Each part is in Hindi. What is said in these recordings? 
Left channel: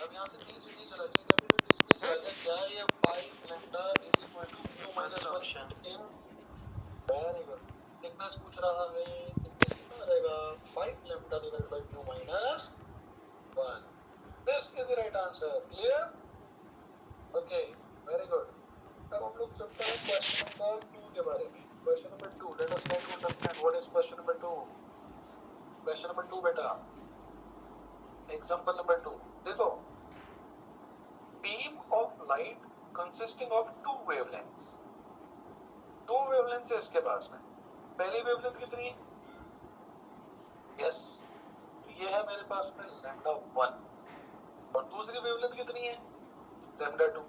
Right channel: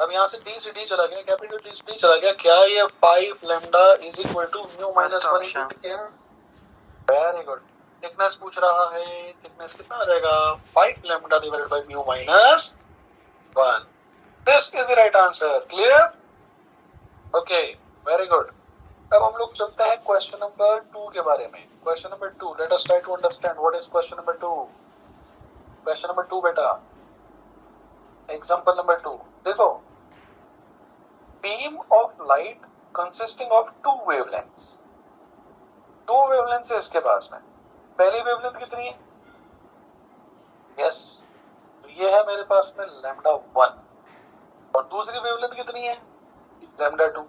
अब यहाँ से डी से डी चला गया, कैपिटल डी से डी चला गया, क्या ये 5 lambda is equal to mu minus 1 into T है? Very good. थिकनेस पूछ रहा है, थिकनेस कितना आ जाएगा? 5 lambda divided by mu minus 1। This is the right answer. Clear? Okay, very good. अब हम लोग चलते हैं क्वेश्चन नंबर 2 के बारे में। Question number 2, let us try to understand what is question number 2। Question number 2 बेटा, एग्जांपल नंबर 2 देखो। Beam of light consisting of two wavelengths. दो वेवलेंथ्स है इसके पास में। पहली वेवलेंथ कितनी है? यस, ये है मेरे पास में लैम्डा 1, और दूसरी वेवलेंथ कितनी है? लैम्डा 2।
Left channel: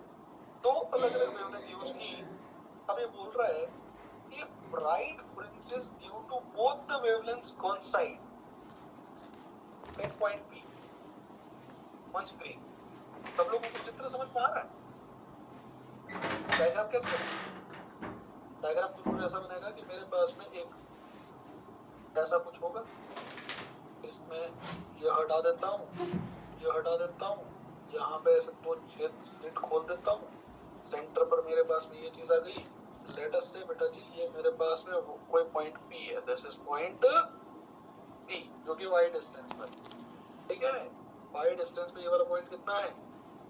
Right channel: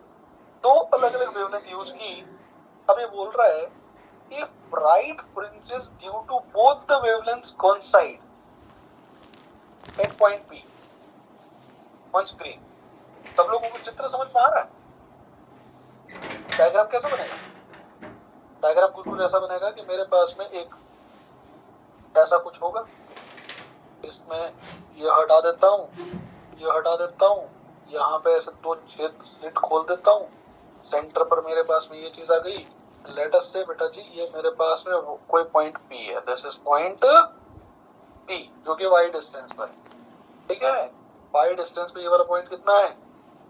दो अलग अलग वेवलेंथ यूज की। अब ये बोल रहा है if bright fringes due to both the wavelengths coincide at point P on screen। सब लोगों को चित्र समझ में आ रहा है? डायग्राम कैसा बनेगा? डायग्राम कुछ ऐसा बनेगा कि मेरे पास में एक ऐसा कुछ होगा, इसमें ये हटा देता हूँ, ये हटा देता हूँ, यहाँ पे ऐसे दो छेद स्लिट खोल देता हूँ, सेंटर पर मेरे पास में ये चीज आ गई। लेट अस से बेटा जी ये मेरे पास में कोई पॉइंट P है, दिस इज पॉइंट P जो कि y डिस्टेंस पर, ठीक है? y डिस्टेंस पे ये वाला पॉइंट कितना है?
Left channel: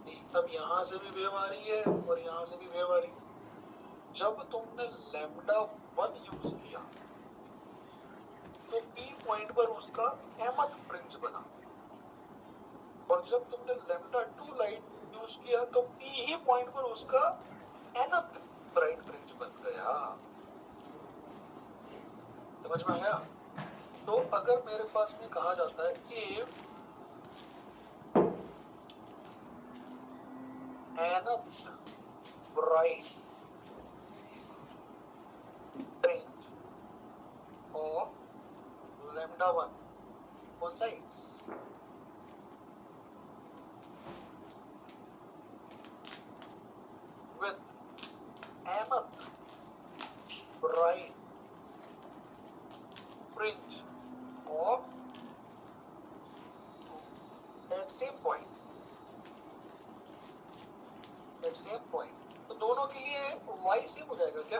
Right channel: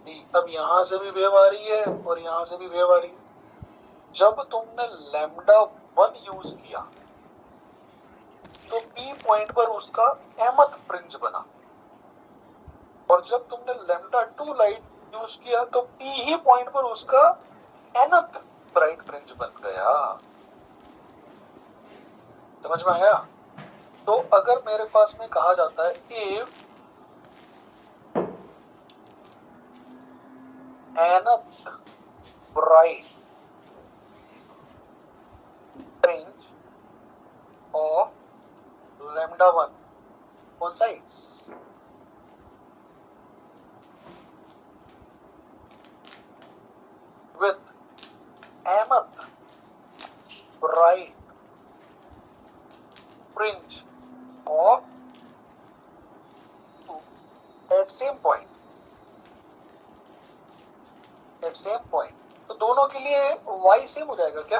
P। अब यहाँ से भी वेव आ रही है और यहाँ से भी वेव आ रही है। जब तुमने लैम्डा 1 यूज किया तो P पॉइंट पर उसका mth फ्रिंज बना, और जब तुमने लैम्डा 2 लाइट यूज किया तो P ही पॉइंट पर उसका nth ब्राइट फ्रिंज बन गया। समझ में आया? तो अगर मेरे पास में कहा जाता है if nth bright fringe of lambda 1 coincides with mth bright fringe of 2 at same point, तो दोनों के लिए y सेम हो जाएगा क्या?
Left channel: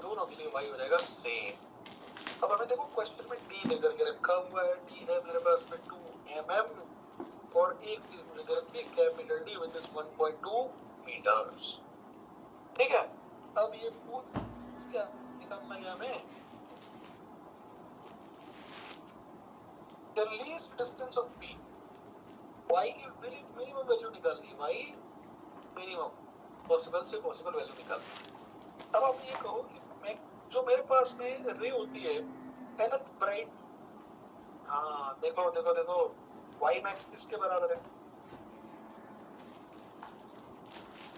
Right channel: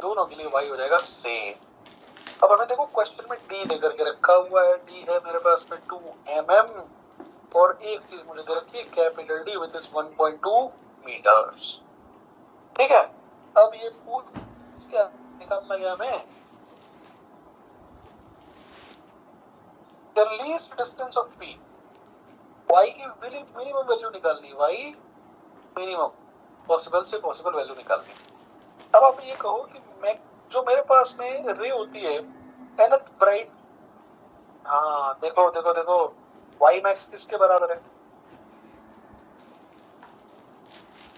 दोनों के लिए y हो जाएगा सेम। अब हमें देखो क्वेश्चन में d लेकर के रखा हुआ है, d है मेरे पास में 2 mm, और एक चीज मुझे दे रखी है capital D which is 1.2 metres. ठीक है? अब ये पूछ क्या निकालना है हमें? The least distance of P, y की मिनिमम वैल्यू निकालनी, y मिनिमम पॉसिबल से पॉसिबल वैल्यू निकालनी। अब आप ये कहो कि मैं जो मेरे पास में रे होती है nth ब्राइट, हाँ देखो देखो देखो, y मैक्स किसके बराबर है?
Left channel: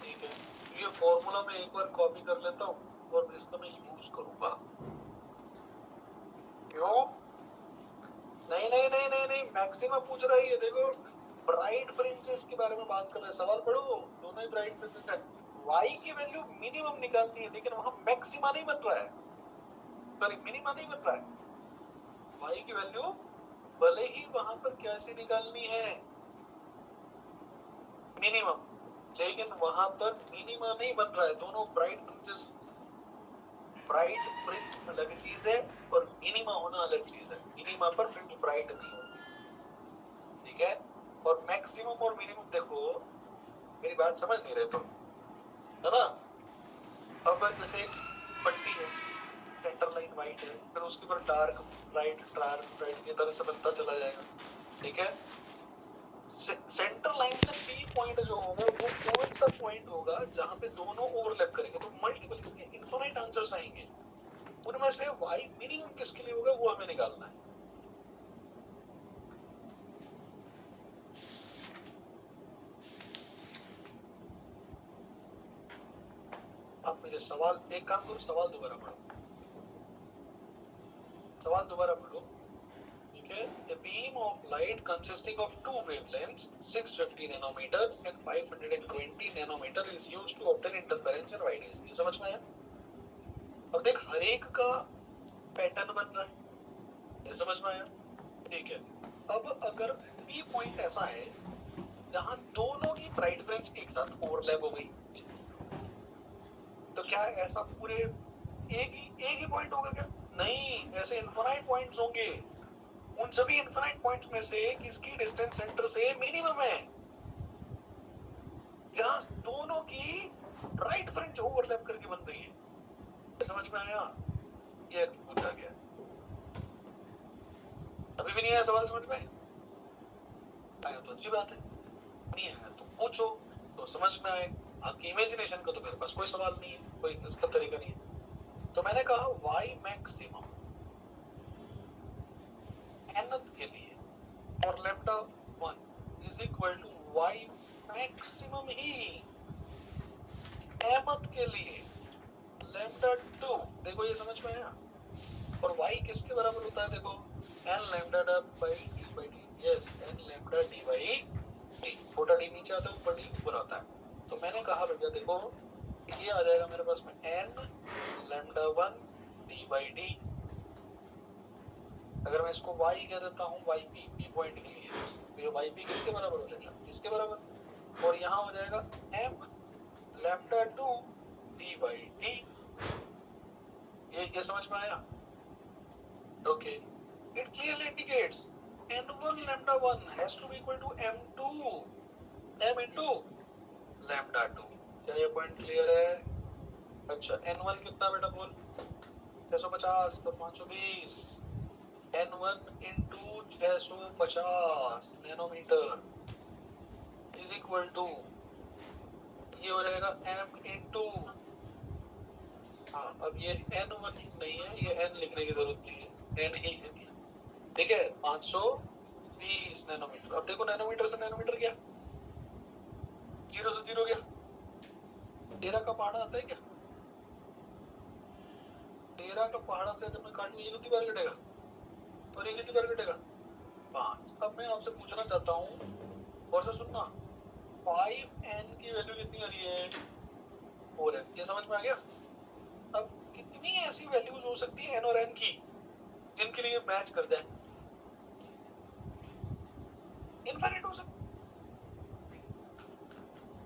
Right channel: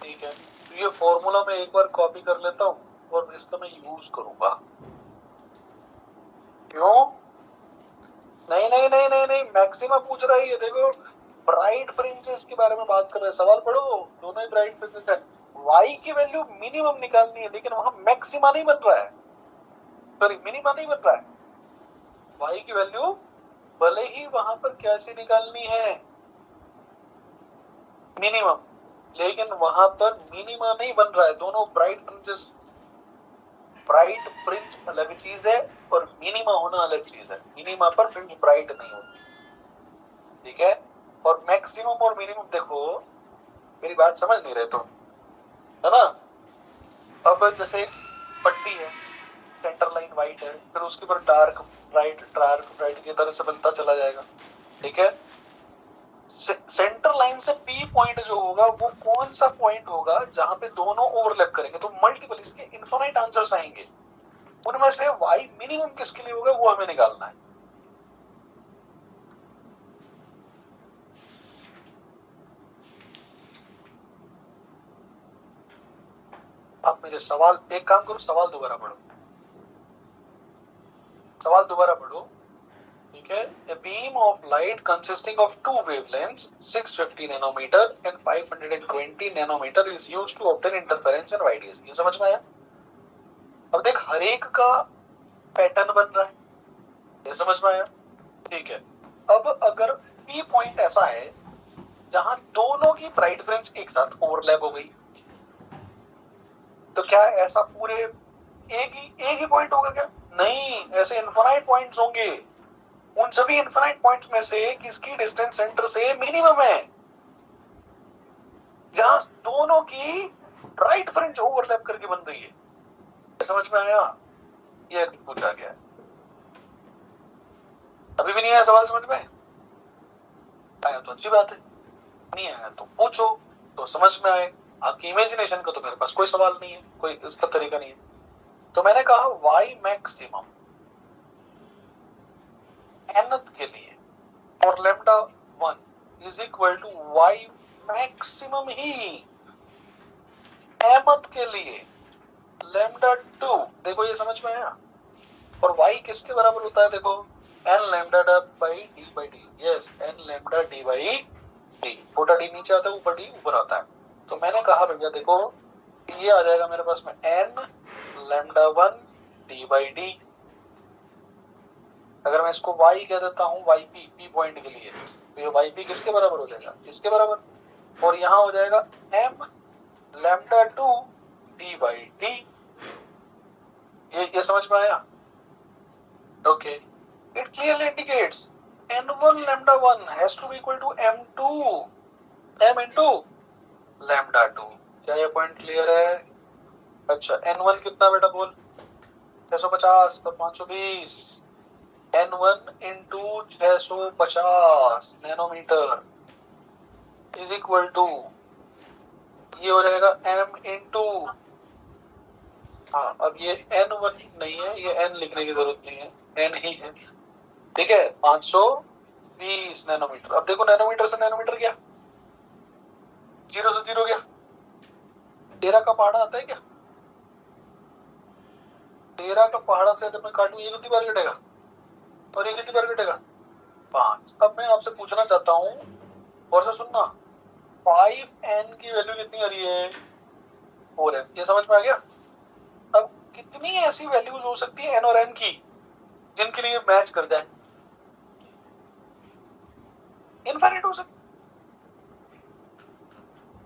ठीक है, तो ये फॉर्मूला मैं एक बार कॉपी कर लेता हूँ और इसका मैं यूज करूंगा। क्यों? नहीं नहीं नहीं नहीं नहीं, मैक्सिमा पूछ रहा है ये, देखो ब्राइट फ्रिंजेस के बारे में बात कर रहे हैं। सवाल पढ़ो, दोनों ही ब्राइट फ्रिंजेस है। y की वैल्यू मिनिमम निकालनी है, लेकिन वहां मैक्सिमा नहीं बन रहा है, सॉरी मिनिमा नहीं बन रहा है। y की वैल्यू भले ही वहां पर कैसे निकालनी है? मिनिमम, लेकिन वहां पर मिनिमा नहीं बन रहा है। दोनों ब्राइट फ्रिंजेस, ब्राइट फ्रिंज अलग चीज है और मिनिमा होना अलग चीज है। मिनिमा पर फ्रिंज ब्राइट नहीं होती, ठीक है? और मैक्सिमम और मिनिमम, देखो मेरी बात समझ नहीं रहे तुम, है ना? अब जैसे पट्टी है, सेंटर लाइन व्हाइट है, फिर उसके ऊपर डार्क ब्राइट की तरह से बनता चला जाएगा, ठीक है? सेंटर लाइन से P पॉइंट जो होगा वो कौन सा पॉइंट होगा जहां पे दोनों ओवरलैप करेंगे? तो मल्टीपल, इसके इनफिनिट आंसर्स आएंगे, उनमें से y मिनिमम किसके लिए होगा वो हमें निकालना है। आप मेरे सवाल, एक काम करो, सवाल दोबारा पढ़ो, सवाल दोबारा पढ़ो, ठीक है? A beam of light consisting of two wavelengths 650 nanometer and 520 nanometer is used to obtain interference and radius। ये समझ में आया? अब देख हर एक का पैटर्न बन रहा है, ये समझ में आया? ठीक है। अब अगर P पॉइंट ऐसा है जहां दोनों की ब्राइट फ्रिंज एक साथ ओवरलैप हो गई, तो क्या ऐसा पूरे एक ही पॉइंट होगा क्या? नहीं, ऐसे इनफाइनाइट पॉइंट्स होंगे। उन सभी इनफाइनाइट पॉइंट्स में से किसकी डिस्टेंस सेंटर से मिनिमम है, जहां दोनों की राइट फ्रिंज ओवरलैप करके बन रही है। समझ में आया? ये पूछा गया है। अभी भी नहीं आया सवाल समझ में? आया तो अच्छी बात है, नहीं आया तो पूछो तो समझ में आए। आपकी इमेजिनेशन का तो मेरे पास कोई सवाल नहीं है, कोई इसका तरीका नहीं है। तो मैंने कहा y मैक्सिमम nth के लिए और lambda 1 is equal to y maximum ही mth के लिए लैम्डा 2। देखो ये समझ में आया? और y किसके बराबर होता है? देखो n lambda by D. Yes, n lambda D by D. छोटा डी नीचे आता है, ऊपर डी ऊपर आता है। तो मैंने कहा भैया देखो ये आ जाएगा मेरे पास में n lambda 1 D by D. अगर मैं इसको y कह देता हूँ, yp p पॉइंट के लिए, तो ये yp किसके बराबर हो जाएगा? इसके बराबर। और यहाँ हो जाएगा m lambda 2 D by D. ये समझ में आया? Okay, it clearly indicates n1 lambda 1 has to be equal to m into lambda 2। क्या ये पॉइंट क्लियर है? अच्छा, n1 कितना बेटा बोल? 650 पर 520। n1 into 650 nanometre is equal to, ये हो जाएगा m इंटू, हाँ अब ये n1 नहीं है, ये n लिखने की जरूरत नहीं है, n ही है, ठीक है, 520 नैनोमीटर। अब देखो नैनोमीटर से नैनोमीटर गया, 0 से 0 गया। 13 का पहाड़ा आता है क्या? 13 का पहाड़ा से अगर मैं काटूं, ये कितनी बार कटेगा और ये कितनी बार कटेगा? 5। अब मैं आपसे पूछना चाहता हूँ, और से सुनना, 5n की वैल्यू कितनी आ रही है? 4n। ये समझ में आ गया? अब कितनी ऐसी वैल्यूज हो सकती है n और n की जिनके लिए मैच कर जाए? इनफाइनाइट हो सकती,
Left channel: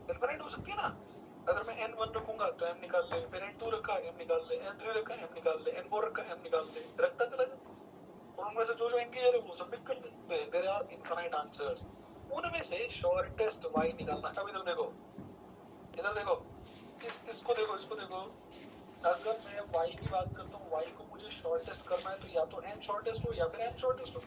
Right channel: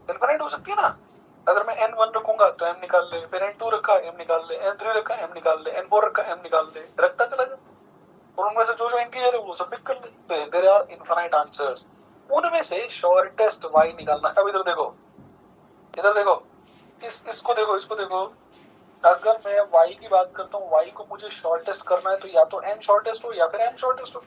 इनफाइनाइट हो सकती है ना। अगर मैं n1 रखूंगा तो m निकाल ले, फिर n2 रखा m निकाल ले, n3 रखा m निकाल ले, n4 रखा m निकाल ले, रखता चला जा, और उनमें से जो जो इंटीजर है वो सब पिक कर ले। देयर आर इनफाइनाइट आंसर्स, उनमें से शॉर्टेस्ट y निकालना। अब इधर देखो, इधर देखो, इसको देखो, इसको देखो। अगर मैं y की बात करता हूँ, y को मुझे शॉर्टेस्ट करना है, तो या तो n शॉर्टेस्ट हो या फिर m शॉर्टेस्ट हो,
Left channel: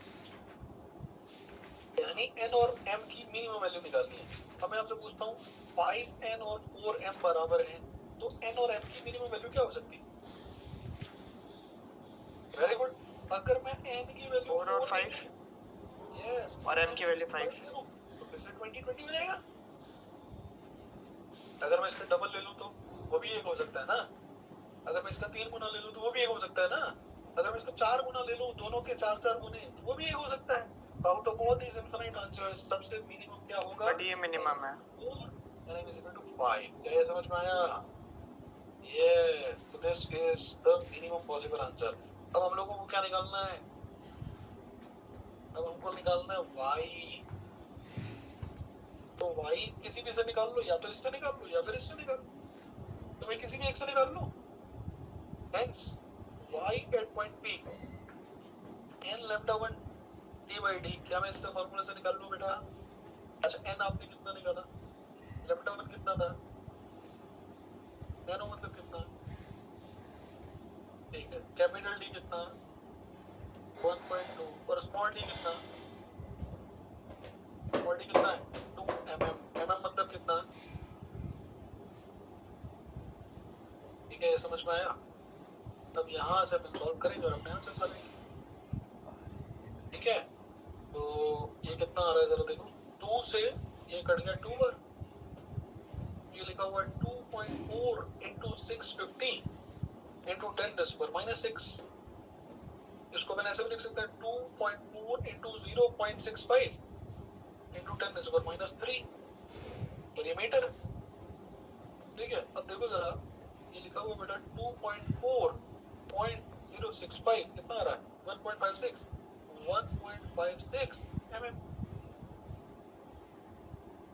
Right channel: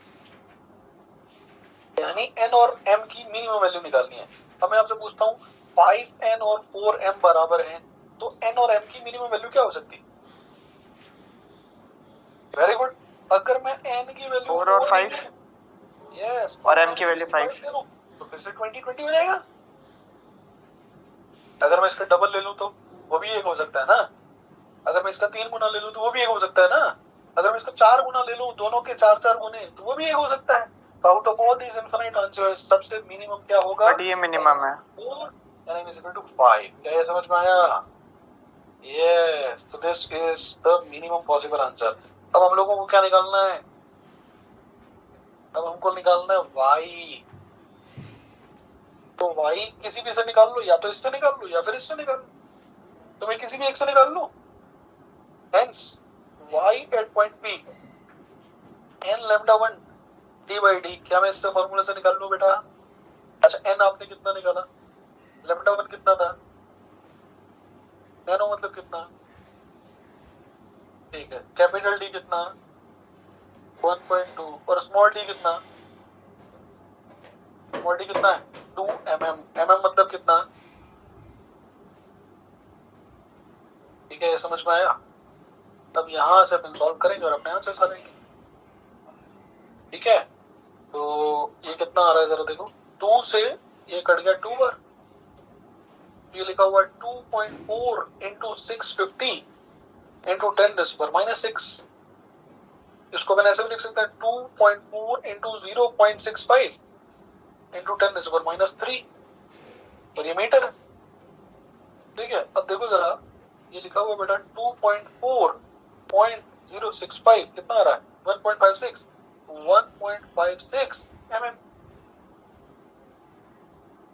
यानी n और m की मिनिमम वैल्यू निकालनी है। अब मैं आपसे पूछता हूँ 5n और 4m बराबर हैं, तो n और m की मिनिमम वैल्यू क्या हो सकती है? Very good. अगर मैं n की वैल्यू 4 और 5, यस, और m की वैल्यू 5, तो फिर से 20 हो जाएगा। अगर मैं इसका डबल ले लूं तो वो भी एक हो सकता है ना। अगर मैं इसका 3 गुना ले लूं तो वो भी एक हो सकता है ना। अगर मैं इसका 4 गुना ले लूं, दोनों के 4 गुने, तो वो भी एक हो सकता है। Out of all these infinite answers सबसे मिनिमम क्या होगा? बट ये मिनिमम है। 4 यानी इज इक्वल टू 5। क्या ये समझ में आया? यस, तो this is the minimum possible answer. अब हम लोगों को क्या निकालना है? अब हमको निकालना है y। तो y किसी भी से निकाल लो, या तो इससे निकाल लो या फिर इससे निकाल लो, तो मैं किसी भी एक से निकाल लूं। Hence, y at point P n lambda 1 d by d, क्या मैं इससे फॉर्मूला से निकाल लूं बेटा? अच्छा, n आपने कितना निकाला? lambda 1 कितना था? नैनो मतलब कितना? ठीक है, कैपिटल D कितना? 1.2। और स्मॉल d कितना? स्मॉल d कितना है? 2 mm। mm मतलब कितना? ठीक है, समझ में आया? तब यहाँ से अपन सॉल्व करेंगे और अपने आंसर आ जाएंगे। ठीक है, तो ये कितना आ रहा है जरा देखो। 2 से ये कट गया 2 बार, ये लिखा हुआ 2.4 इंटू 650 इंटू 10⁻⁻⁶। इसको मैंने ऐसे भी लिख सकता है 2.4 इंटू 0.65 इंटू 10⁻³ और ये मीटर है। ठीक है, अब देखो जरा, ये लिखा हुआ बेटा 2.4.065 कितना आ रहा है? 1.56 mm।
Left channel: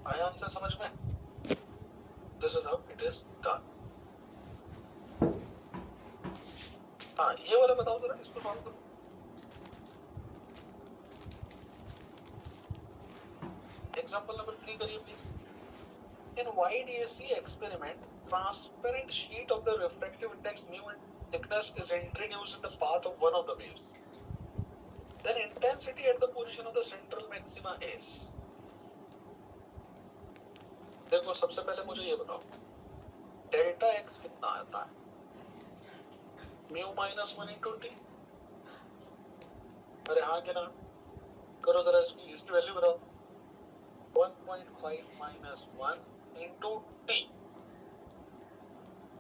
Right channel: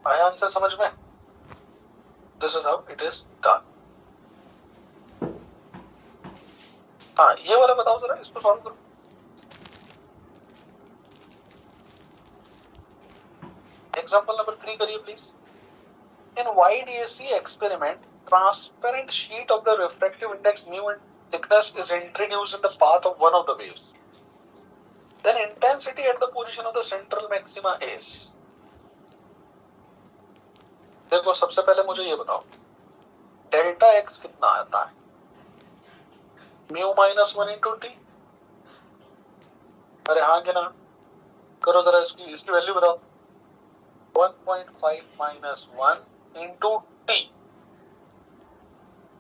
आया आंसर समझ में? This is how it is done. हाँ ये वाला बताओ जरा, इसको सॉल्व करो। एग्जाम्पल नंबर 3 करिए please. In YDAC experiment, transparent sheet of the refractive index mu and thickness is introduced in the path of one of the waves. Then intensity at the position of the central maxima is। देखो सबसे पहले मुझे ये बताओ, डेल्टा एक्स कितना आता है? Mu minus 1 into T. अरे हाँ कि ना, करो जरा इसकी वैल्यू बताओ। 1.5 माइनस 1 इंटू टी,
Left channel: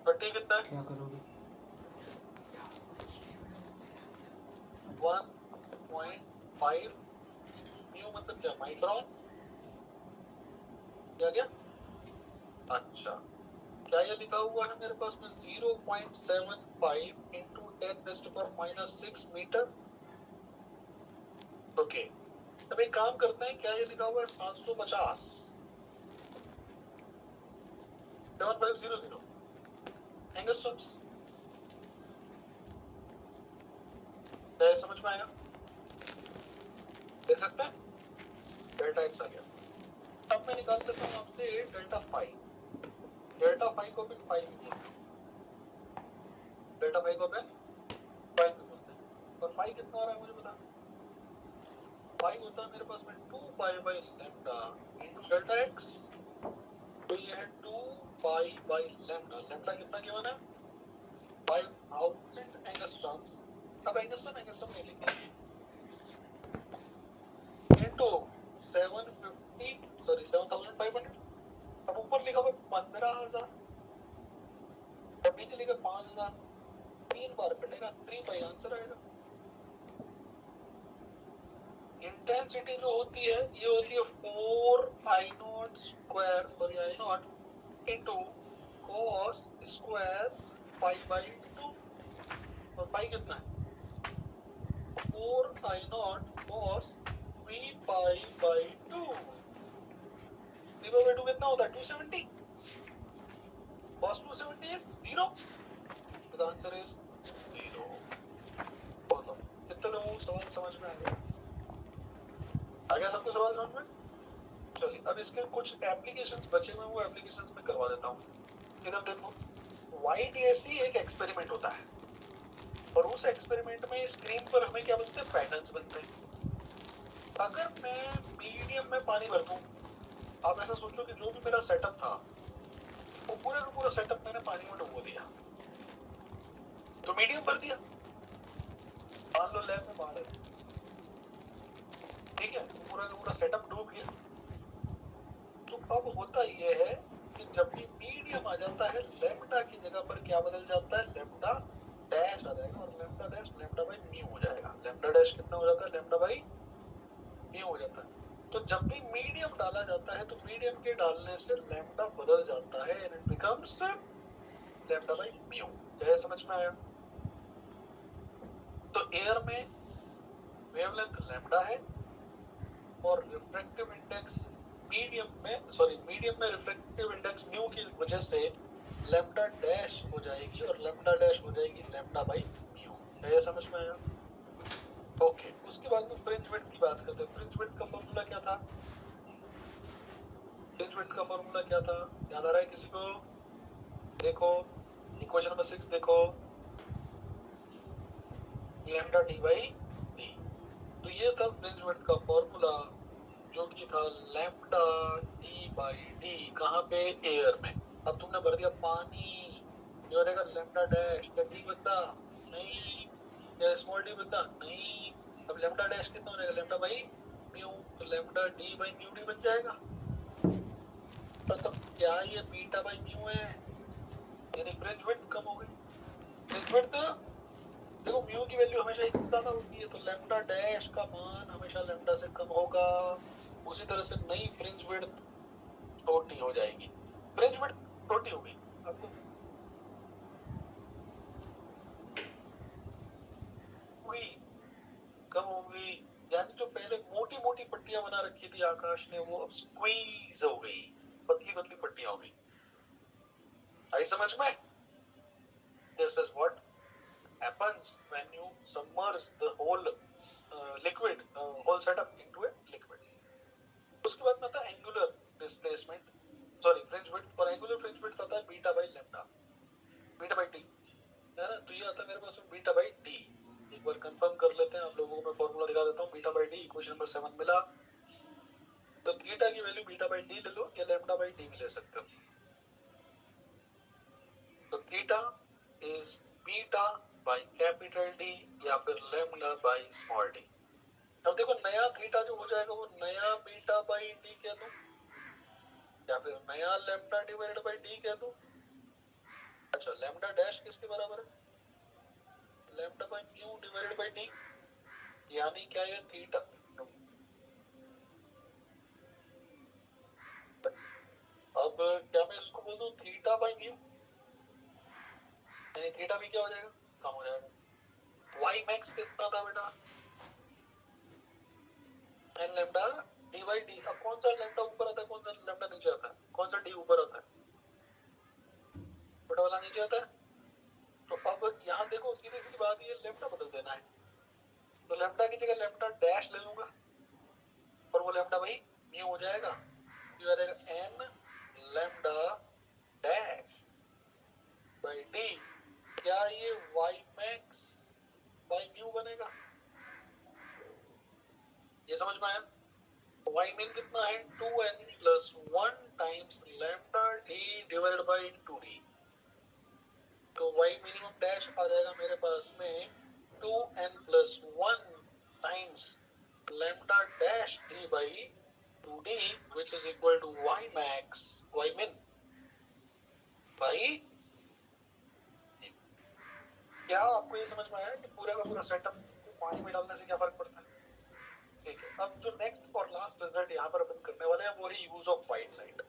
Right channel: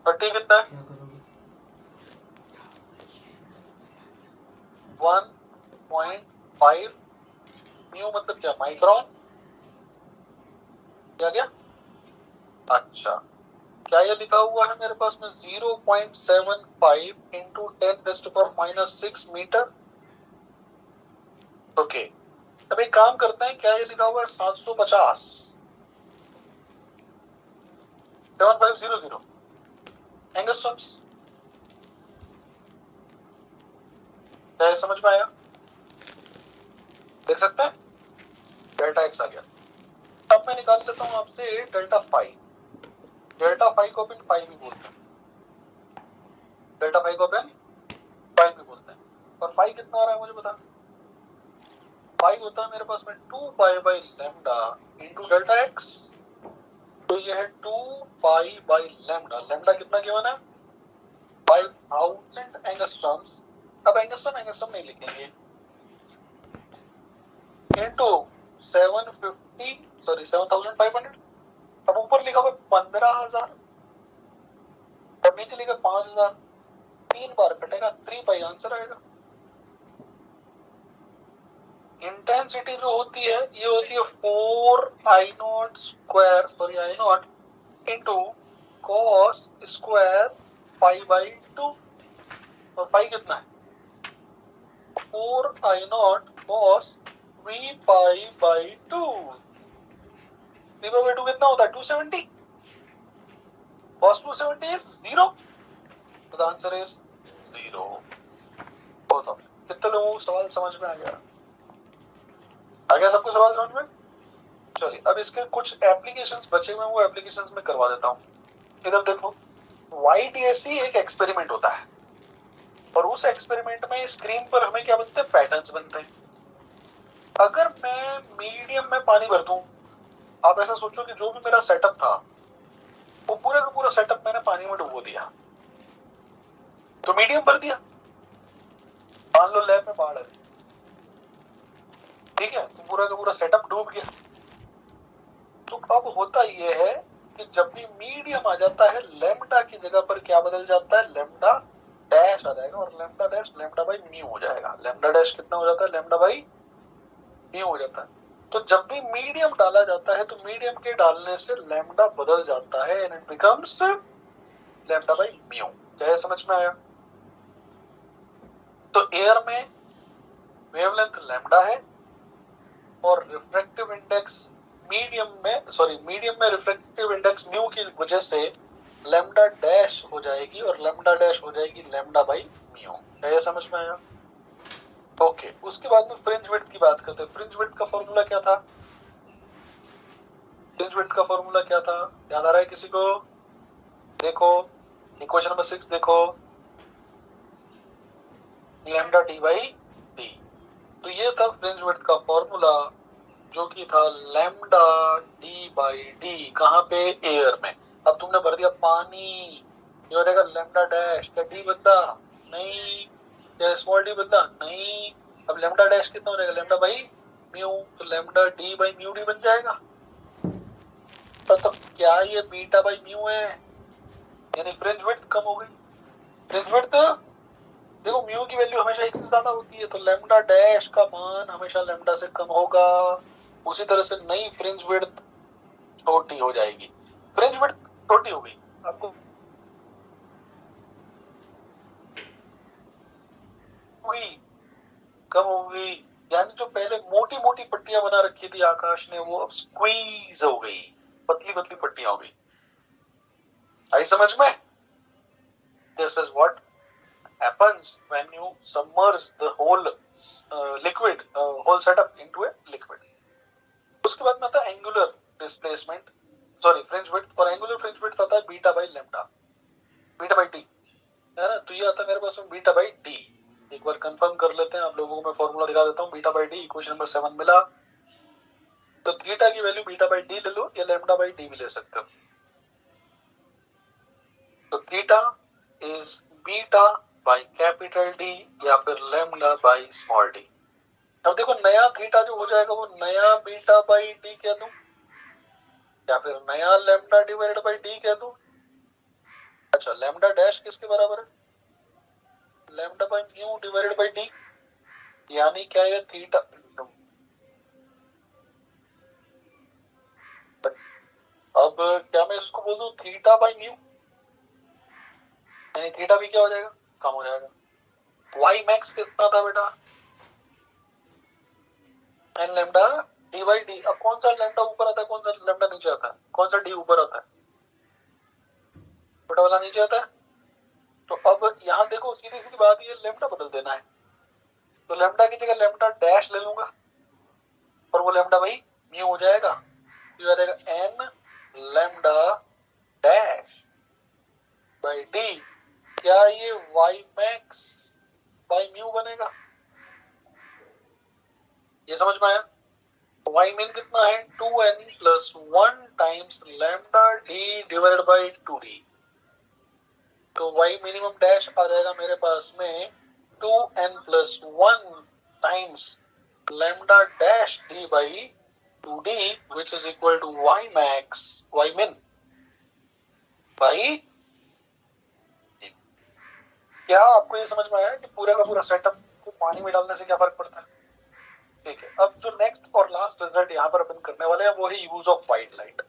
और टी कितना है? क्या करोगे? 1.5 म्यू मतलब क्या, माइक्रोन? क्या? अच्छा, क्या ये लिखा हुआ है मेरे पास में 0.75 इंटू 10⁻⁻6 मीटर? ओके, अब एक काम करते हैं, क्या ये लिखा हुआ है 750 7500 एंगस्ट्रम्स? क्या ये समझ में आया? देख सकते हैं डेल्टा एक्स आ गया। अब मैं निकाल लेता हूँ आपसे डेल्टा फाई। डेल्टा फाई को अपन फाई भी बोलते हैं, डेल्टा फाई को अपन फाई भी बोलते हैं। और फाई कितना आ रहा है मुझे बता। फाई होता है मेरे पास में 2 pi by lambda into delta x. तो ये है 2 पाई बाई लैम्डा। लैम्डा कितना गिवन है? 5000 एंगस्ट्रम्स। अब एंगस्ट्रम नहीं लिखेंगे, इंटू 7500। अब ऊपर लिखा हुआ 15000 और नीचे लिखा 5000। 3 बार कटेगा, 3 पाई आंसर आएगा। इंटेंसिटी जो होती है ये होती है 4I0 square, sorry I0 into cos square pi by 2। और पाई कितना है? 4I0 cos 3 pi by 2। 3 by 2 कितना होता है? 270। cos 270 is 0। तो द आंसर इज 0। बोलो कितने लोगों को सवाल समझ में आ गया? आ गया सबको सवाल समझ में? चलिए अब इसके कुछ एप्लीकेशंस बचे हुए हैं, वो एप्लीकेशंस में करवा देता हूँ। इधर देखो, YDAC एक एक्सपेरिमेंट होता है और उस एक्सपेरिमेंट में स्क्रीन पर हमें क्या बनते हैं? पैटर्न्स बनते हैं। अगर मैं मीडियम में पानी भर दूं, आप ऐसा सोचो कि जो भी मेरा सेटअप था वो पूरा का पूरा सेटअप मैंने पानी में डुबो दिया, तो मीडियम भर दिया। मान लो लैब में बाढ़ है, ठीक है, तो पूरा का पूरा सेटअप डूब गया। तो अब होता ये है कि जब भी मीडियम आ जाता है, लैम्डा की जगह पर क्या बदल जाता है? लैम्डा डैश आ जाएगा, और lambda dash lambda by mu हो जाएगा। लैम्डा डैश कितना हो जाता है? लैम्डा बाई म्यू हो जाता है। तो जब भी मीडियम डाला जाता है तो मीडियम के डालने से लैम्डा बदल जाता है, and it becomes lambda by mu. क्या समझ में आया? तो एयर में वेवलेंथ लैम्डा है और रिफ्रैक्टिव इंडेक्स मीडियम में रिफ्रैक्टिव इंडेक्स म्यू की वजह से लैम्डा डैश हो जाएगी, और लैम्डा डैश हो जाएगी लैम्डा बाई म्यू। क्या ये समझ में आया? ओके, उसके बाद में फ्रिंज विड्थ की बात करते हैं। फ्रिंज विड्थ का फॉर्मूला क्या था? फ्रिंज विड्थ का फॉर्मूला क्या था, याद आ रहा है किसी को? देखो इक्वेशन नंबर 6 देखो, लैम्डा डी बाई डी। तो ये था फ्रिंज विड्थ का फॉर्मूला, जो कि था लैम्डा डी बाई डी। कहाँ पे? एयर में। अब तुमने भर दिया पानी, ये हो जाएगा लैम्डा डैश। क्या डी बनता? नहीं। क्या स्मॉल डी बनता? नहीं। अब लैम्डा डैश कितना हो जाएगा? Lambda by mu. तो lambda D by mu D बन जाएगा। तो क्या ये बीटा बाई म्यू है? यानी फ्रिंज विड्थ कम हो गई। फ्रिंज विड्थ देखो, म्यू की वैल्यू हमेशा एक से ज्यादा होती है, तो लैम्डा डैश का मान हमेशा लैम्डा से कम होगा। उसी तरह से नई फ्रिंज विड्थ छोटी हो जाएगी। फ्रिंज विड्थ छोटी हो गई, आपको हुई कम हो गई, यानी जो पहले मोटी मोटी पट्टियां बना रखी थी आकाश ने, वो अब स्क्वीज हो गई, पतली पतली पट्टियां हो गई। आई समझ में? This is what happens when you submerge the whole liquid whole setup into a liquid. उसके बाद में आता है angular displacement, sorry fringe width, और एंगुलर फ्रिंज विड्थ आता है beta by lambda, beta by T, है ना। तो ये आता है मेरे पास में बीटा बाई डी। एक बार कंफर्म कर लेते हैं, आप लोगों को मैं फॉर्मूला दिखा देता हूँ। Beta by D equation number 7 मिला, तो थीटा की वैल्यू बीटा बाई डी ले लो या लैम्डा बाई डी भी ले सकते हो। तो theta is beta by capital D या फिर लैम्डा बाई स्मॉल डी। अब देखो नया थीटा जो हो जाएगा वो नया बीटा बाई डी कह दूं या फिर नया लैम्डा डिवाइडेड बाई डी कह दूं। अच्छा, लैम्डा डैश किसके बराबर है? Lambda by mu divided by D, यानी क्या है थीटा। अब क्या मैं इसको बोल दूं थीटा बाई म्यू, यानी थीटा भी क्या हो जाएगा, कम हो जाएगा। वाई मैक्स कितना था बेटा? N lambda D by D. अब कौन सा लैम्डा ऊपर आता है, कौन सा लैम्डा नीचे आता है, कौन सा डी ऊपर आता है? बड़ा वाला नीचे आता है। तो अब यहाँ देखो सीधी सीधी बात, ये लैम्डा बदल देना है। तो लैम्डा की जगह लैम्डा डैश ले लूंगा और वो लैम्डा भाई म्यू हो जाएगा। तो आ जाएगा n lambda dash by D. क्या ये वाई मैक्स बाई म्यू बनेगा? ये समझ में आया? वाई मीन कितना है 2n plus 1 times lambda D divided by 2d। तो वाई मिनिमम डैश आ जाएगा मेरे पास में 2n plus 1 times lambda dash d by 2d which is equal to y max y min by d। क्या आपको ये समझ में आया कि पूरा का पूरा सेटअप को पानी में डालने से क्या फर्क पड़ता है? ठीक है, अब जो नेक्स्ट और लास्ट रिजल्ट यहाँ पर अपन करने वाले हैं वो है यूज ऑफ व्हाइट लाइट।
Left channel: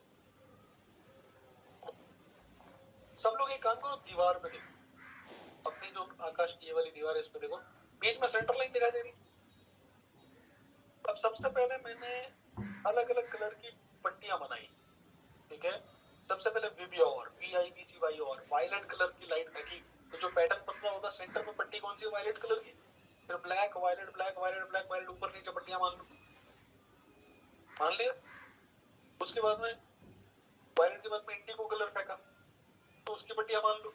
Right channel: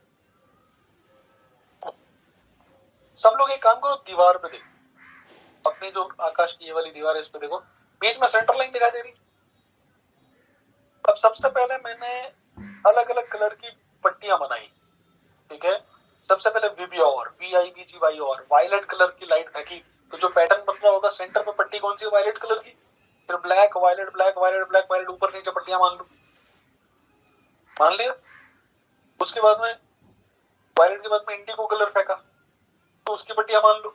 सब लोग एक काम करो, दीवार पे देखो, अपनी जो आकाश की ये वाली दीवार है इस पे देखो, बीच में सेंटर लाइन दिखाई दे रही। अब सबसे पहले मैंने अलग अलग कलर की पट्टियां बनाई, ठीक है। सबसे पहले विबियोर VIBGY और वायलेट कलर की लाइट फेंकी, तो जो पैटर्न बन रहा होगा सेंटर पे पट्टी कौन सी है, वायलेट कलर की। फिर black violet black violet black violet, ऊपर नीचे पट्टियां मान लो, मान लिया। उसके बाद में वायलेट के बाद में इंडिगो कलर फेंका, तो उसकी पट्टियां मान लो,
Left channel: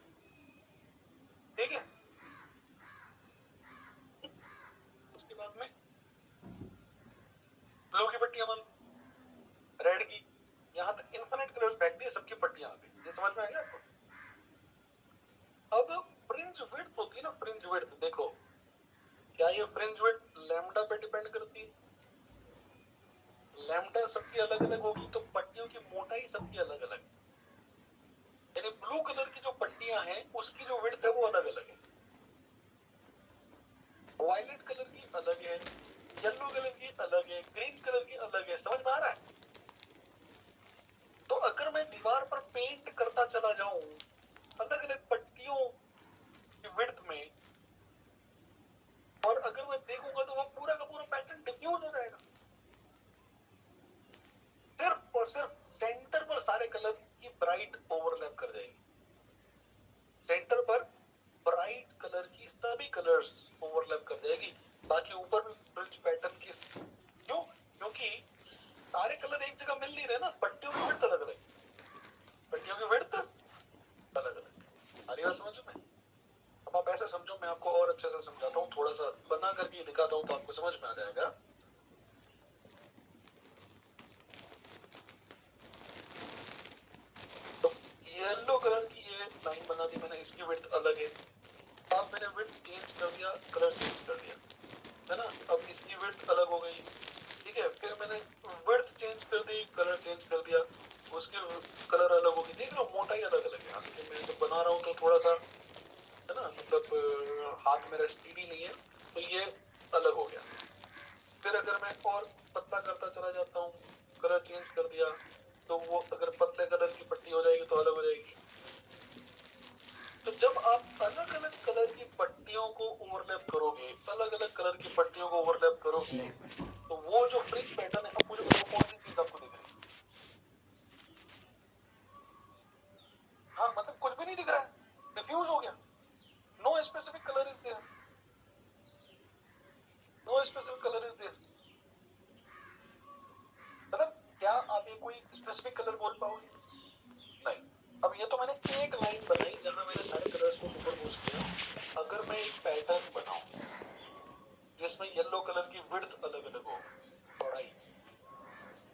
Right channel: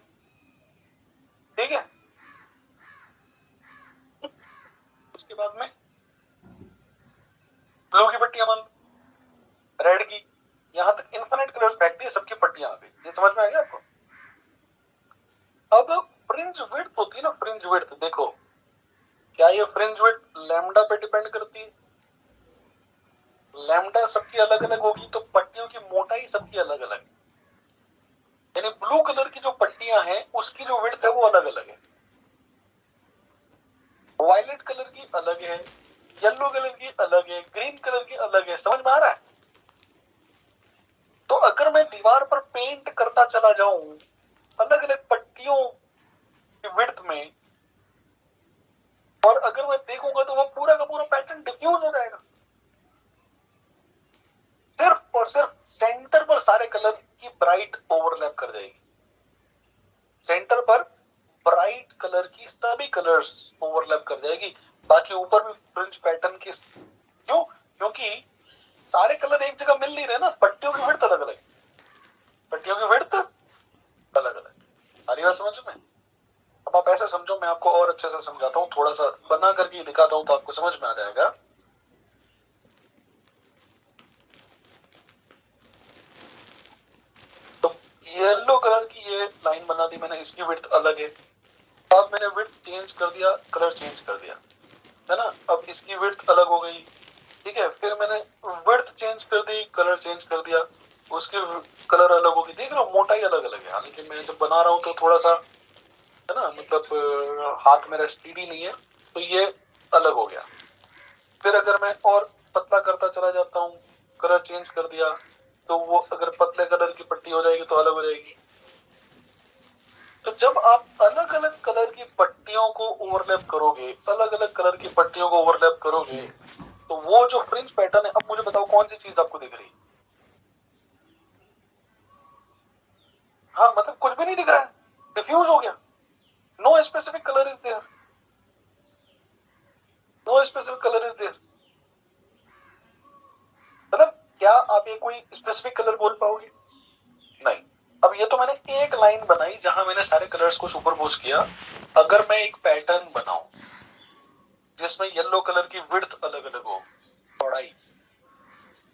ठीक है। उसके बाद में ब्लू की पट्टियां मान लो, रेड की, यहां तक इन्फिनिट कलर्स फेंक दिए, सबकी पट्टियां आ गई। ये समझ में आ गया आपको? अब फ्रिंज विड्थ होती है ना, फ्रिंज विड्थ देखो, क्या ये फ्रिंज विड्थ लैम्डा पे डिपेंड करती है? लैम्डा सबकी अलग अलग होगी तो पट्टियों की मोटाई सबकी अलग अलग है, यानी ब्लू कलर की जो पट्टियां हैं उसकी जो विड्थ है वो अलग अलग है, वायलेट कलर की अलग है, येलो कलर की अलग है, ग्रीन कलर की अलग है। समझ में आ रहा है? तो अगर मैं दीवार पर पेंट करता चला जाऊं अलग अलग पट्टियों की विड्थ में, और अगर मैं देखूंगा तो वो पूरा का पूरा पैटर्न डिफ्यूज हो जाएगा। सिर्फ और सिर्फ सेंटर पर सारे कलर की ब्राइट ओवरलैप कर जाएगी, सेंटर पर ब्राइट कलर की सभी कलर्स ओवरलैप कर जाएगी, बाकी ऊपर भी फ्रिंज पैटर्न की। क्यों? क्योंकि सारे कलर एक जगह मिल नहीं रहे ना, पट्टियों की विड्थ अलग अलग, पट्टियों की विड्थ अलग अलग। आ रही बात समझ में? अब आप ऐसे समझो, मैं आपको और अच्छे से समझाता हूँ, थोड़ा सा बना करके दिखाता हूँ तो आपको समझ में आ जाएगा। तो येलो कलर की ये लाइन बना दी मैंने, इसकी विड्थ अलग है। अब मैंने विड्थ चेंज कर दिया, कलर चेंज कर दिया, है ना। अब इसकी विड्थ अलग हो गई, ठीक है। फिर मैंने विड्थ चेंज कर दी, कलर चेंज कर दिया, उसकी कलर अलग होगी। देख रहे हो, मोटाई अलग अलग है, लेकिन मैं जब बना रहा हूँ तो थोड़ा सा, है ना, मतलब हाथ मेरा स्पीडी नहीं है, तो ये अलग हो गया। फिर अगर मैं और पतला करता चला जाता हूँ, कलर चेंज कर दिया, तो वो अगर पतले कलर की पट्टी हो जाएगी तो अलग हो जाएगी। तो जब आप अलग अलग कलर की पट्टियों को ओवरलैप करोगे, अलग अलग कलर की पट्टियों को ओवरलैप करोगे, तो वो जो फ्रिंज पैटर्न है, अब मुझे बताओ कौन सी चीज आपको दिख रही है? हाँ, मतलब कुछ भी नहीं दिख रहा है, डिफ्यूज हो गया। No specific colour is there, no specific colour is there. मतलब क्या आप ये कोई स्पेसिफिक कलर बोल पाओगे? नहीं। अब ये तो मैंने एक लाइन बनाई जहां मैंने सारे कलर्स को सुपरपोज किया। अगर मैं एक पैटर्न बनाऊं जिसमें येलो कलर की विड्थ अलग अलग हो, चौड़ाई,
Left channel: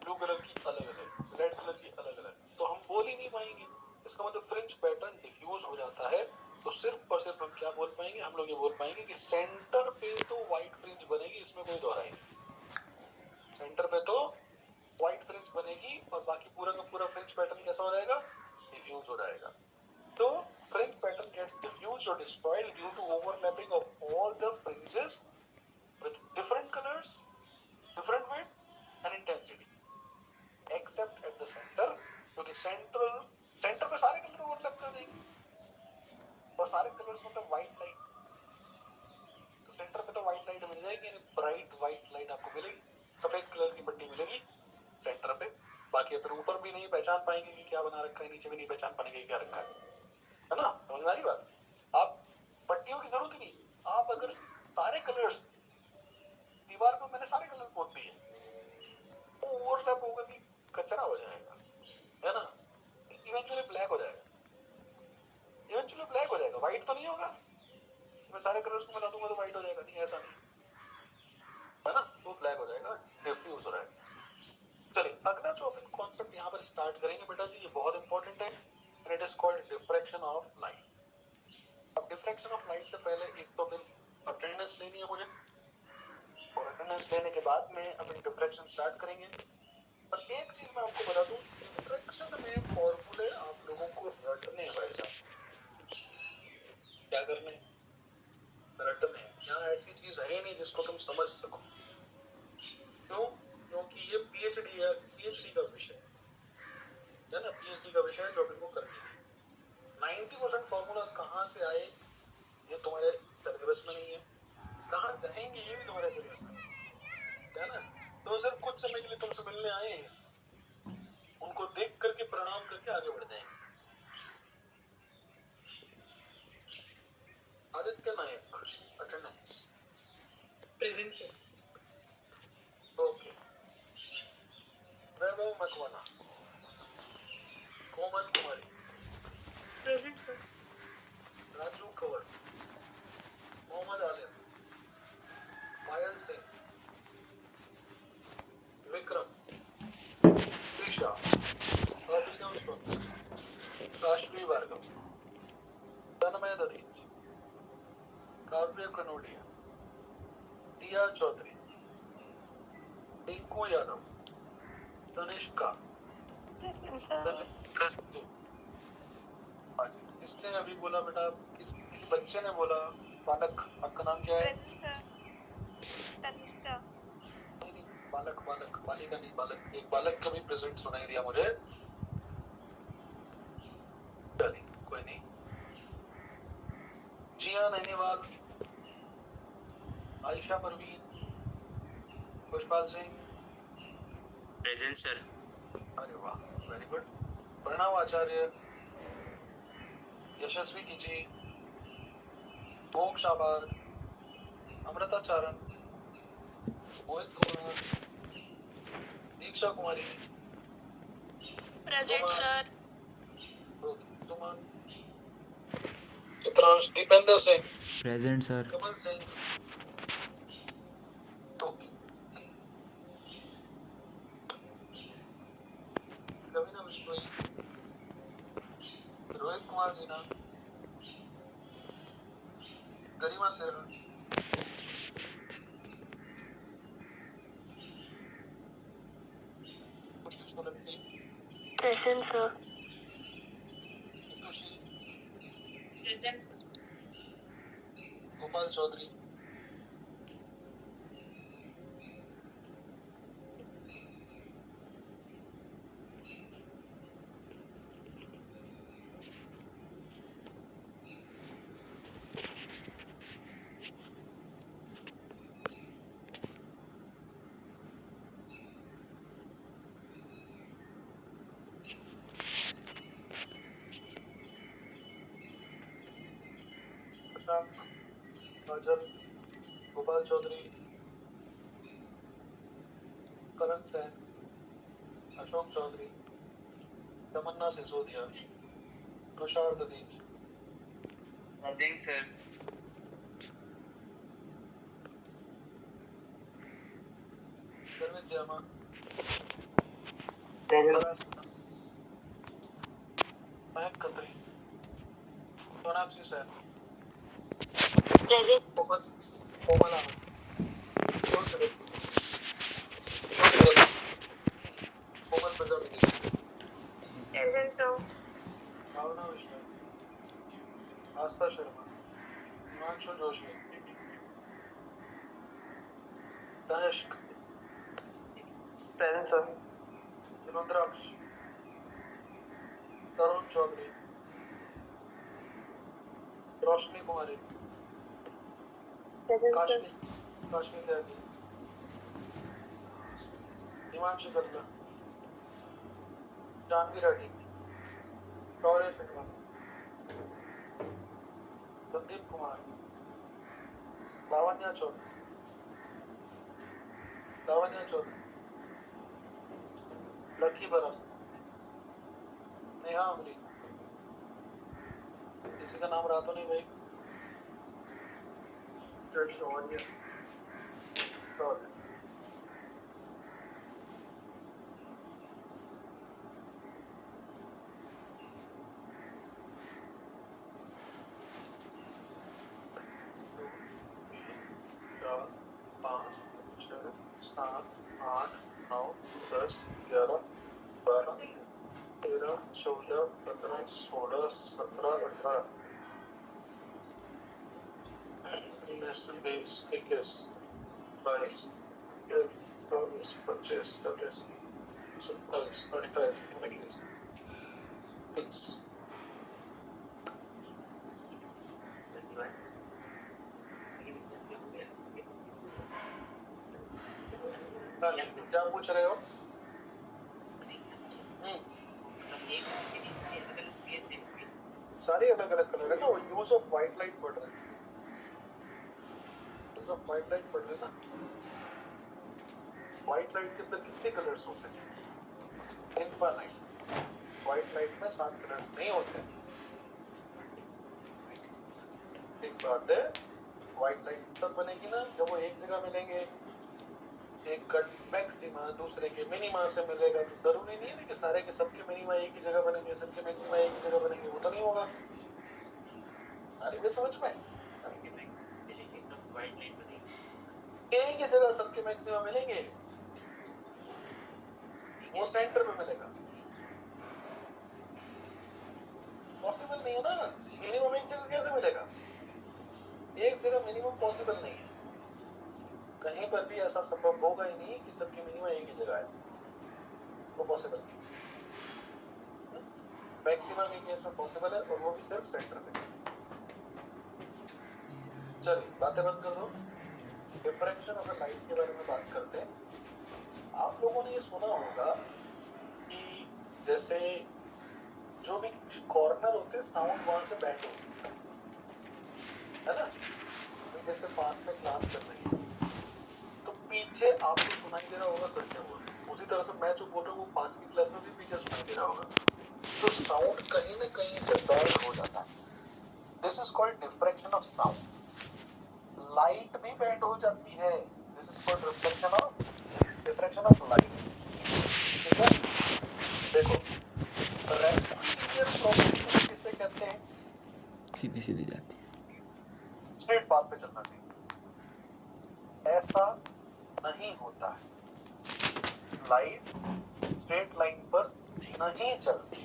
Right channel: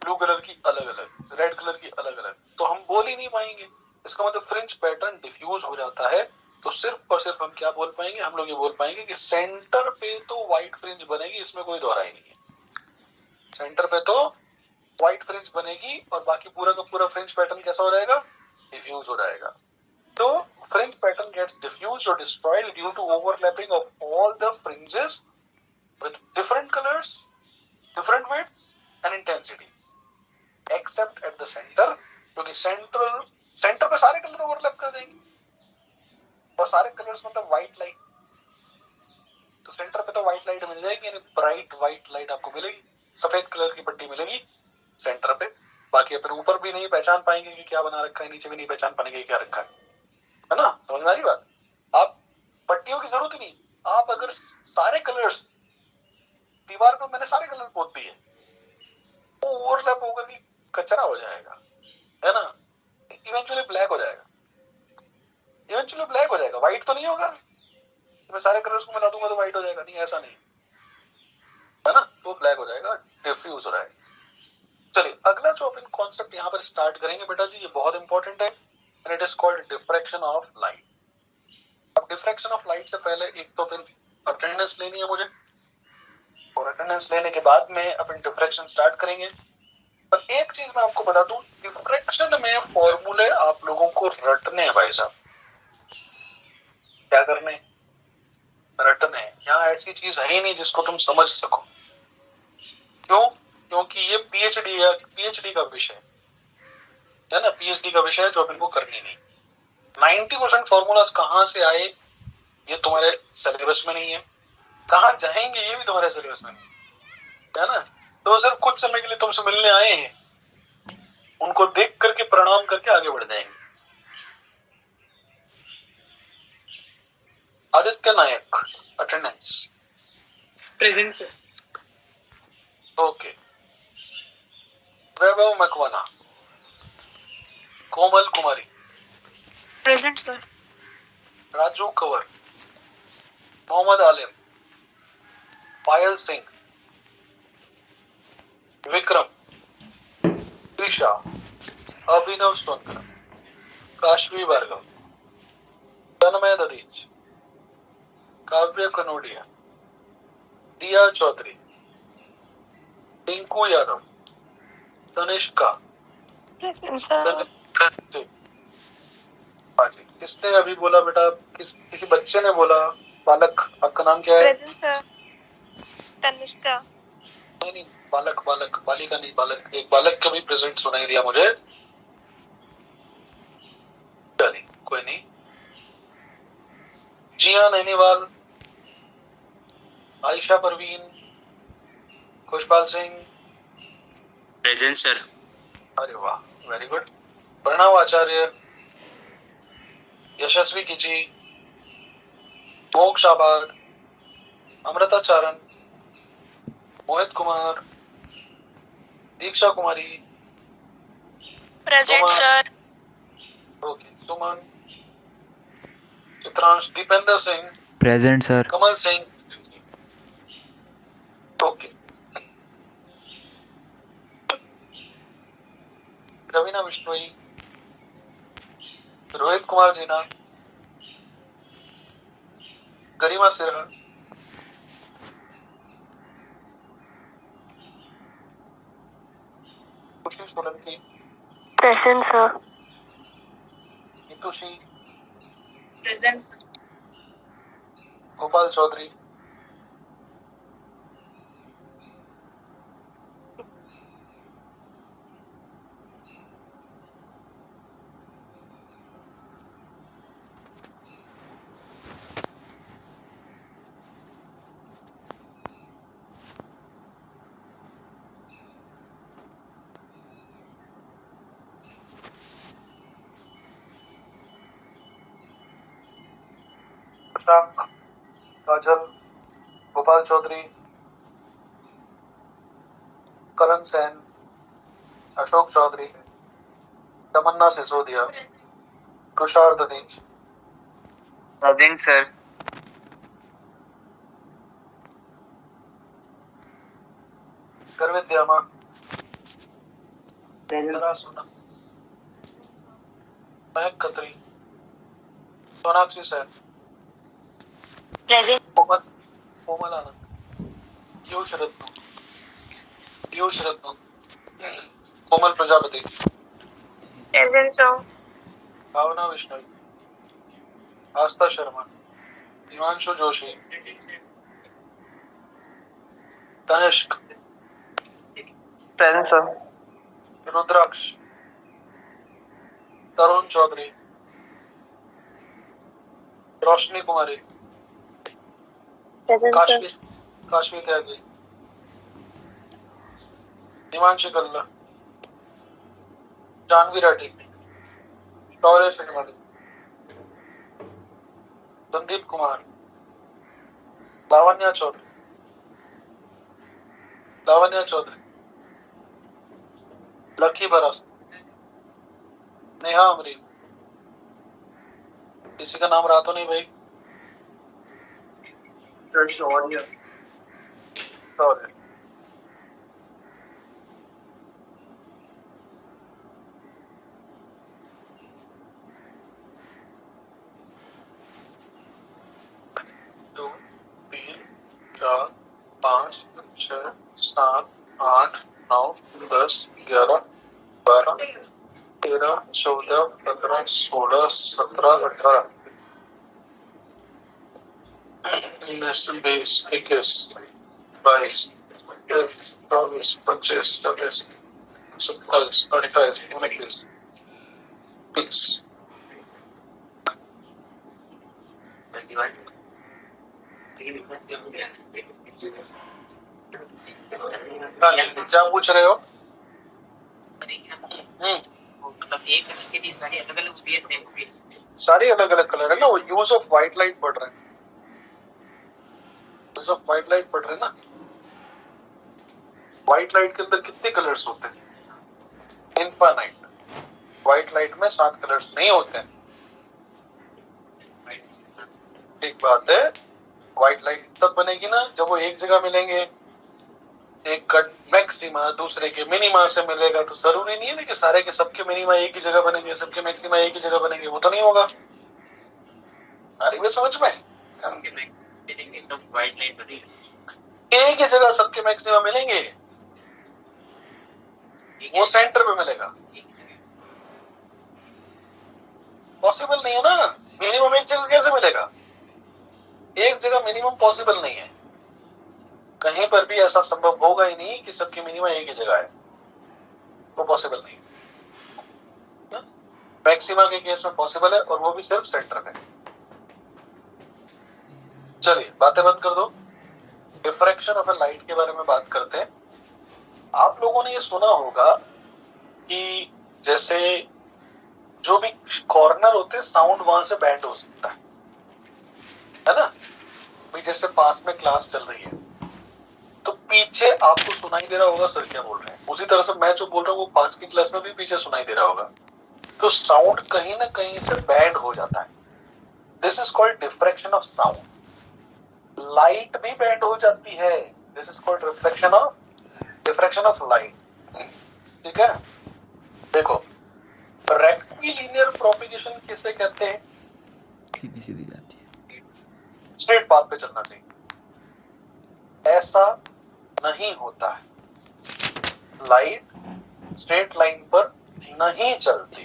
ब्लू कलर की अलग अलग, रेड कलर की अलग अलग, तो हम बोल ही नहीं पाएंगे। इसका मतलब फ्रिंज पैटर्न डिफ्यूज हो जाता है। तो सिर्फ और सिर्फ हम क्या बोल पाएंगे? हम लोग ये बोल पाएंगे कि सेंटर पे तो व्हाइट फ्रिंज बनेगी, इसमें कोई दोहराई नहीं। सेंटर पे तो व्हाइट फ्रिंज बनेगी और बाकी पूरा का पूरा फ्रिंज पैटर्न कैसा हो जाएगा? डिफ्यूज हो जाएगा। So fringe pattern gets diffused or destroyed due to overlapping of all the fringes with different colors, different widths and intensity, except at the center, क्योंकि सेंटर पे सारे कलर ओवरलैप कर देंगे और सारे कलर्स मतलब व्हाइट लाइट, तो सेंटर पे तो व्हाइट लाइट मिल जाएगी, यानी ब्राइट व्हाइट लाइट आपको मिलेगी, सफेद कलर की पट्टी मिलेगी सेंटर पे। बाकी अपन ऊपर भी नहीं पहचान पाएंगे कि क्या बना रखा है, नीचे भी नहीं पहचान पाएंगे क्या रखा है ना? समझ में आ रही बात? आप पट्टियों की जरूरत ही नहीं, आप अगर सारे कलर्स दीवार पे, मैंने सारे कलर पोत दिए, वो ओवरलैप होकर के कचरा हो जाएगा, है ना? इवेंचुअली ब्लैक हो जाएगा, इवेंचुअली ब्लैक हो जाएगा, व्हाइट तो नहीं होगा। मैं सारे कलर्स को मिला दूंगा तो व्हाइट हो जाएगा, नहीं ऐसा नहीं, है ना? तो ब्लैक हो जाएगा, डिफ्यूज हो जाएगा। चलिए अगला जो अपन कॉन्सेप्ट यहाँ पर स्टार्ट करेंगे बेटा जी, ये बहुत इंपॉर्टेंट है, and it is called diffraction of light. अब डिफ्रैक्शन ऑफ लाइट से पहले एक तो फिर अटेंडेंस लेनी है मुझे, और अटेंडेंस लेने के बाद में अपन डिफ्रैक्शन स्टार्ट करेंगे। पर एक चीज मैं आपको बता दूं, डिफ्रैक्शन में फॉर्मूले आप लोगों को रटने हैं भाई साहब। क्या करने? रटने। यहाँ ऐसी चीज है ही नहीं जिसको तुम समझ सको। क्यों? क्योंकि ये पीएचडी का विषय है ना, पीएचडी का विषय है जो अपन को करनी नहीं। 90% फॉर्मूलाज कहाँ से आए ये तुम्हारे सिलेबस में नहीं है, कहाँ जाएंगे ये भी तुम्हारे सिलेबस में नहीं है ना। तो सिर्फ कुछ समय के लिए तुमसे मिलने आए हैं, उनको देख करके प्रणाम करके आगे बढ़ जाएंगे। आदित्य नायक, अटेंडेंस। Present sir. ओके। वैभव मकवाना, कोमल कुमारी, प्रेजेंट सर। राजू कंवर, मोहम्मद आलिम, पायल सिंह, विक्रम, त्रिशा, अभिनव सोनकर, काशवी भार्गव, तन्मय ददीज, काव्य कनोडिया, दिया चौधरी, टिंकू यादव, तनिष्का। Present sir. किसने अभी बोला बेटा? किसी बच्चे ने बोला? बालक, आपका नाम क्या है? Present sir. तनिष्का। नहीं, बालक बालक, बालिका नहीं, बालक। एक बालक का भी प्रेजेंट सुनाई दिया मुझे। चलिए कोई नहीं। जिया नैनीवाल, आयशा परवीन, खुशपाल सिंह। Present sir. अरे वाह, very good. Pranav Acharya, Yashasvi Kichi, Moksh Abad, Amrita Charan, Mohit Kumar, Deeksha Kumari, present sir. Okay, Suman, Chitransh, Dipendra Singh, present sir. Kamal Singh, okay, Raveena Bishnoi, Rohit Kumar Jeena, Garima Sirha, Khushi Solanki, present sir. Nitushi, present sir. Gopal Chaudhary, Shashank, Kajal, Gopal Chaudhary, Karan Sen, Ashok Chaudhary, Tamanna Sisodia, Tushar Dadhich. Present sir. गर्वित द्यामा, जरा सुना, महक खत्री, सोनाक्षी सेन, प्रेजेंट कोमल कोमल आनंद, पीयूष रत्न, कोमल प्रजापति, प्रेजेंट सर भावना विष्णु, आस्था शर्मा, हिमांशु जोशी, तनिष्क, प्रेजेंट सर। रुद्राक्ष, तरुण चौधरी, रोशनी कुमारी, प्रेजेंट काशवी काशवी त्यागी, हिमांशी कल्ला, जानवी रेड्डी, शौर्य श्रीमती, संदीप कुमार, लावण्या चौधरी, लकी बरस, नेहा अमरी। किसी का नाम रहा तो नहीं भाई? शौर्य। 2 3 4 5 6 7 8 9 10 11 12 13 14 15 16 17 18 19 20 21 22 23 24 25 26 27 28 29 30। क्या पूछ रहे हो? सारी अलग अलग कलर है ना, वो यूज ऑफ व्हाइट लाइट पढ़ रहे हैं। यूज ऑफ व्हाइट लाइट पढ़ रहे हैं ना। व्हाइट लाइट के अंदर कितने कलर्स होते हैं? इनफाइनाइट। व्हाइट लाइट में 7 कलर्स नहीं होते हैं। एक बात है, व्हाइट लाइट तब बनेगी ना जब वो एक जगह मिलेंगे। एक का मैक्सिमा दूसरे के मिनिमा से मिलेगा, तो जरूरी नहीं है कि सारे के सबके मिनिमा एक ही जगह बनेंगे, सबके मैक्सिमा एक ही जगह बनेंगे, वो तो नहीं होगा। सारी में समझ में एक ही जगह सबके मैक्सिमा मिलेंगे, वो सेंटर पे मिलेगा। पॉसिबल नहीं है ना, मिनिमम एक जगह कैसे मिलेगा? एक जगह मिनिमम पॉसिबल नहीं है, कहीं पर भी ऐसा संभव होगा ही नहीं कि सबकी मिनिमम एक ही जगह है, वो पॉसिबल नहीं। मैक्सिमा के केस में पॉसिबल है, और वो भी सिर्फ सेंटर में। चलिए बातें बंद कर दो, डिफ्रैक्शन ऑफ ए लाइट के बारे में बात करते हैं। आप लोगों ने ये सुना होगा कि जैसे जो भी कॉर्नर होते हैं, साउंड वहां से बैंड हो सकता है ना। भाई जैसे पास में क्लास चल रही है, तो पीछे आपको सुनाई दे रहा होगा सर क्या बोल रहे हैं, उसी तरह से मैं जो बोल रहा हूँ वो पास की क्लास में भी पीछे सुनाई दे रहा होगा। तो साउंड कहीं ना कहीं से बैंड हो जाता है। This is called diffraction of sound. Light भी बैंड हो जाती है, this is called diffraction of light. ठीक है, देखो रेक्टिलिनियर प्रोपगेशन किसे कहते हैं? सीधी सीधी जाती है, स्ट्रेट पाथ पे चलना चाहिए, ऐसा नहीं होता है। लाइट स्ट्रेट लाइन पर नहीं चलती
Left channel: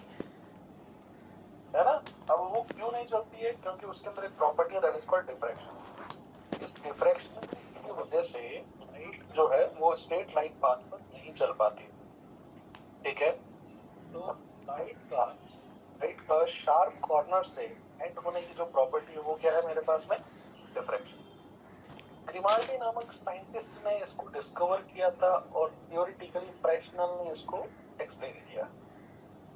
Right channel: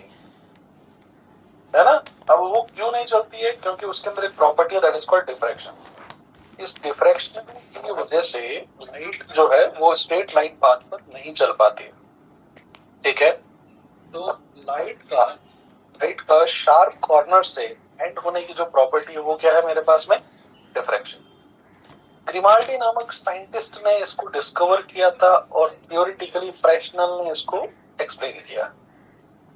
है ना। अब वो क्यों नहीं चलती है? क्योंकि उसके अंदर एक प्रॉपर्टी है, दैट इज कॉल्ड डिफ्रैक्शन। इस डिफ्रैक्शन की वजह से लाइट जो है वो स्ट्रेट लाइन पाथ पर नहीं चल पाती। ठीक है, तो लाइट का शार्प कॉर्नर से एंड होने की जो प्रॉपर्टी है वो क्या है मेरे पास में? डिफ्रैक्शन। ग्रिमाल्डी नामक साइंटिस्ट ने इसको डिस्कवर किया था और थियोरेटिकली फ्रेशनल ने इसको एक्सप्लेन किया।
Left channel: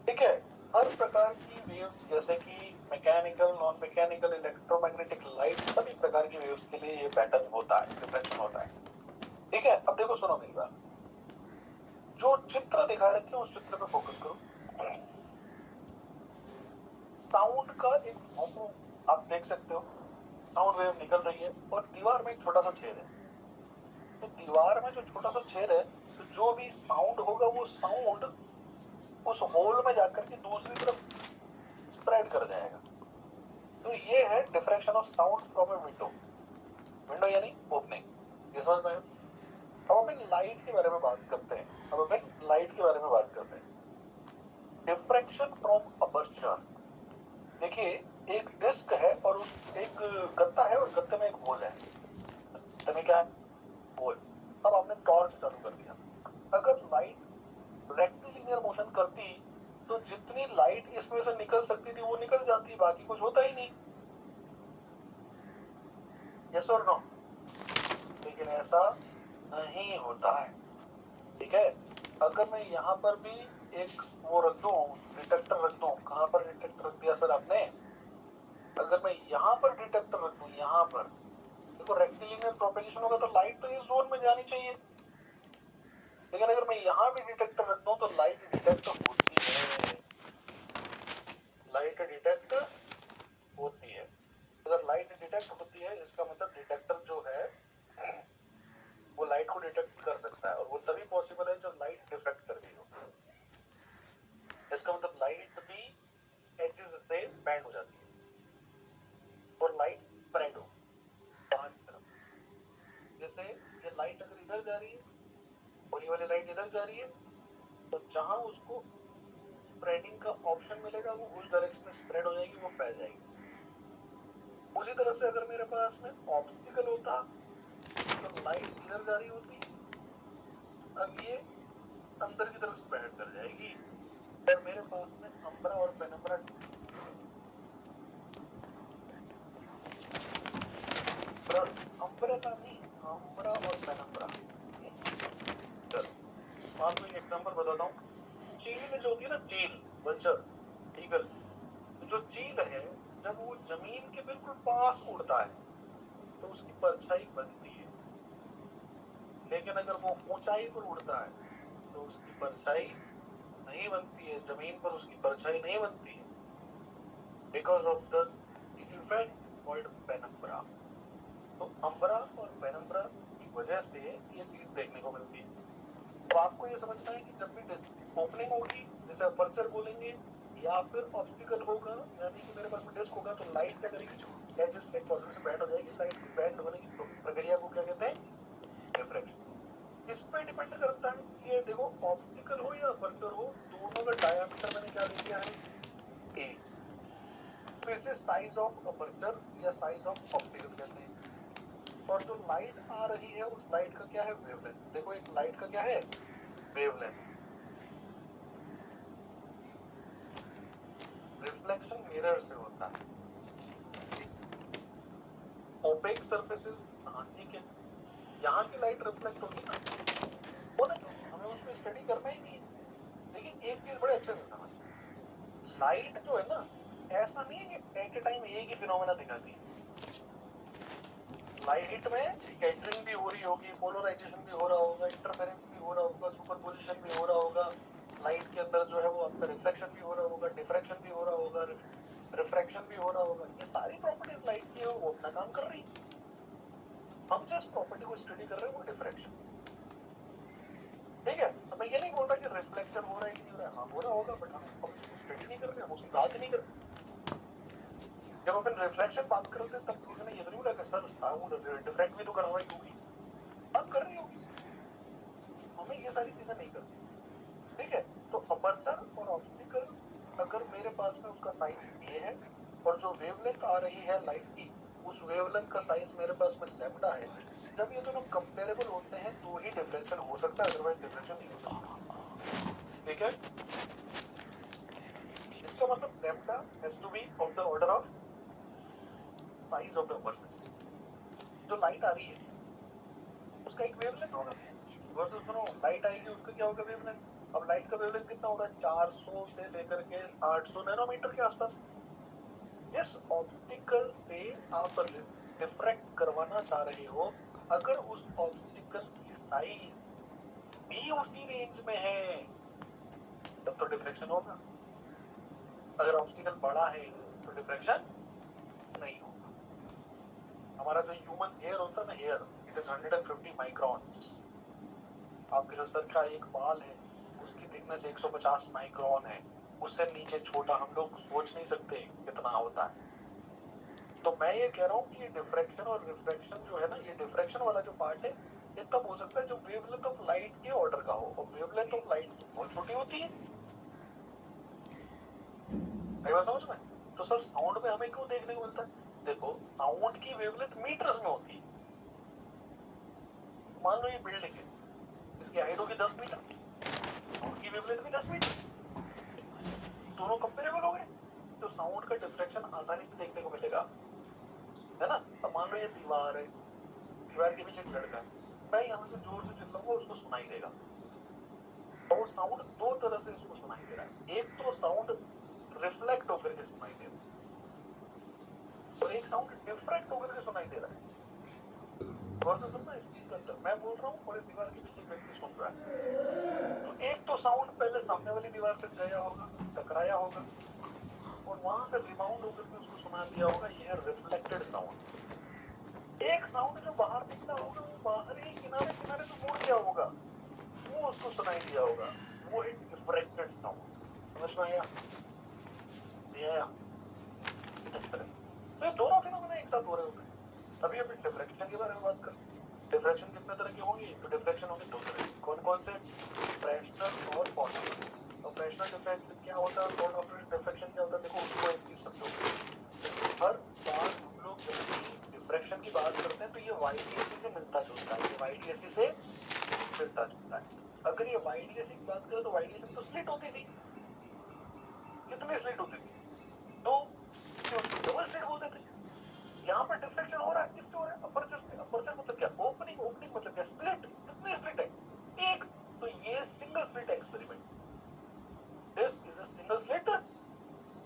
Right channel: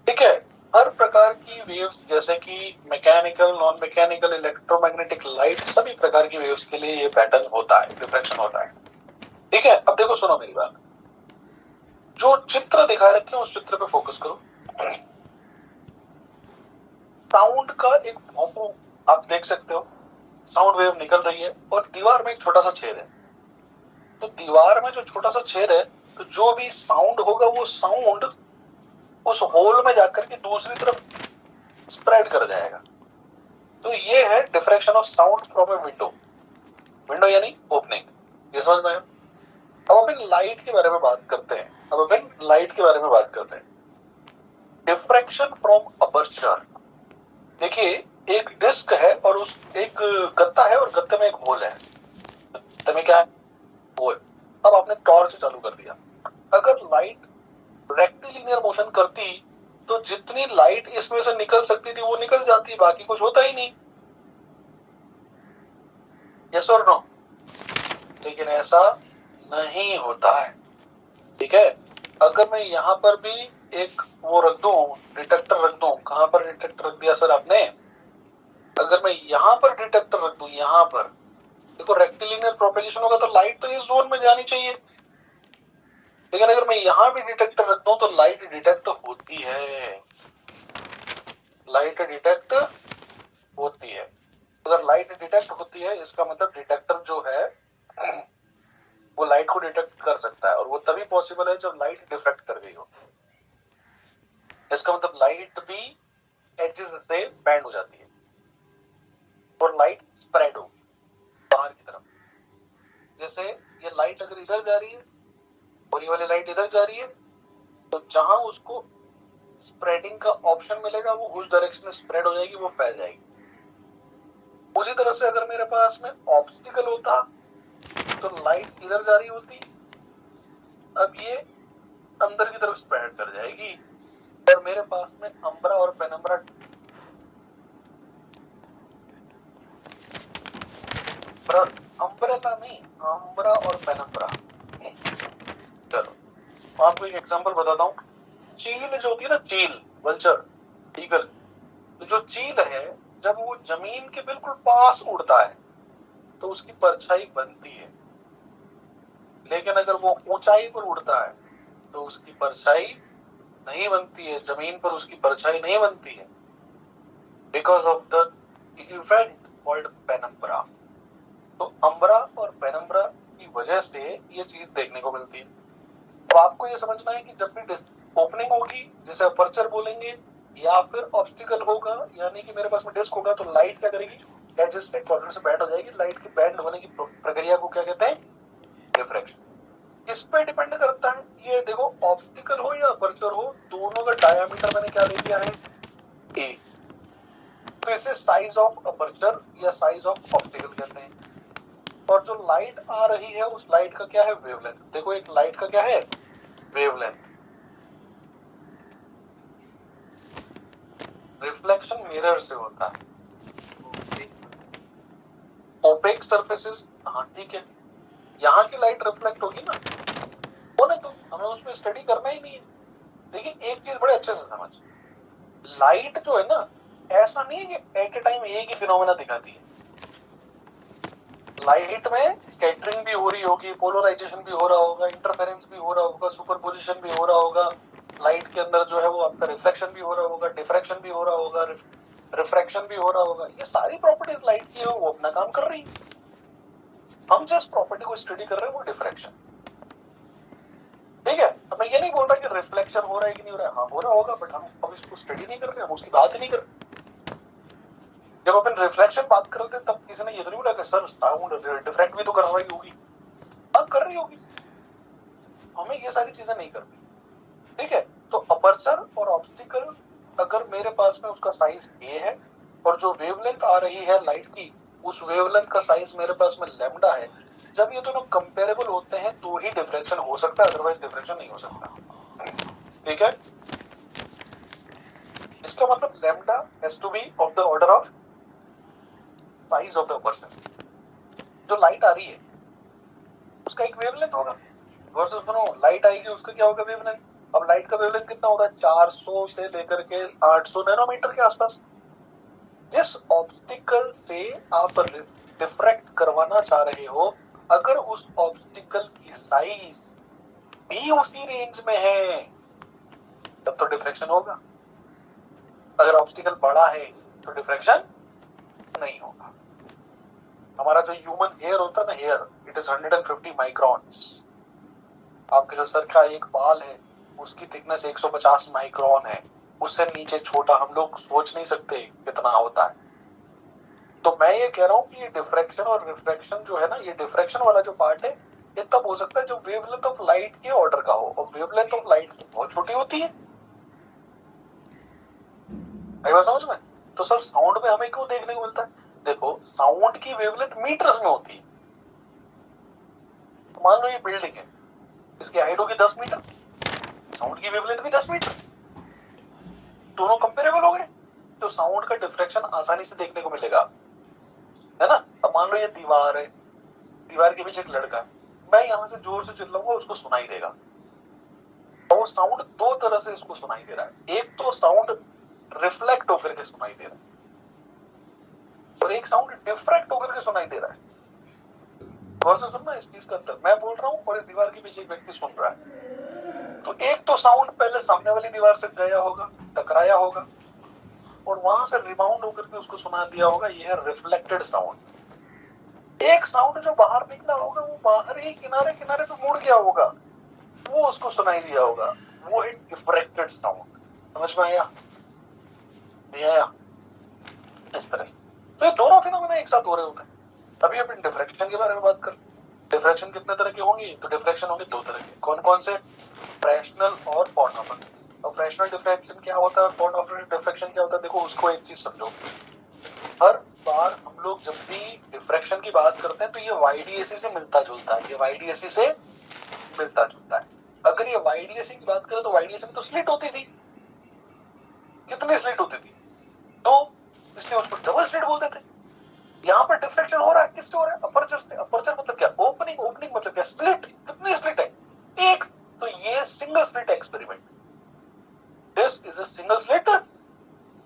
ठीक है, हर प्रकार की वेव्स जैसे कि mechanical, non mechanical, electromagnetic, light, सभी प्रकार की वेव्स के लिए ये पैटर्न होता है, डिफ्रैक्शन होता है। ठीक है, अब देखो सुनो मेरी बात, जो चित्र दिखा रखे हैं उस चित्र पे फोकस करो। साउंड का एक भौंपू आप देख सकते हो, साउंड वेव निकल रही है और दीवार में एक छोटा सा छेद है। तो दीवार में जो छोटा सा छेद है, तो जो भी साउंड होगा वो साउंड उस होल में जाकर के दूसरी तरफ स्प्रेड कर जाएगा। तो ये है diffraction of sound from a window. Window यानी ओपनिंग, ये समझ में आया? अब अपन लाइट के बारे में बात करते हैं। Diffraction from aperture. देखिए, एक डिस्क है और उस एक गत्ता है और गत्ते में एक होल है। गत्ते में क्या है? होल। अब आपने टॉर्च चालू कर दिया, अगर लाइट रेक्टिलिनियर मोशन करती तो जितनी लाइट इसमें से निकल सकती थी वो निकल जाती, बाकी कुछ होता ही नहीं। यस और नो? लेकिन ऐसा नहीं होता है। ठीक है, अगर मैं यहां पर भी एक वो रख दूं, डिटेक्टर रख दूं, कहां पर डिटेक्टर रख दिया सर आपने? अगर मैं यहां पर डिटेक्टर रख दूं, यहां पर देखो रेक्टिलिनियर प्रोपेगेशन होगा तो लाइट तो इस जोन में जानी चाहिए। लेकिन अगर मैं यहां भी डिटेक्टर रख दूं तो लाइट डिटेक्ट होती है, लाइट डिटेक्ट होती है। अगर लाइट डिटेक्ट होती है इसका मतलब डिटेक्टर जो है वो लाइट को डिटेक्ट कर सकता है, और वो तभी पॉसिबल है जब लाइट डिफ्रैक्ट कर गई हो। इसका मतलब लाइट भी एजेस से बैंड हो जाती है और लाइट स्प्रेड हो बाहर की तरफ। जैसे ये लाइट अगर इधर जा रही है और ये वाली लाइट इधर जा रही है, तो जहां उसको स्प्रेडिंग का ऑप्शन मिलेगा वो उस डायरेक्शन में स्प्रेड हो जाएगी, वो फैल जाएगी। उसी तरह से अगर मेरे पास में ऑब्स्टिकल होता तो लाइट इधर जा रही होती, अब ये अंदर की तरफ स्प्रेड कर जाएगी, और मेरे पास में अम्ब्रा और पेनम्ब्रा, अम्ब्रेला नहीं, अम्ब्रा और पेनम्ब्रा। चलो आपको एक एग्जांपल बताता हूँ। चील जो होती है ना, चील, वल्चर, ईगल, तो जो चील है जब वो जमीन के बिल्कुल पास उड़ता है तो उसकी परछाई बनती है, लेकिन अगर वो ऊंचाई पर उड़ता है तो उसकी परछाई नहीं बनती है, जमीन पर उसकी परछाई नहीं बनती है, because of the event called penumbra. तो अम्ब्रा और पेनम्ब्रा की वजह से ये चीज देखने को मिलती है। तो आपको ये समझना है कि जब भी ओपनिंग होगी, जैसे अपर्चर बोलेंगे, या फिर ऑब्स्टिकल होगा, यानी कि मेरे पास में डिस्क होगा, तो लाइट क्या करेगी? एजेस से कॉर्नर से बैंड हो जाएगी। लाइट की बैंड होने की प्रक्रिया को क्या कहते हैं? डिफ्रैक्शन। किस पे डिपेंड करता है ये? देखो, ऑब्स्टिकल हो या अपर्चर हो, दोनों का डायमीटर मैंने क्या ले लिया है? ए। तो इसे साइज ऑफ अपर्चर या साइज ऑफ ऑब्स्टिकल कहते हैं। और जो लाइट आ रही है उस लाइट का क्या है? वेवलेंथ। देखो, एक लाइट का क्या है? वेवलेंथ। रिफ्लेक्शन मिरर से होता है। ओपेक सरफेसेस, हाँ ठीक है, यहाँ की लाइट रिफ्लेक्ट होगी ना, होने तो हमें उसमें स्टडी करना ही नहीं है। देखिए एक चीज बड़े अच्छे से समझ, लाइट जो है ना, ऐसा नहीं है कि एट ए टाइम एक ही फिनोमेना दिखाती है। लाइट में स्कैटरिंग भी हो रही होगी, पोलराइजेशन भी हो रहा होगा, इंटरफेरेंस भी हो रहा होगा, सुपरपोजिशन भी हो रहा होगा, लाइट के अंदर जो है वो आपका रिफ्लेक्शन भी हो रहा होगा, डिफ्रैक्शन भी हो रहा होगा, रिफ्रैक्शन भी हो रहा होगा। ये सारी प्रॉपर्टीज लाइट की है, वो अपना काम कर रही है। हम जिस प्रॉपर्टी को स्टडी कर रहे हैं वो डिफ्रैक्शन। ठीक है, तो मैं ये नहीं बोल रहा कि रिफ्लेक्शन हो रहा है कि नहीं हो रहा है, हाँ हो रहा होगा, बट हम अब इसको स्टडी नहीं कर रहे, हम उसकी बात ही नहीं कर रहे। जब अपन रिफ्लेक्शन बात कर रहे थे तब किसी ने ये तो नहीं बोला कि सर साउंड डिफ्रैक्ट भी तो कर रही होगी। हाँ कर रही होगी, हमें ये सारी चीजें नहीं करनी। ठीक है, तो अपर्चर और ऑब्स्टिकल, अगर मेरे पास में उसका साइज ए है और जो वेवलेंथ आ रही है लाइट की, उस वेवलेंथ का साइज मेरे पास में लैम्डा है, जब ये दोनों कंपेरेबल होते हैं तो ही डिफ्रैक्शन हो सकता है, अदरवाइज डिफ्रैक्शन नहीं हो सकता। ठीक है, इसका मतलब lambda has to be of the order of size of the aperture. जो लाइट आ रही है उसका एक वेवलेंथ होगा, वर्सेस सुनो लाइट आएगी उसका क्या होगा? वेवलेंथ। अब लाइट का वेवलेंथ कितना होता है? 400 से लेकर के 800 नैनोमीटर के आसपास। जिस ऑब्स्टिकल से आप डिफ्रैक्ट करवाना चाह रहे हो, अगर उस ऑब्स्टिकल की साइज भी उसी रेंज में है तब तो डिफ्रैक्शन होगा। अगर ऑब्स्टिकल बड़ा है तो डिफ्रैक्शन नहीं होगा। हमारा जो ह्यूमन हेयर होता है ना, हेयर, इट इज 150 माइक्रॉन्स। आपके जो सर का एक बाल है उसकी थिकनेस 150 माइक्रॉन है। उससे नीचे छोटा हम लोग सोच नहीं सकते कितना होता है। तो मैं ये कह रहा हूँ कि ये डिफ्रैक्शन और रिफ्रैक्शन जो है ना, ये डिफ्रैक्शन वाला जो पार्ट है ये तब हो सकता है जो वेवलेंथ ऑफ लाइट के ऑर्डर का हो, और वेवलेंथ ऑफ लाइट तो बहुत छोटी होती है। आई बात समझ में? तो सर साउंड में हमें क्यों देखने को मिलता है? देखो, साउंड की वेवलेंथ मीटर्स में होती है। तो मान लो ये बिल्डिंग है, इसकी हाइट होगी 10 मीटर, साउंड की वेवलेंथ भी 10 मीटर, दोनों कंपेरेबल हो गए, तो साउंड का डिफ्रैक्शन आसानी से देखने को मिलेगा, है ना? अब मान लो ये दीवार है, दीवार के पीछे एक लड़का है, मैं यहां से जोर से चिल्लाऊंगा उसको सुनाई देगा, और वो साउंड दो तरह से इसको सुनाई दे रहा है। एक तो साउंड रिफ्लेक्ट होकर के सुनाई दे रहा है और एक साउंड डिफ्रैक्ट होकर के सुनाई दे रहा है। गौर से सुनना इस चीज का अंतर। मैं बोल रहा हूँ और इस दीवार के पीछे एक व्यक्ति सुन रहा है। तो एक तो साउंड पहले सामने वाली दीवार से गया होगा, टकराया होगा, और वहां से रिबाउंड होकर के उसको सुना दिया होगा, ये है रिफ्लेक्टेड साउंड। एक साउंड जो बाहर निकला होगा वो बाहर ही किनारे किनारे पे मुड़ गया होगा, वो उसको सुनाई दिया होगा, वो है डिफ्रैक्टेड साउंड। समझ में आया? नहीं आया? इस तरह से तो ये दोनों फिनोमेना एक साथ हो रहे होते हैं। अभी अपन डिफ्रैक्शन के बारे में बात कर। डिफ्रैक्शन कितने तरह के होंगे? तो डिफ्रैक्शन होंगे दो तरह के। कौन कौन से? फ्रैक्शनल और कॉर्नर। और फ्रैक्शनल डिफ्रैक्शन क्या होता है और कॉर्नर डिफ्रैक्शन क्या होता है? देखो, उसको एक चीज समझो। हर बार हम लोग जब भी डिफ्रैक्शन की बात करते हैं तो ये वाईडीएसी से मिलता जुलता है, ये वाईडीएसी से मिलता जुलता है। अगर ये वाईडीएसी की बात करें तो वाईडीएसी में तो स्लिट होती थी। कितनी स्लिट होती थी? दो, इसलिए उसको डबल स्लिट बोलते थे। यहाँ पर डिफ्रैक्शन हो रहा है, किससे हो रहा है? अपर्चर से। अपर्चर मतलब क्या? ओपनिंग। ओपनिंग मतलब क्या? स्लिट। कितनी स्लिट है? एक। तो ये single slit experiment, this is a single slit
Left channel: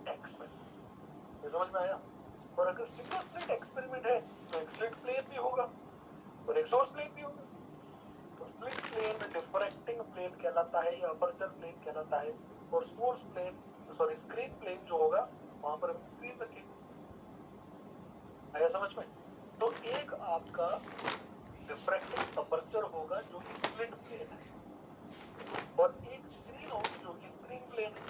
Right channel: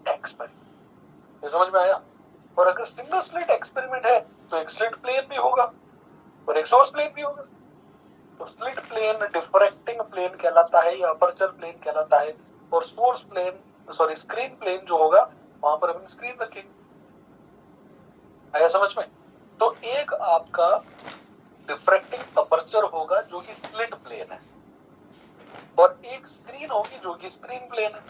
experiment. ये समझ में आया? और अगर सिंगल स्लिट एक्सपेरिमेंट है तो एक स्लिट प्लेन भी होगा और एक सोर्स प्लेन भी होगा। तो स्लिट प्लेन डिफ्रैक्टिंग प्लेन कहलाता है या अपर्चर प्लेन कहलाता है, और source plane, sorry, screen plane जो होगा वहां पर हम स्क्रीन रखेंगे। आया समझ में? तो एक आपका डिफ्रैक्टिंग अपर्चर होगा जो कि स्लिट प्लेन है, और एक स्क्रीन होगी जो कि स्क्रीन प्लेन है।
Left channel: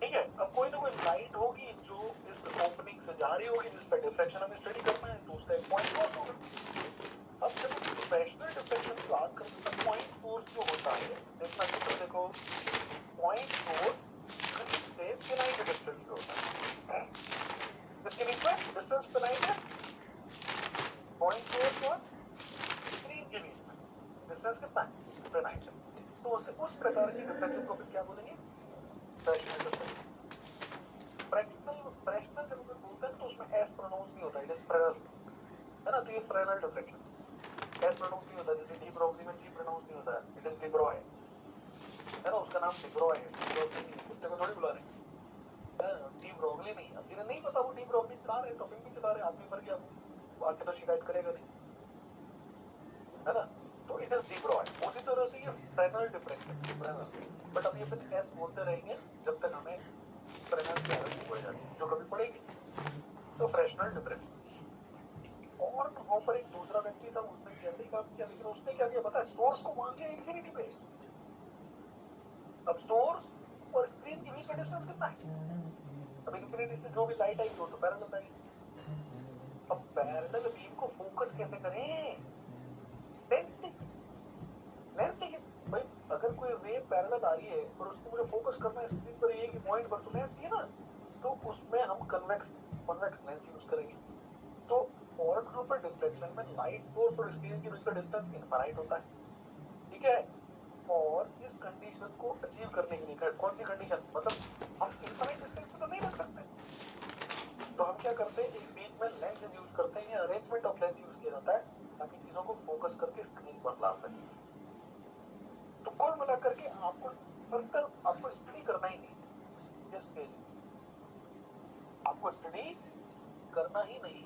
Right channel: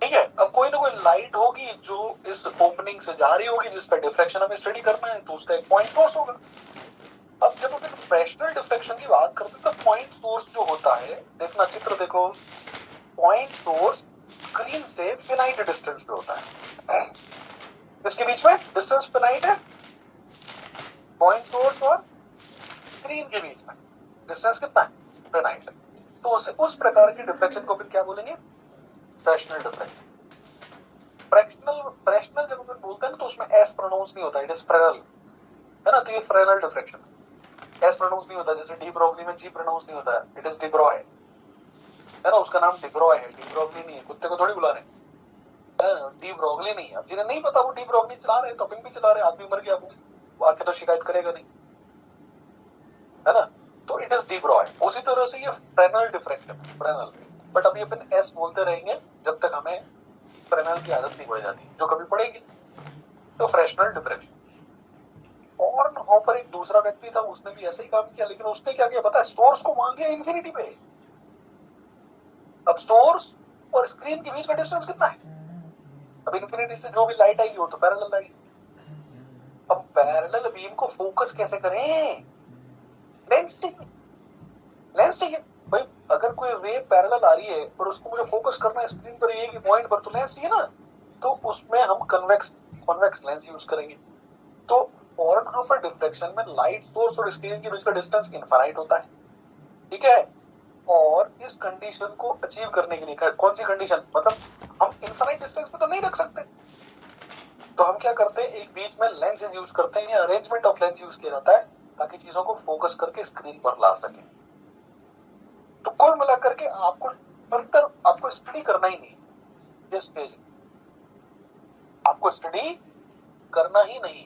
ठीक है? अब कोई ना कोई लाइट होगी जो इस ओपनिंग से जा रही होगी, जिसका डिफ्रैक्शन हमें स्टडी करना है, तो उसका एक पॉइंट सोर्स होगा। अब जब हम फ्रैक्शनल डिफ्रैक्शन की बात करते हैं तो पॉइंट सोर्स जो होता है, देखना चित्र देखो, पॉइंट सोर्स स्क्रीन से फिनाइट डिस्टेंस पे होता है। इसके बीच में डिस्टेंस फिनाइट है, पॉइंट सोर्स और स्क्रीन के बीच में डिस्टेंस कितना है? फिनाइट है। तो उस प्रकार के डिफ्रैक्शन को फिर क्या बोलेंगे? Fractional diffraction. फ्रैक्शनल जब हम बोलते हैं ना तो उसमें एस प्रोनाउंस नहीं होता, इट इज फ्रेनल, है ना? तो ये फ्रेनल डिफ्रैक्शन, एस प्रोनाउंस नहीं होता। जैसे डी ब्रोगली में जी प्रोनाउंस नहीं होता, इट इज डिब्रॉय, है ना? उसका नाम डिब्रॉय है, डी ब्रोगली नहीं है। कुत्ते को थोड़ी बुला रहे हैं, डी ब्रोगली नहीं है। अब जिन्हें नहीं पता वो डी ब्रोगली चला रहे हैं, टॉपिंग भी चला रहे हैं, आदमी मर गया, वो आके तो शिकायत करेगा नहीं, है ना? तो इट इज डी ब्रॉय। उसी तरह से ये फ्रेनल डिफ्रैक्शन, फ्रेनल। बट अभी अपन एस बोलते रहेंगे जब तक हमें फ्रेनल की आदत नहीं पड़ जाती, जो कभी पड़ेगी। तो फ्रैक्शनल डिफ्रैक्शन। और वहां पर एक दूसरा व्यक्ति था, उसने भी ऐसे ही काम किया, लेकिन उसने क्या किया पता है? सोर्स को मान लिया इंफिनिटी पे। अब सोर्स और स्क्रीन के बीच का डिस्टेंस कितना है? अब इंफिनिटी से जो भी लाइट आएगी वो तो पैरेलल आएगी। अब पैरेलल बीम को फोकस कैसे करें? लेंस चाहिए, लेंस चाहिए भाई। अगर कोई रे पैरेलल आ रही है और उसको मुझे फोकस करना है स्क्रीन पर, ये कि पॉइंट पर, तो लेंस चाहिए ना। तो उसमें हम कन्वेक्स लेंस यूज करेंगे। तो और वहां पर डिफ्रैक्शन में लाइट सोर्स और स्क्रीन के बीच का डिस्टेंस इनफाइनाइट होता है, ठीक है? और इस कंडीशन को अचीव करने के लिए, कौन सी कंडीशन? मतलब हम इनफाइनाइट डिस्टेंस पे तो नहीं रख सकते, तो हम क्या करते हैं? एक बीच में लेंस यूज करते हैं, या अरेंजमेंट ऑफ लेंस यूज किया जाता है ताकि चीजों को फोकस करके स्क्रीन पर ला सके। तो कुल मिलाकर के आपको फर्दर आपको स्टडी करना ही नहीं, ये स्टेज आपको स्टडी करना ही नहीं।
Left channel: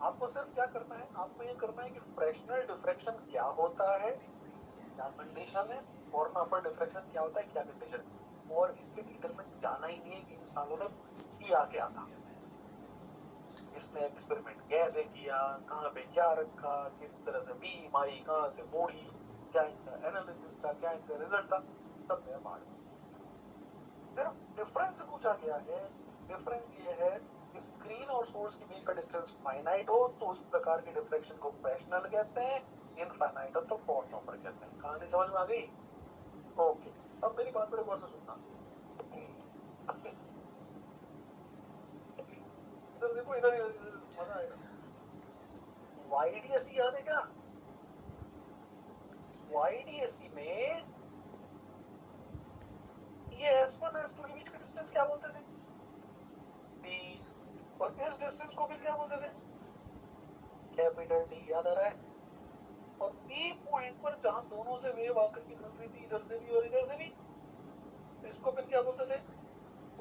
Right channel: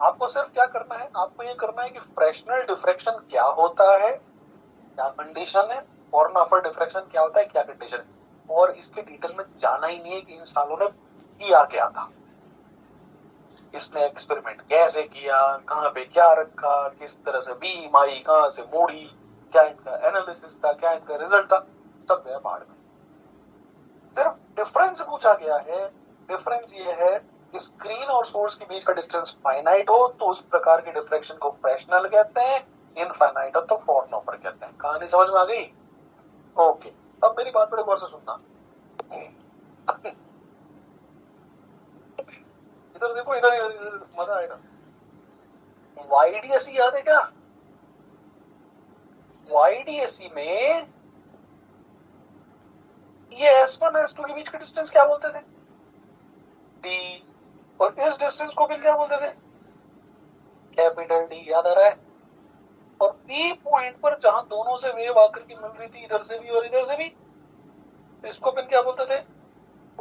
आपको सिर्फ क्या करना है, आपको ये करना है कि फ्रैक्शनल डिफ्रैक्शन क्या होता है, क्या कंडीशन है, फॉरनहोफर डिफ्रैक्शन क्या होता है, क्या कंडीशन है, और इसके डिटेल में जाना ही नहीं है कि इन सालों ने किया क्या था, इसने एक्सपेरिमेंट कैसे किया, कहाँ पे क्या रखा, किस तरह से बीम आई, कहाँ से मोड़ी, क्या इनका एनालिसिस था, क्या इनका रिजल्ट था, सब गया बाहर में। सिर्फ डिफरेंस पूछा गया है। डिफरेंस ये है कि स्क्रीन और सोर्स के बीच का डिस्टेंस फाइनाइट हो तो उस प्रकार के डिफ्रैक्शन को फ्रैक्शनल कहते हैं, इनफाइनाइट हो तो फॉरनहोफर कहते हैं। कहानी समझ में आ गई? ओके, अब मेरी बात बड़े गौर से सुनना। इधर देखो, इधर मजा आएगा। YDSE याद है क्या? YDSE में ये S1 S2 के बीच का डिस्टेंस क्या बोलते थे? D। और इस डिस्टेंस को फिर क्या बोलते थे? Capital D। याद आ रहा है? और P पॉइंट पर जहां दोनों से वेव आकर के मिल रही थी, इधर से भी और इधर से भी, इसको फिर क्या बोलते थे?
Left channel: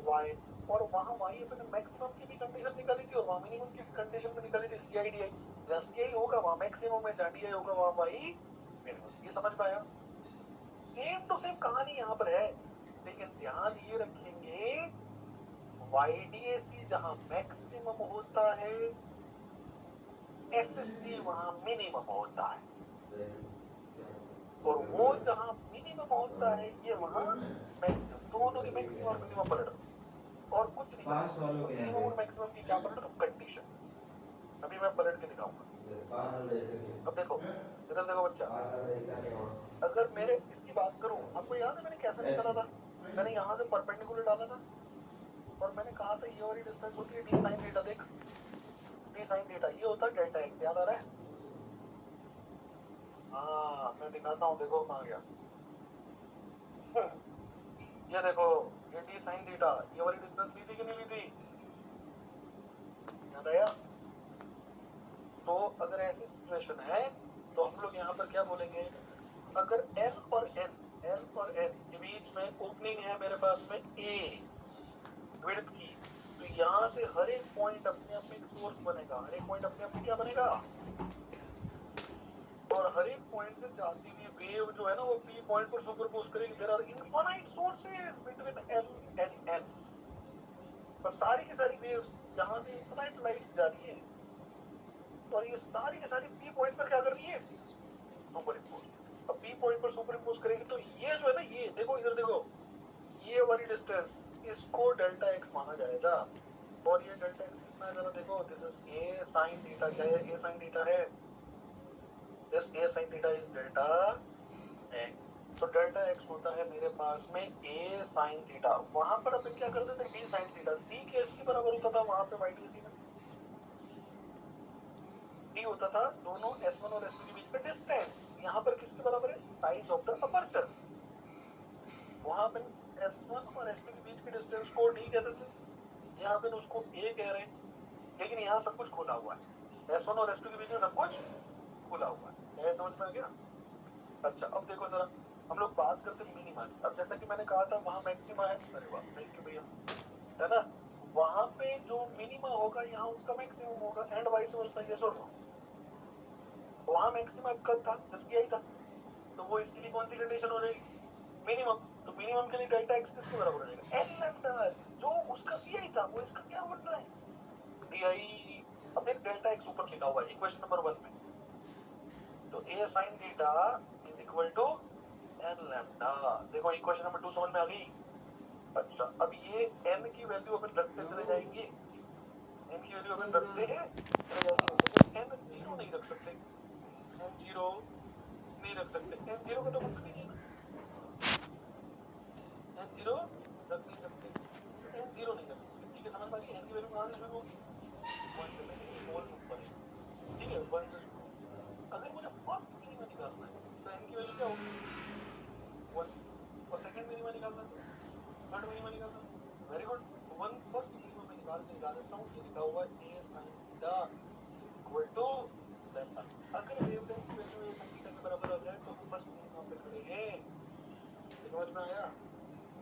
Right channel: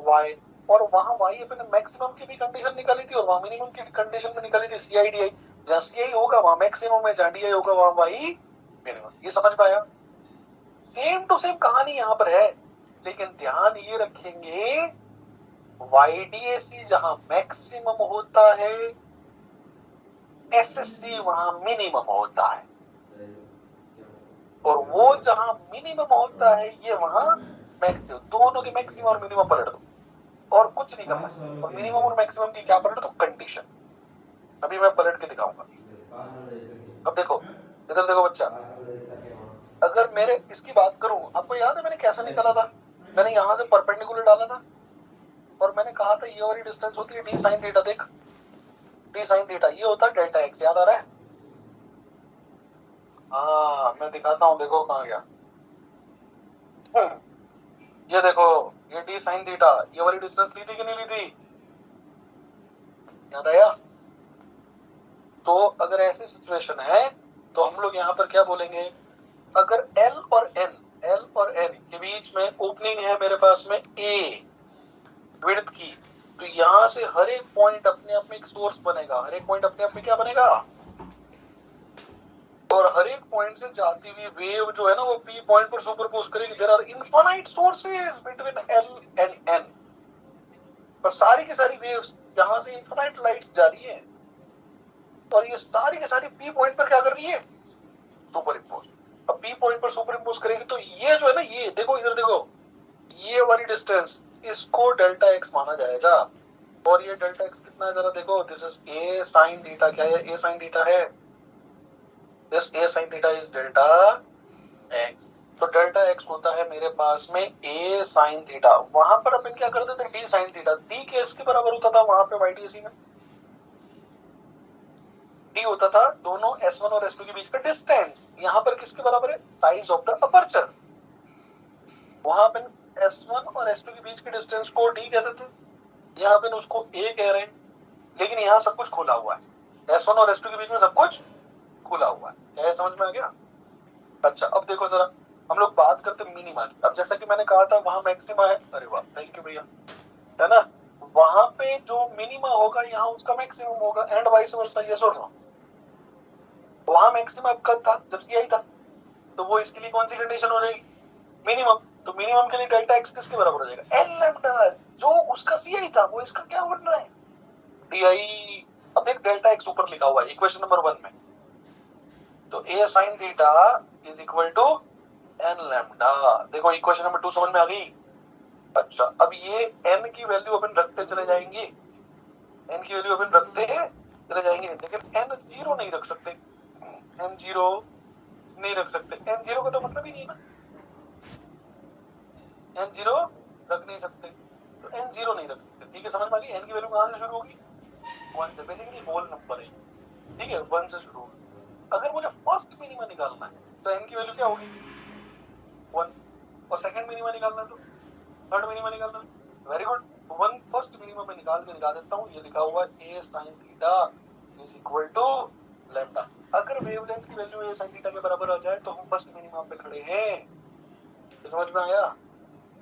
Y। और वहां Y अपने मैक्सिमम की भी कंडीशन निकाली थी और वहां मिनिमम की कंडीशन में निकाली थी, CIDI। जहां CI होगा वहां मैक्सिमम है, जहां DI होगा वहां Y मिनिमम। ये समझ पाया? सेम टू सेम कहानी यहाँ पर है, लेकिन ध्यान ये रखेंगे YDSE जहां मैक्सिमम होता है, SSC वहां मिनिमम होता है, और वो जहां मिनिमम होता है ये वहां मैक्सिमम। दोनों के मैक्सिमम और मिनिमम पलट दो और कुछ नहीं करना, और मिनिमम और मैक्सिमम की क्या पलट दो? कंडीशन। अभी मैं पलट के दिखाऊंगा। अब देखो, इधर देखो बच्चा, अगर मेरे इसकी बात करूं, आपको याद है मैंने कैसे निकाला था? मैंने यहां से परपेंडिकुलर डाला था और मैंने कहा था ये वाली डिस्टेंस होती है d sin थीटा। देख, d sin थीटा ये होता है डेल्टा x। याद आ रहा है? हाँ, मैं दिखाता हूँ, देखो कहाँ गया। ये देखो, ये d sin थीटा, ये वाली डिस्टेंस ली थी कि नहीं ली थी? याद आया? तो अगर ऐसी सिचुएशन है तो हम लोग यहाँ पर क्या बोलेंगे? अगर L और N के बीच में ओपनिंग है मेरे पास में A विड्थ की, तो यहाँ से हर एक पॉइंट अपने आप में एक सोर्स बनेगा। हर एक पॉइंट अपने आप में क्या बनेगा? और हर एक पॉइंट से जाती हुई वेव जो है ना, वो P पॉइंट पर सुपरपोज करेगी। There are infinite sources between L and N। पर सारी की सारी वेव्स यहाँ से इनफाइनाइट लाइट्स जा रही है और ये सारी की सारी P पॉइंट पर क्या कर रही है? Super impose. अब P पॉइंट पर सुपर इम्पोज करेगी तो ये जो है ना, ये देखो, इधर देखो, ये वाली डिस्टेंस, इसको डेल्टा x माना जाएगा। और ये डेल्टा x कितना है जरा देखो, this is a sin theta. क्या है? a sin थीटा है। This a sin theta is delta x। तो डेल्टा x होता है मेरे पास में a sin थीटा। वहां पर अपन क्या करते थे? d sin theta. d के इसके बराबर होता था वहां पे YDSE में। d होता था दोनों S1 और S2 के बीच का डिस्टेंस। यहाँ पर किसके बराबर है? Size of the aperture. वहां पे S1 और S2 के बीच के डिस्टेंस को d कहते थे, यहाँ पे उसको a कह रहे हैं। लेकिन यहाँ सब कुछ खुला हुआ है, S1 और S2 के बीच में सब कुछ खुला हुआ है। क्या समझ में आ गया? अच्छा, अब देखो जरा, हम लोग बात करते मिनिमा की। अब जैसा कि मैंने कहा था वहां मैक्सिमा है, अरे वाह थैंक यू भैया, है ना? वहां पे जो मिनिमा होगा यहाँ उसका मैक्सिमम होगा, एंड वाइस वर्सा। ये सुन लो, वहां मैक्सिमम कब था? जब CI था। तो वो इसके लिए कौन सी कंडीशन हो जाएगी? मिनिमम। तो मिनिमम के लिए डेल्टा x किसके बराबर हो जाएगा? L lambda. जो उसका CI था वो इसका क्या बन रहा है? DI। अब देख, डेल्टा x ऊपर लिखा हुआ है इक्वेशन नंबर 1 में, तो a sin theta is equal to n lambda. देखो इक्वेशन नंबर 2 समझ में आ गई? अच्छा, अब ये n की वैल्यू अपन रखते चले जाएंगे, n की वैल्यू अपन रखते चले जाएंगे, लेकिन n जीरो नहीं रख सकते। n जीरो नहीं रख सकते। n जीरो का तो मतलब ही नहीं है ना, n जीरो रख नहीं सकते, तो n जीरो नहीं रख सकते। ठीक है, समझ में आ गई? n की वैल्यू कहाँ से शुरू होगी? 1 से। बेसिकली होल नंबर है, ठीक है, 1 से शुरू होगी। अगर मुझे फर्स्ट मिनिमा निकालना है तो n की वैल्यू क्या होगी? 1। और सेकंड मिनिमा निकालना है तो थर्ड मिनिमा निकालना है। Very good. 1 फर्स्ट मिनिमा में निकाल देता हूँ। ये लिखा हुआ है a sin theta is equal to lambda. अगर वेवलेंथ की वैल्यू a sin थीटा के बराबर आ जाए तो हम फर्स्ट मिनिमा पे खड़े हैं। ये समझ में आया?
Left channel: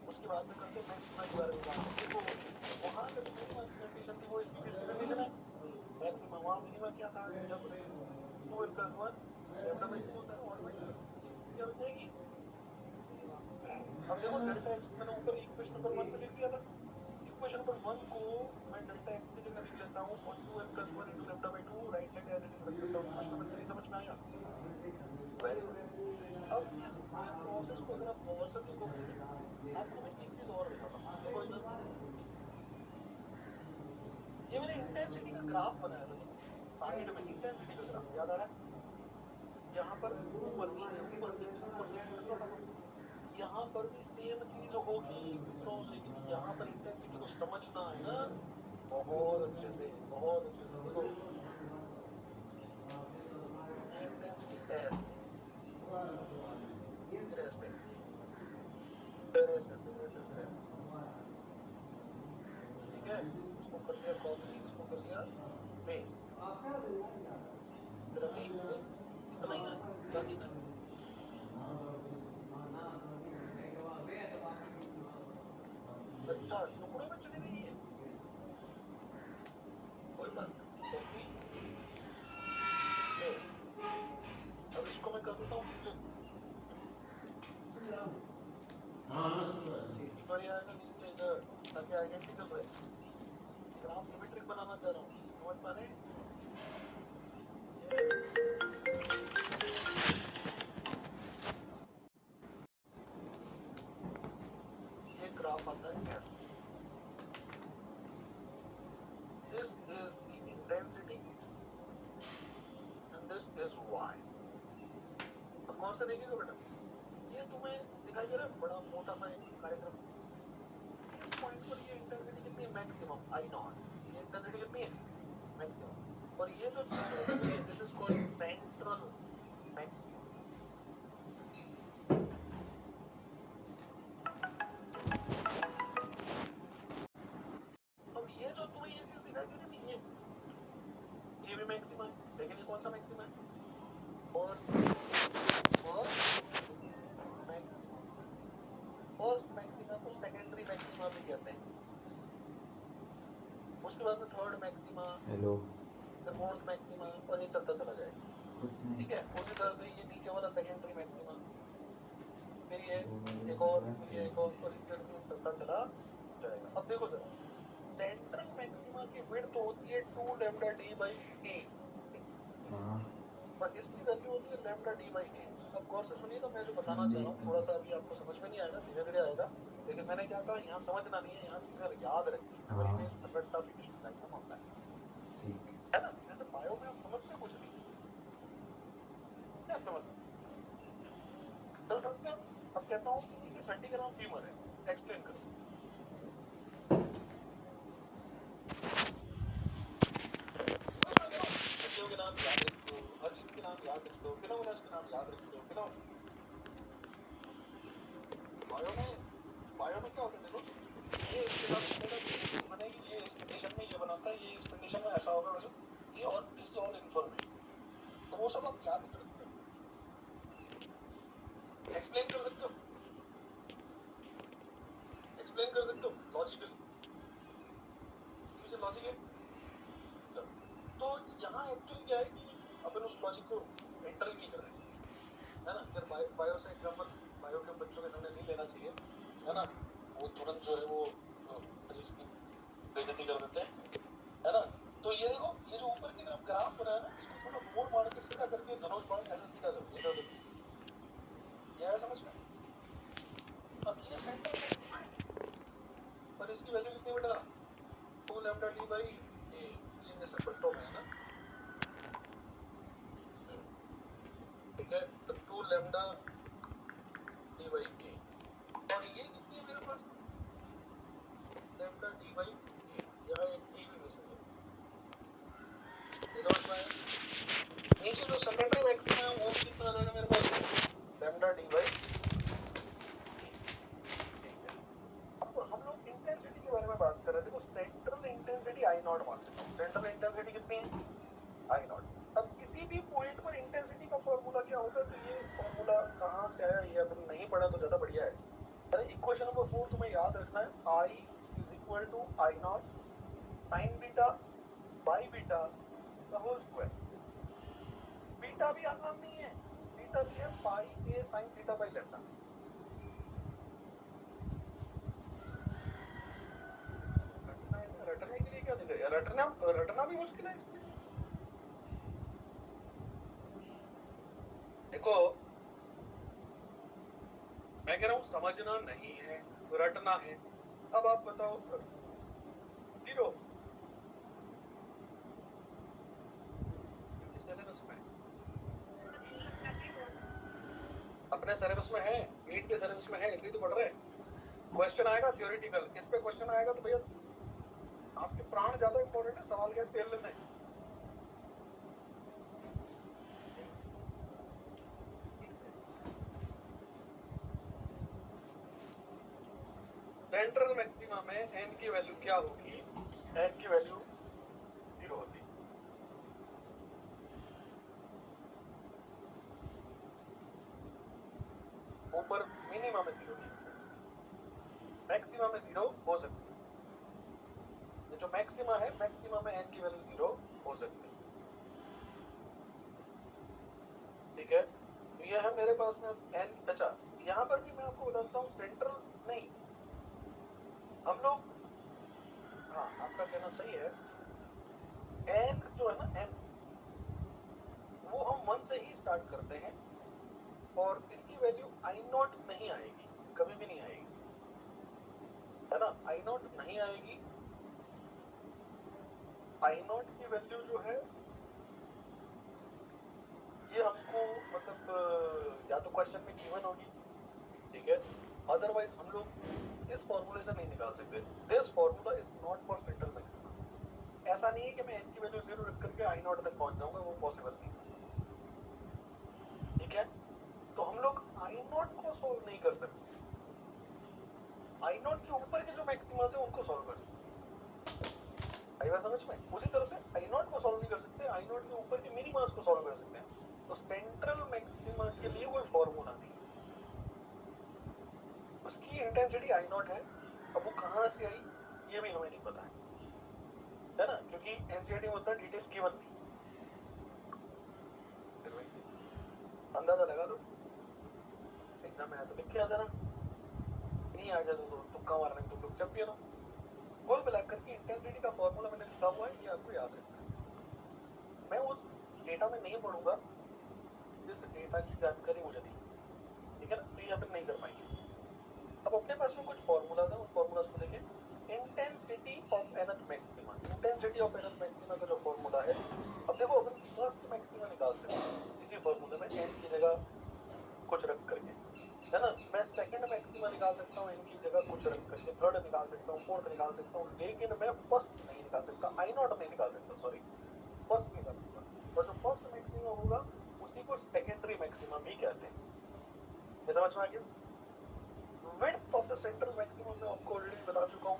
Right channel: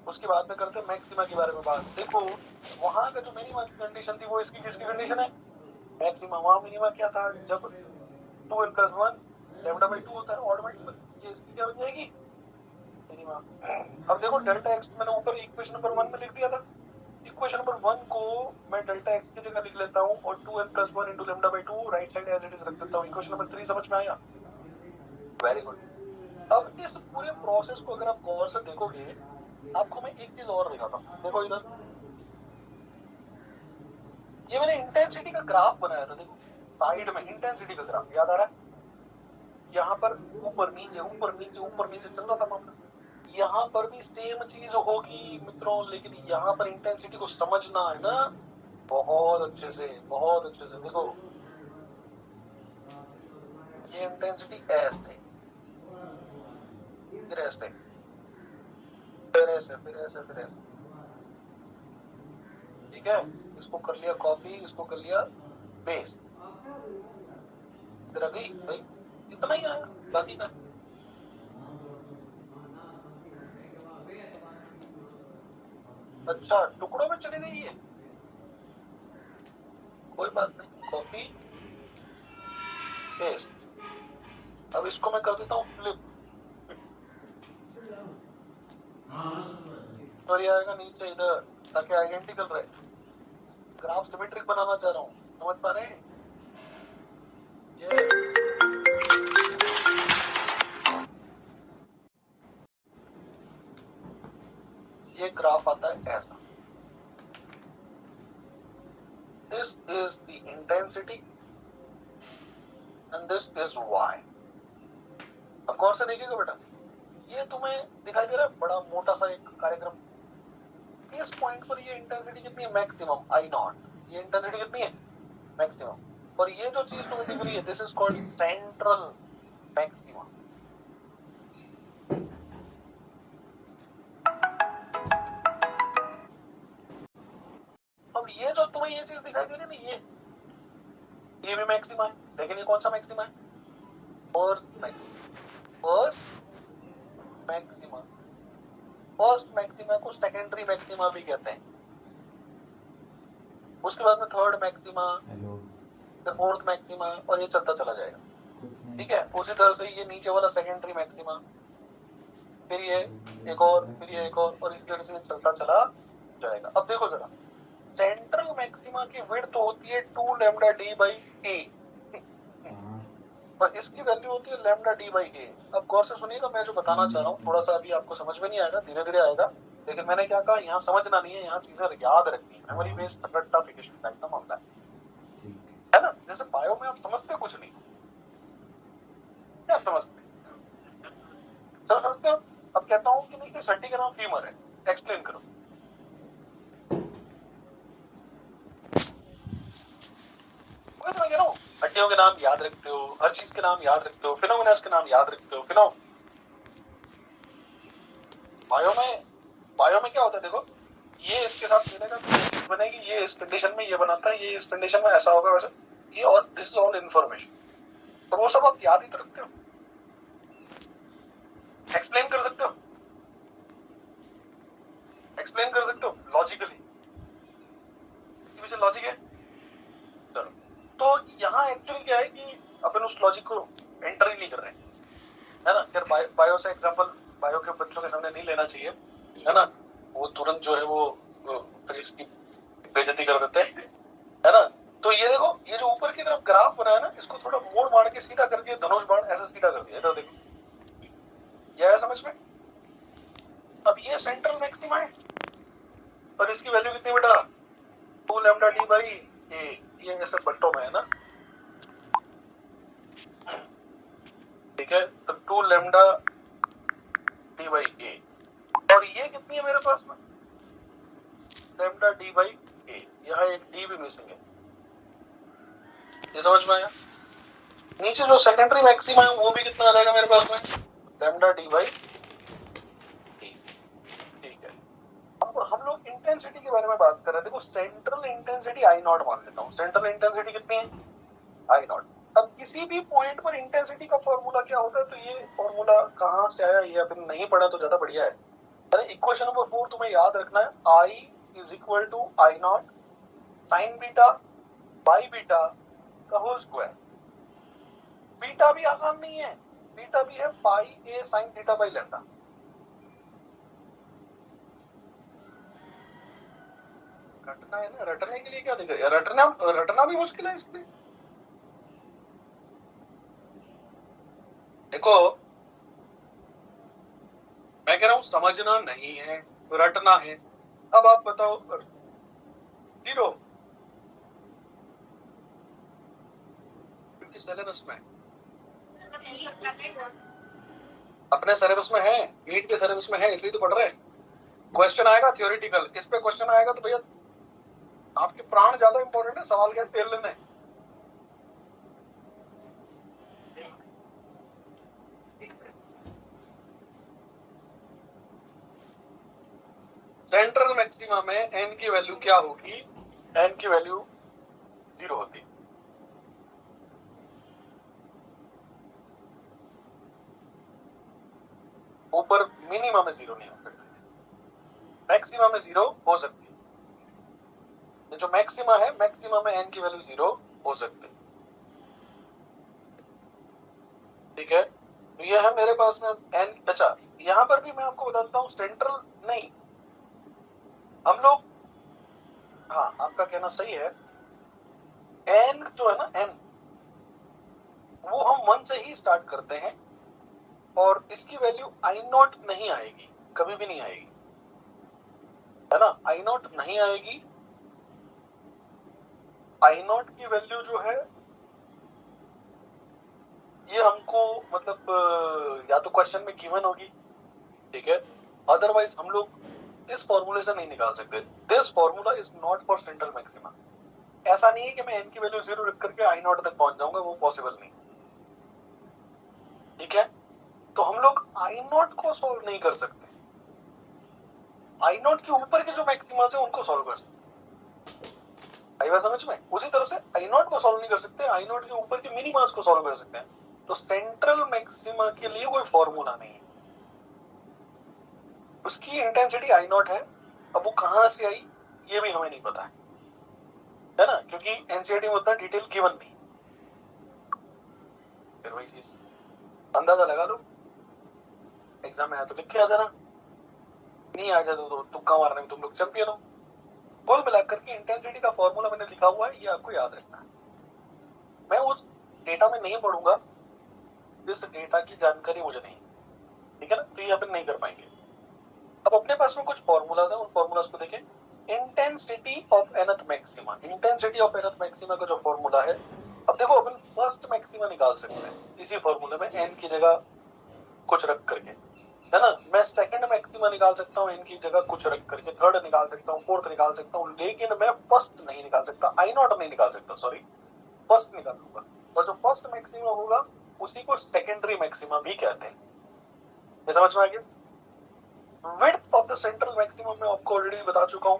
उसके बाद में करते हैं मैक्सिमा के बारे में बात। देखो वहां का जो मिनिमा की कंडीशन थी वो इसकी किसकी कंडीशन है? मैक्सिमा। वहां मिनिमा क्या था? जब 2n + 1 λ/2 होता है ऑड मल्टीपल, ये इसकी क्या बन जाएगी? मिनिमा। अब देखो डेल्टा एक्स मैंने ऊपर इक्वेशन नंबर 1 में लिख दिया था। इक्वेशन नंबर 1 को मैं डेल्टा एक्स की जगह लिख लेता हूँ और 2n + 1 × λ/2 right side as it is रख देता हूँ। इक्वेशन नंबर 3 समझ में आया? Very good. अब इस पूरे प्रोसेस को अगर आप गौर से देखोगे, आपको मैं एक चीज और दिखाता हूँ। देखो इधर, ये मैंने इंटेंसिटी का ग्राफ बनाया था। देखो साइड में इंटेंसिटी का ग्राफ याद आ रहा है? यहाँ पर ऊपर नीचे ऊपर नीचे ऊपर नीचे चल रहा था मामला। यहाँ पर भी सेम चीज होगी मित्रों, लेकिन यहाँ पर इंटेंसिटी को समझना है ना बहुत अच्छे से, बहुत अच्छे से। देखो ये इंटेंसिटी ऐसे, फिर ऐसे, फिर ऐसे, फिर ऐसे, फिर ऐसे, ठीक है? इसको कर लिया कॉपी, इसको कर लिया पेस्ट, इधर आ गई भाई, इतना ही आया बाकी का। अच्छा टुकड़ों में चली गई है, कोई बात नहीं, कॉपी पेस्ट। अब इसको मैं कर देता हूँ फ्लिप, और ये आएगा नीचे इधर, ताकि आइडेंटिकल रहे। ग्राफ सिमेट्रिक बनाना चाह रहा हूँ, समझ पा रहे हैं? ये ग्राफ आता है ऐसा। This is the intensity and this is y. अब गौर से देखिएगा बेटा, ये तुम्हें दिखाई दे रहा है बड़ा मोटा सा एक कार्यक्रम। इस पॉइंट पर ये इंटेंसिटी कितनी है? Maximum I0। ये इंटेंसिटी कितनी है? मैक्सिमम। और ये जो चीज तुम्हें दिख रही है, this is called central maximum. अब ये जो तुम्हें ये चीज दिखाई दे रही है ना, ये भी मैक्सिमा है, लेकिन ये कौन सा मैक्सिमा है? First maxima. फर्स्ट मैक्सिमा को सेकेंडरी मैक्सिमा भी कहते हैं। उसके बाद में थर्ड मैक्सिमा, फिर फोर्थ मैक्सिमा, और ये चलता चला जाएगा, ठीक है? उसी तरह से ये नीचे वाला सेकेंडरी मैक्सिमा, फिर ये एक और, फिर ये एक और इस तरह से चलता चला जाएगा। अब देखो जरा, सेंट्रल मैक्सिमा की विड्थ होती है 2λd/a और इसकी वैल्यू होती है λd/a। अब गौर से सुनिएगा, मैं जो बताना चाह रहा हूँ थोड़ा सा अभी आपको समझ में नहीं आएगा, धीरे धीरे आएगा। लेकिन मैंने क्या कहा, यहाँ समझना नहीं है, यहाँ चीजें याद रखनी है। मेमोरी बेस्ड रट्टाफिकेशन टाइप का मामला है ना? जैसे बायो में आप समझते कुछ नहीं, क्या समझते? चलो समझते हो? अब कहता हूँ कि नीचे हड्डी का नाम फीमर है, एक्सप्लेन करो। हड्डियों के नाम याद रखते हो, हर चीज के नाम याद रखते हो, फिनोमिनास के नाम याद रखते हो। बायो में क्या होता है? देखो ये इसके साथ मिलेगा तो ये चीज बनेगी, ये इस कंडीशन में ये बनाता है, ये इस कंडीशन में ऐसा होगा वैसे, ये, और दिस इज ऑल इन्फॉर्मेशन। तो वो सब आप याद ही तो रखते हो, एक्सप्लेन कर सकते हो, एक्सप्लेन कर सकते हो लॉजिकली, लॉजिक है। चलो, तो यहाँ एक्चुअली क्या है कि अपन उस लॉजिक को एंटर ही नहीं कर रहे हैं, है ना? फिर बायो से एग्जांपल बायो के बच्चों के सामने नहीं लेना चाहिए, है ना? वो तुरंत जो है वो फिजिक्स की बेइज्जती कर देते हैं, है ना? तो ये देखो, ये जो ऊपर की तरफ ग्राफ बनाया ना, इसको थोड़ा मोड़ मार के सीधा करके धनुष बाण ऐसा सीधा कर दिया। इधर देखो, ये आया समझ में? अब ये सेंट्रल मैक्सिमा है और इसकी वैल्यू कितनी बेटा? 2λd/a। ये ऐसे बट्टों में है ना, ठीक है? तो 2λd/a, और ये कितनी है मेरे पास में? λd/a। यहाँ एक d भी मिसिंग है, ये समझ में आया? नीचे जो सेकेंडरी मैक्सिमा है वो भी कितना आ जाएगा मेरे पास में? λd/a। ठीक है, अब हम लोग इंटेंसिटी के बारे में बात कर रहे थे। देखो सेंट्रल इंटेंसिटी I0 मान लेता हूँ। सेंट्रल इंटेंसिटी कितनी है? I0। अब किसी भी पॉइंट पर इंटेंसिटी का फॉर्मूला क्या होता है? तो ये फॉर्मूला कहाँ से आया ये अपन नहीं पढ़ा तो ज्यादा बढ़िया है। अरे इक्वेशन नंबर 4 तुम्हें याद रखना है, I is equal to I naught sine beta by beta का होल स्क्वायर। बीटा भी आसान नहीं है, बीटा भी है pi a sine theta by lambda. रटना है ना, रटने के लिए क्या दिखेगा, रटना भी मुश्किल है इसमें। देखो मैं कह रहा हूं समझना नहीं है, रटना है। अब आप बताओ, जीरो सिलेबस में, अपने सिलेबस में है, नीट के सिलेबस में है, इसलिए तो पढ़ रहे हैं। क्वेश्चन आएगा थियोरेटिकल, इस पे क्वेश्चन आएगा तो भैया आपके प्राण ज्यादा इंपॉर्टेंट है, सवाल क्या तेल लेने। सेंट्रल मैक्सिमा में एन की वैल्यू क्या होगी, एन की वैल्यू 0 होती। ऊपर मिनिमम में 0 नहीं होता, मैक्सिमम में 0 हो सकती है। जो मैक्सिमा है, मैक्सिमा में एन की वैल्यू 0 हो सकती है। ठीक है, तो ये है मेरे पास में एन। अच्छा, यहां पर भी मैं आपको बताता हूं, सेंट्रल नहीं, हम लोग, हाँ आपका कहना सही है, एन जो है ना, एन वो हम 1 से ही स्टार्ट करते हैं और इसकी वैल्यू आई नॉट नहीं आएगी, कभी भी नहीं आएगी, है ना, आई नॉट नहीं आएगी। आई नॉट की वैल्यू जो है ये हमको मतलब या तो क्वेश्चन में गिवन होगी, ठीक है, अदरवाइज हम लोग इस फॉर्मूले से नहीं निकाल सकते। This formula is not for central maxima. ऐसा नहीं है कि मैं एन की वैल्यू 0 रख करके आई नॉट तक पहुंच जाऊंगा, वो पॉसिबल नहीं। ठीक है, तो हम लोग आई नॉट को सोल्व नहीं कर सकते, आई नॉट के ऊपर के जो मैक्सिमा है उनको सोल्व कर सकते। आई बात समझ में? उसी तरह से आई नॉट को सोल्व नहीं कर सकते, आई नॉट के ऊपर के मिनिमास को सोल्व कर सकते हैं। तो सेंट्रल मैक्सिमा के लिए कोई फॉर्मूला नहीं है, उसकी इंटेंसिटी आई नॉट है। अब वो कहां से आई ये भी हमें नहीं पता है ना, क्योंकि एनसीईआरटी में उतना डिटेल गिवन नहीं। फिर वही चीज अंदाजा लगा लो, एग्जाम में आया तो लिख के आ जाना, नहीं आ जाए तो तुक्का मारने में तुम लोग चैंपियन हो। कुल मिलाकर के इंटेंसिटी का फॉर्मूला मैंने लिखा हुआ है, ये आपको याद रखना है। मैं उस डेटा में नहीं पढ़ूंगा, इस डेटा की जानकारी मुझे नहीं, ठीक है ना, तो ये अपन नहीं कर पाएंगे। अब अपने पास में कुछ फॉर्मूलाज हैं, उन फॉर्मूलाज को देखें। Intensity of nth maxima, intensity of nth maxima का जो फॉर्मूला है, अब देखो अपन फर्स्ट मैक्सिमा निकाल सकते हैं इसी फॉर्मूले में, एन की जगह कुछ रख करके, है ना। मैं सेकंड मैक्सिमा निकाल सकता हूँ एन की जगह कुछ रख करके, थर्ड निकाल सकता हूँ, फोर्थ निकाल सकता हूँ, लेकिन मैं फर्स्ट नहीं निकाल सकता, आई नॉट नहीं निकाल सकता, सॉरी, फर्स्ट निकाल सकता। और जो फर्स्ट मैक्सिमा होगा उसी को सेकेंडरी मैक्सिमा भी कहते हैं। ये समझ में आ गया? Width of the central maximum में आपको ऑलरेडी बता चुका हूँ,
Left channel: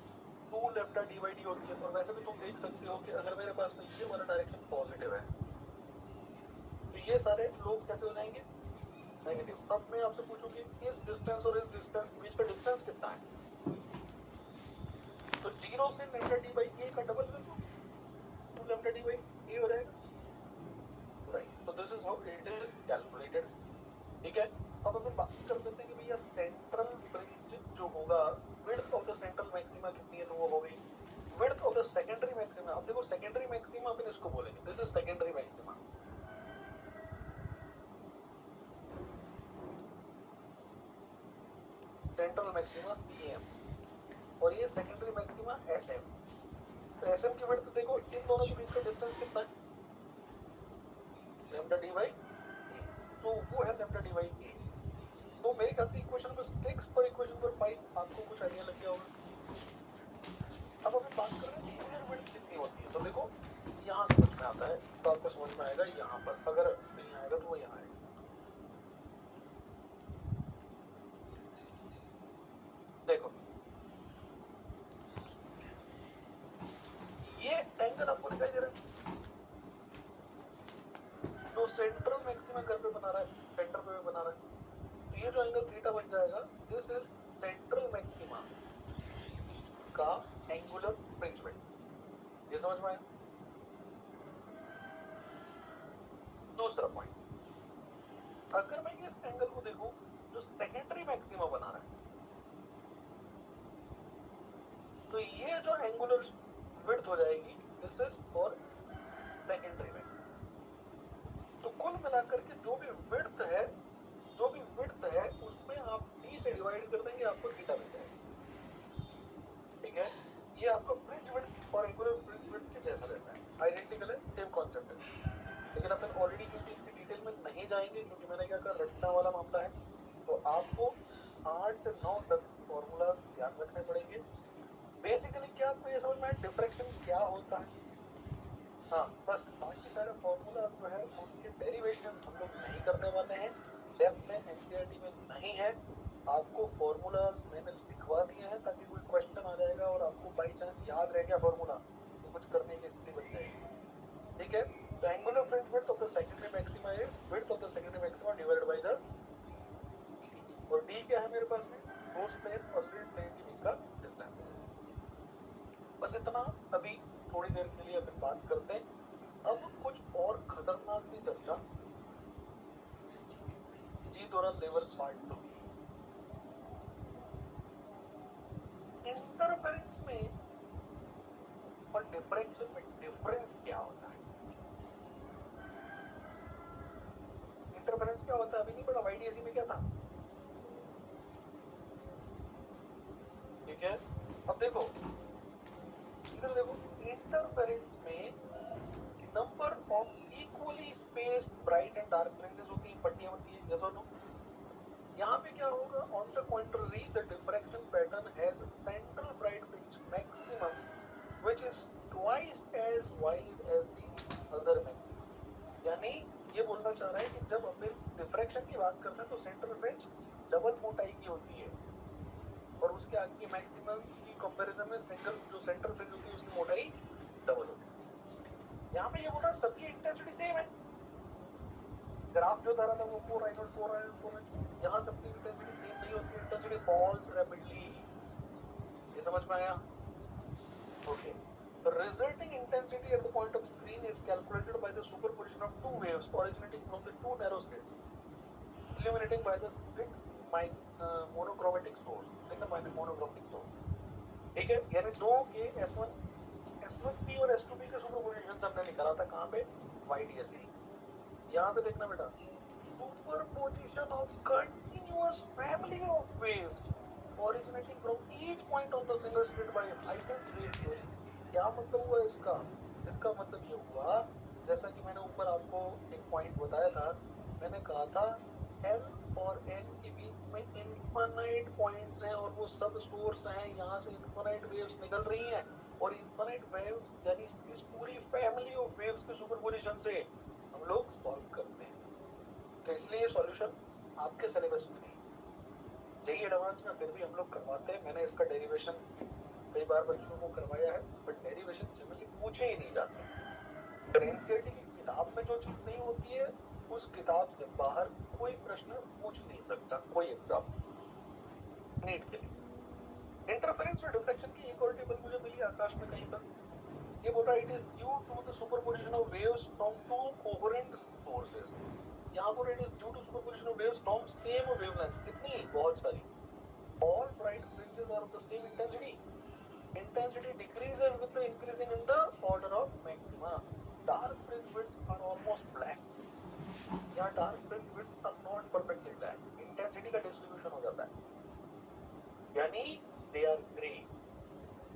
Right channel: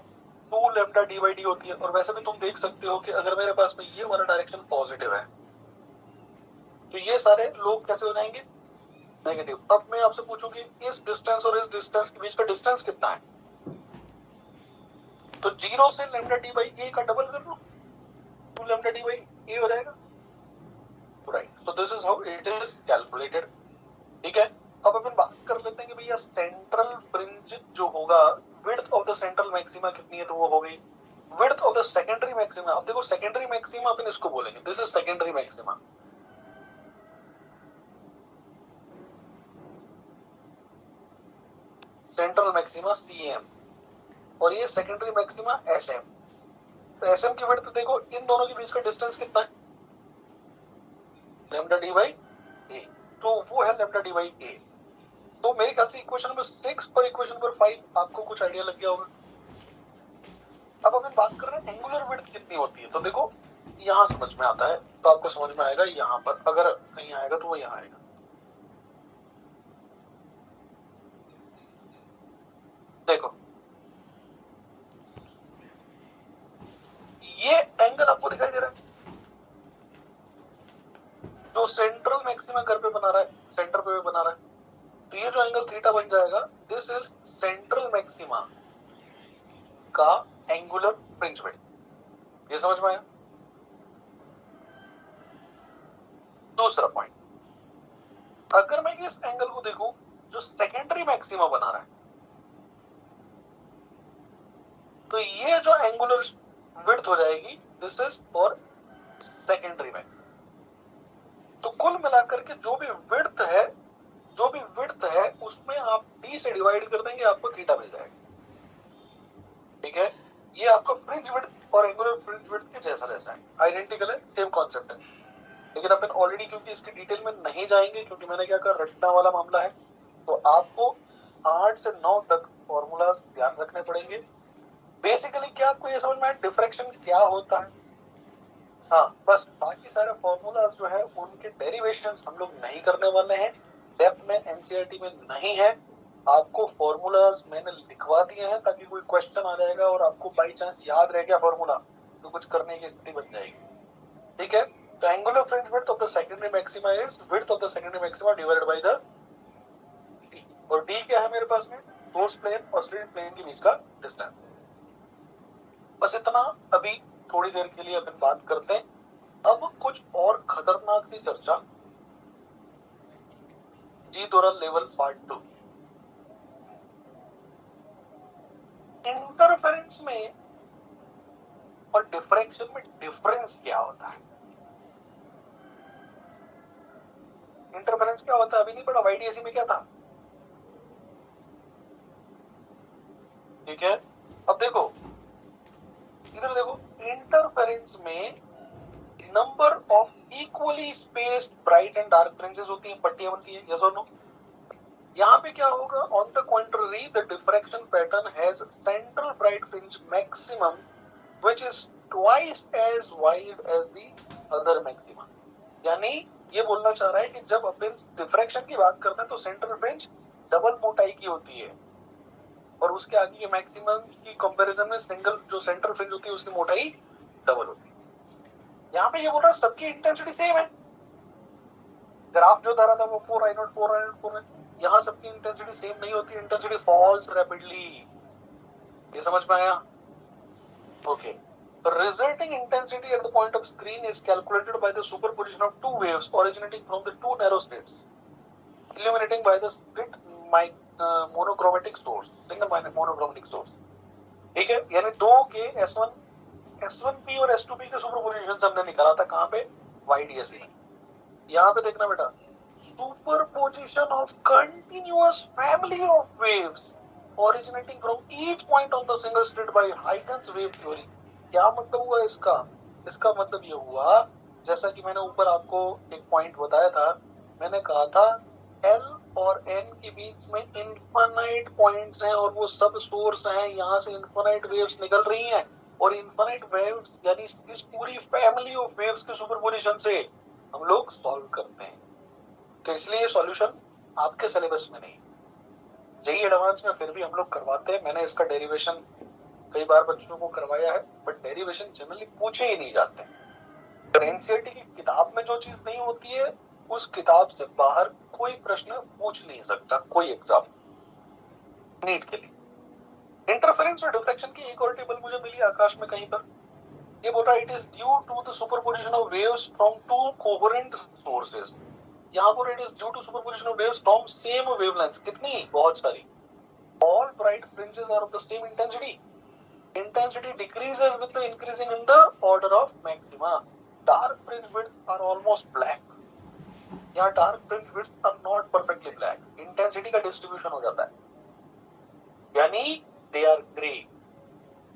2 लैम्डा डी बाई डी होती है। और वैसे भी तुम देख सकते हो कि अगर मेरे पास में ये वाला डायरेक्शन पॉजिटिव है तो ये सारे लोग कैसे हो जाएंगे, नेगेटिव। अब मैं आपसे पूछूंगी इस डिस्टेंस और इस डिस्टेंस के बीच का डिस्टेंस कितना है, तो 0 से लैम्डा डी बाई ए का डबल कर लो, 2 लैम्डा डी बाई ए हो जाएगा, right. So this is how it is calculated, ठीक है। अब अपन बात कर लेते हैं कि भैया सेंट्रल फ्रिंज जो होगा, width of the central maxima कितनी है, तो वो हो गई width of the secondary maxima. अब देखो सेकेंडरी मैक्सिमा अपन इसको बोलेंगे, this is secondary maxima. Central maxima CM और ये सेकेंडरी मैक्सिमा एसएम। तो एसएम की विड्थ देखो, इन दोनों के बीच का डिस्टेंस कितना है, लैम्डा डी बाई ए, तो वो है लैम्डा डी बाई ए। तो मेरे ख्याल से इक्वेशन नंबर 6 और इक्वेशन नंबर 5 आपको कुछ आइडिया लग गया होगा। अब अपन बात कर रहे हैं एंगुलर विड्थ कितनी होती है, तो देखो यहां समझ में आता है, तो आपको समझ में आएगा यहां पर, अगर नहीं आएगा तो वो यहां आएगा। देखो ये एंगल आपको दिखाई दे रहा है, जो सेंट्रल मैक्सिमा घर पे बना रहा है, सेंटर पे बना रहा है, तो ये जो एंगल थीटा बन जाएगा, दिस इज सेंट्रल मैक्सिमा का एंगुलर फ्रिंज विड्थ। ये समझ में आया? दूसरा पॉइंट, अगर मैं इस एंगल को देखूं जो सेकेंडरी मैक्सिमा बना रहा है, तो ये जो एंगुलर विड्थ हो जाएगी this is for secondary maxima. तो कुल मिलाकर के जो भी विड्थ है उसमें आप d से डिवाइड कर देंगे, आपको थीटा मिल जाएगा। ठीक है, ये आपका फ्रिंज विड्थ और एंगुलर फ्रिंज विड्थ के जैसा है, आइडेंटिकल है, सेम कॉन्सेप्ट है। लेकिन अपन ऑलरेडी क्योंकि इसकी डिटेल में नहीं जाएंगे, क्योंकि मैंने क्या कहा रटना वाला मामला है, तो आपको 8 से 9 तक फॉर्मूलाज ध्यान रखने पड़ेंगे। बेसिकली क्या आपको ये समझ में आया डिफरेक्शन क्या होता है? हाँ, बस बाकी सारे फॉर्मूलाज जो है उनके डेरिवेशंस हम लोग नहीं करने वाले हैं, डेप्थ में एनसीईआरटी में नहीं है। आपको फॉर्मूलाज मैंने लिखवा दिए हैं ताकि कोई क्वेश्चन आ जाएगा और आपको बाई चांस याद रह गया फॉर्मूला तो कुछ करने की स्थिति बन जाएगी। ठीक है, तो angular fringe width of the secondary maxima is width of the secondary maxima divided by the d, और d क्या है मेरे पास में? सोर्स प्लेन और स्लिट प्लेन के बीच का डिस्टेंस। बस इतना अभी थोड़ी देर के लिए अपन बात करते हैं। अब कुछ और खतरनाक सी चर्चा, जी दोरल लेवल पार्ट 2। इंटरफेरेंस में और डिफरेंशियल में डिफरेंस क्या होता है? इंटरफेरेंस क्या होता है अभी नहीं पढ़ा, वाईडीएसी में क्या था? ठीक है, अब देखो इधर देखो, इंटरफेरेंस में number of equally spaced bright and dark fringes होती हैं, पट्टियां बनती हैं, यस और नो? यहाँ पे क्या होगा? On the contrary the diffraction pattern has central bright fringe maximum which is twice as wide as the other maximum. यानी ये बोलना चाह रहा है कि जब अपन डिफ्रैक्शन की बात करते हैं तो सेंट्रल फ्रिंज डबल मोटाई की होती है और उसके आगे के मैक्सिमम की कंपैरिजन में सिंगल जो सेंट्रल फ्रिंज होती है उसकी मोटाई डबल होती है। यहाँ पे ये बोल रहा है सबकी इंटेंसिटी सेम है, ग्राफ जो धरा था वो 4i0 है, यहाँ सबकी इंटेंसिटी सेम नहीं होती, इंटेंसिटी फॉल्स रैपिडली। ये समझ में आया? Okay, the resulting intensity at the point of screen is calculated by the superposition of two waves originating from the two narrow slits, illuminating by the split monochromatic source, single monochromatic source। ठीक है, यानी दो के S1P और S2P के सुपरपोजिशन हमने निकाला था कहाँ पे? YDSE। यहाँ पे देखना बेटा, superposition of continuous family of waves originating from each point on the single slit by Huygens wave theory। क्या मतलब हुआ इसका? इसका मतलब ये हुआ, जैसा कि मैंने ऊपर आपको एक पॉइंट बताया था, मैंने कहा था L और N के बीच में इनफाइनाइट पॉइंट्स हैं और वो सब सोर्स हैं, यहाँ से इनफाइनाइट वेव्स निकल रही हैं और इनफाइनाइट वेव्स यानी इस पूरी फैमिली ऑफ वेव्स के सुपरपोजिशन से हम लोग सॉल्व करते हैं। तो इसलिए ये सॉल्यूशन आपके सिलेबस में नहीं, जेईई एडवांस में फिर भी हम लोग करवाते हैं। मैंने इसका डेरिवेशन कई बार बच्चों को करवाया है, बट डेरिवेशन जनरली पूछे ही नहीं जाते। तो एनसीईआरटी की किताब में जो चीज नहीं होती है उस किताब से बाहर कोई प्रश्न पूछ नहीं सकता कोई एग्जाम नीट के लिए। इंटरफेरेंस और डिफ्रैक्शन की एक और टेबल मुझे मिली आकाश में कहीं पर, ये बोल रहा है it is due to the superposition of waves from two coherent sources. यहाँ पर it is due to superposition of waves from same wavelength. कितनी? बहुत सारी। All bright fringes are of the same intensity. Intensity decreases with the increasing in the order of maxima. Dark fringe widths are almost black. यहाँ dark fringe widths are not perfectly black. Intensity का distribution हो जाता है, यानी they are grey.